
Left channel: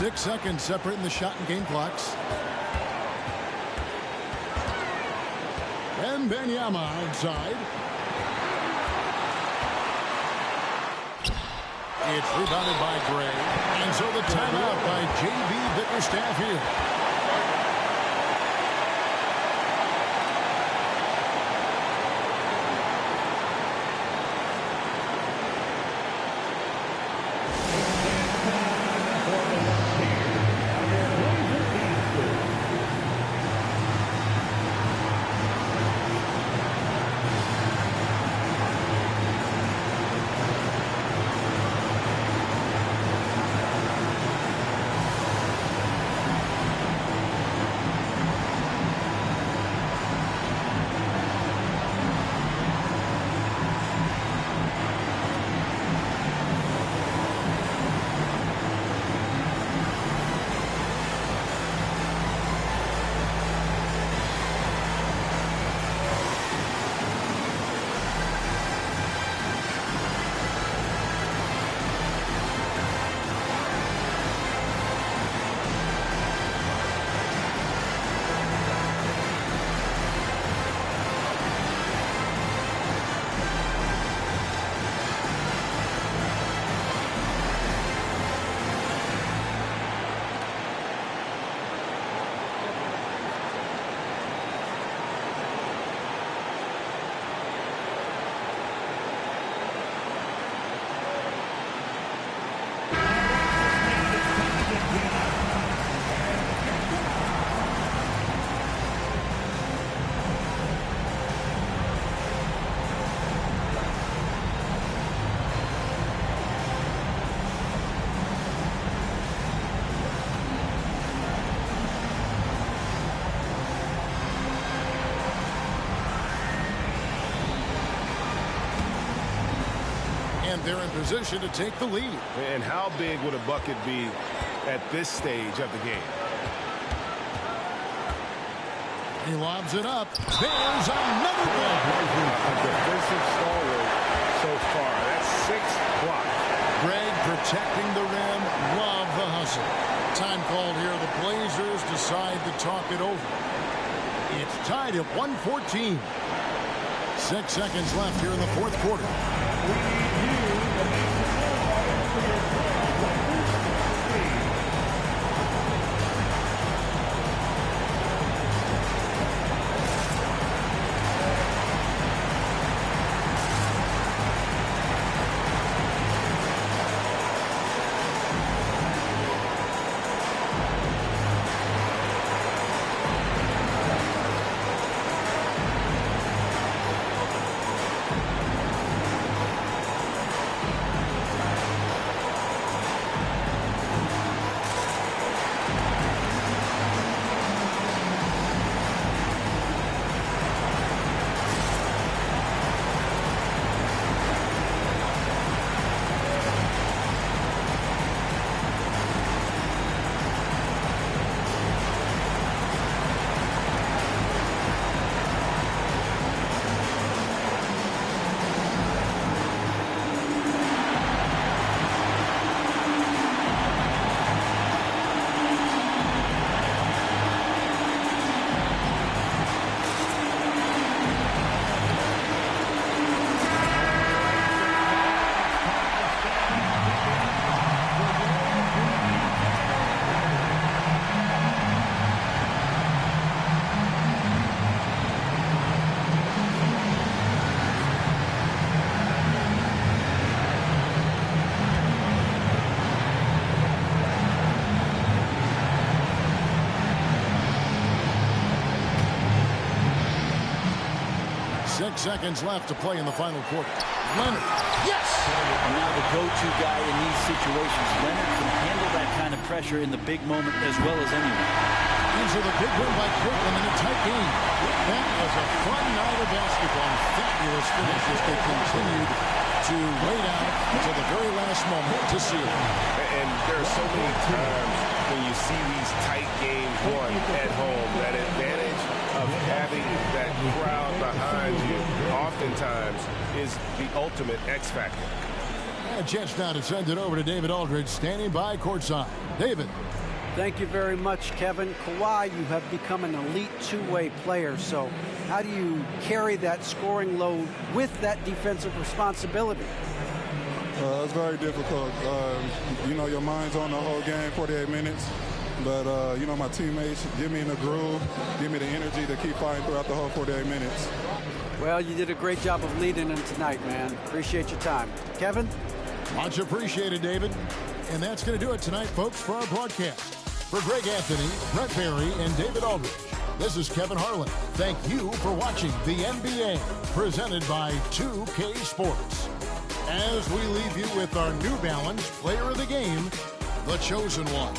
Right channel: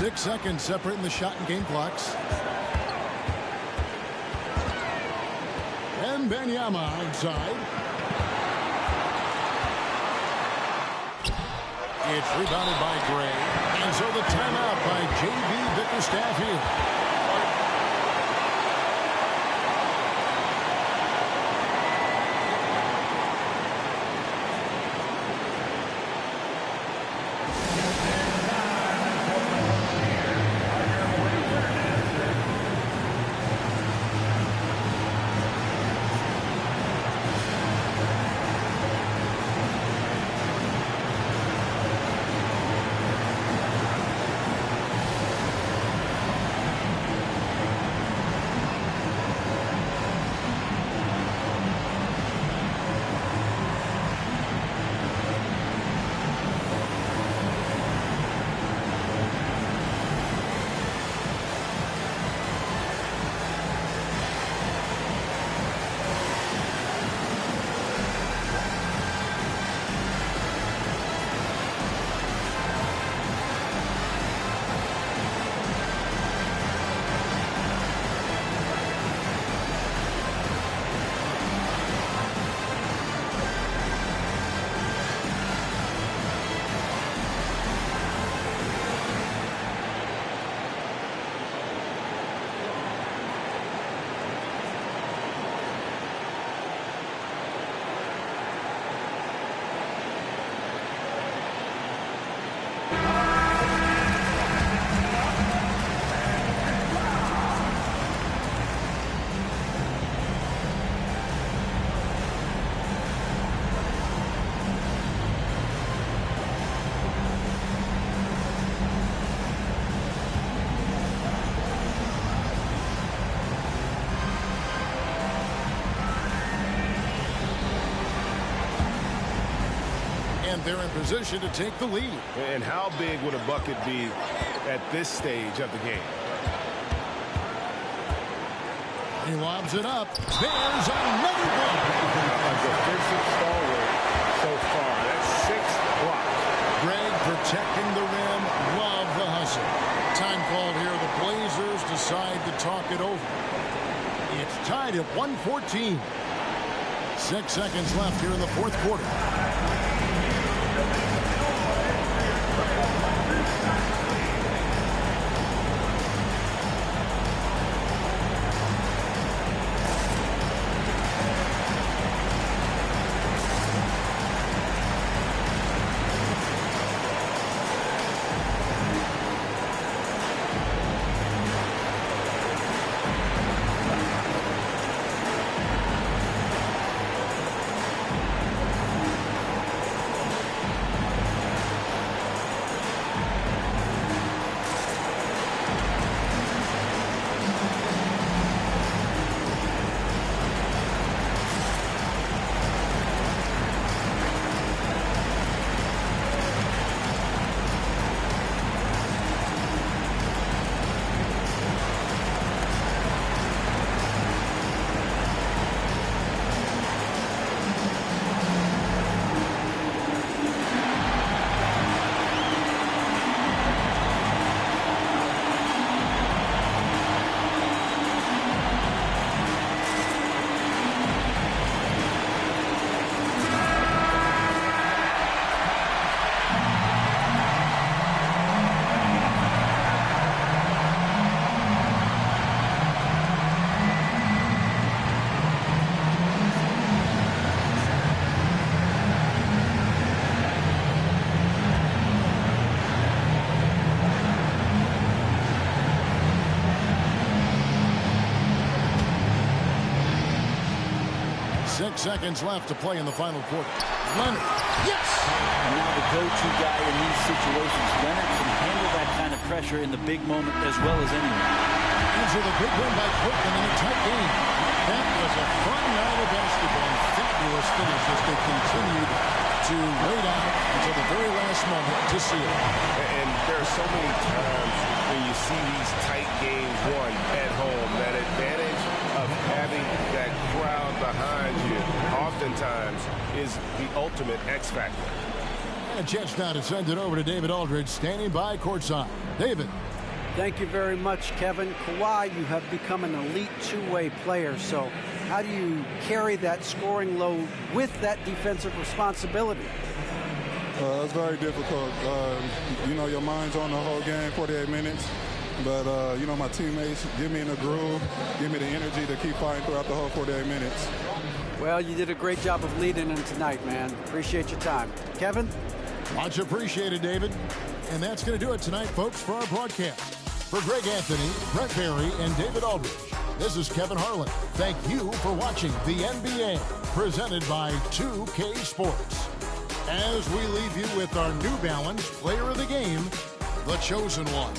Six seconds separating the shot and game clocks. Wembanyama outside. It's rebounded by Gray. And so the timeout by J.B. Bickerstaff here. And they're in position to take the lead. And how big would a bucket be at this stage of the game? He lobs it up. There's another block. A defensive stalwart so far. That's 6 blocks. Greg protecting the rim. Love the hustle. Time called here. The Blazers decide to talk it over. It's tied at 114. 6 seconds left here in the fourth quarter. 6 seconds left to play in the final quarter. Leonard. Yes! And now the go-to guy in these situations. Leonard can handle that kind of pressure in the big moment as well as anyone. Answer the big win by Portland in a tight game. That was a fun night of basketball and fabulous finish as they continued to wait out until the very last moment to seal it. And there are so many times when you see these tight games won at home, that advantage of having that crowd behind you oftentimes is the ultimate X factor. And a chance now to send it over to David Aldridge, standing by courtside. David. Thank you very much, Kevin. Kawhi, you have become an elite two-way player, so how do you carry that scoring load with that defensive responsibility? It's very difficult. You know, your mind's on the whole game, 48 minutes. But, you know, my teammates give me in the groove, give me the energy to keep fighting throughout the whole 48 minutes. Well, you did a great job of leading them tonight, man. Appreciate your time. Kevin? Much appreciated, David. And that's going to do it tonight, folks, for our broadcast. For Greg Anthony, Brett Barry, and David Aldridge, this is Kevin Harlan. Thank you for watching the NBA, presented by 2K Sports. As we leave you with our New Balance Player of the Game, the Chosen One.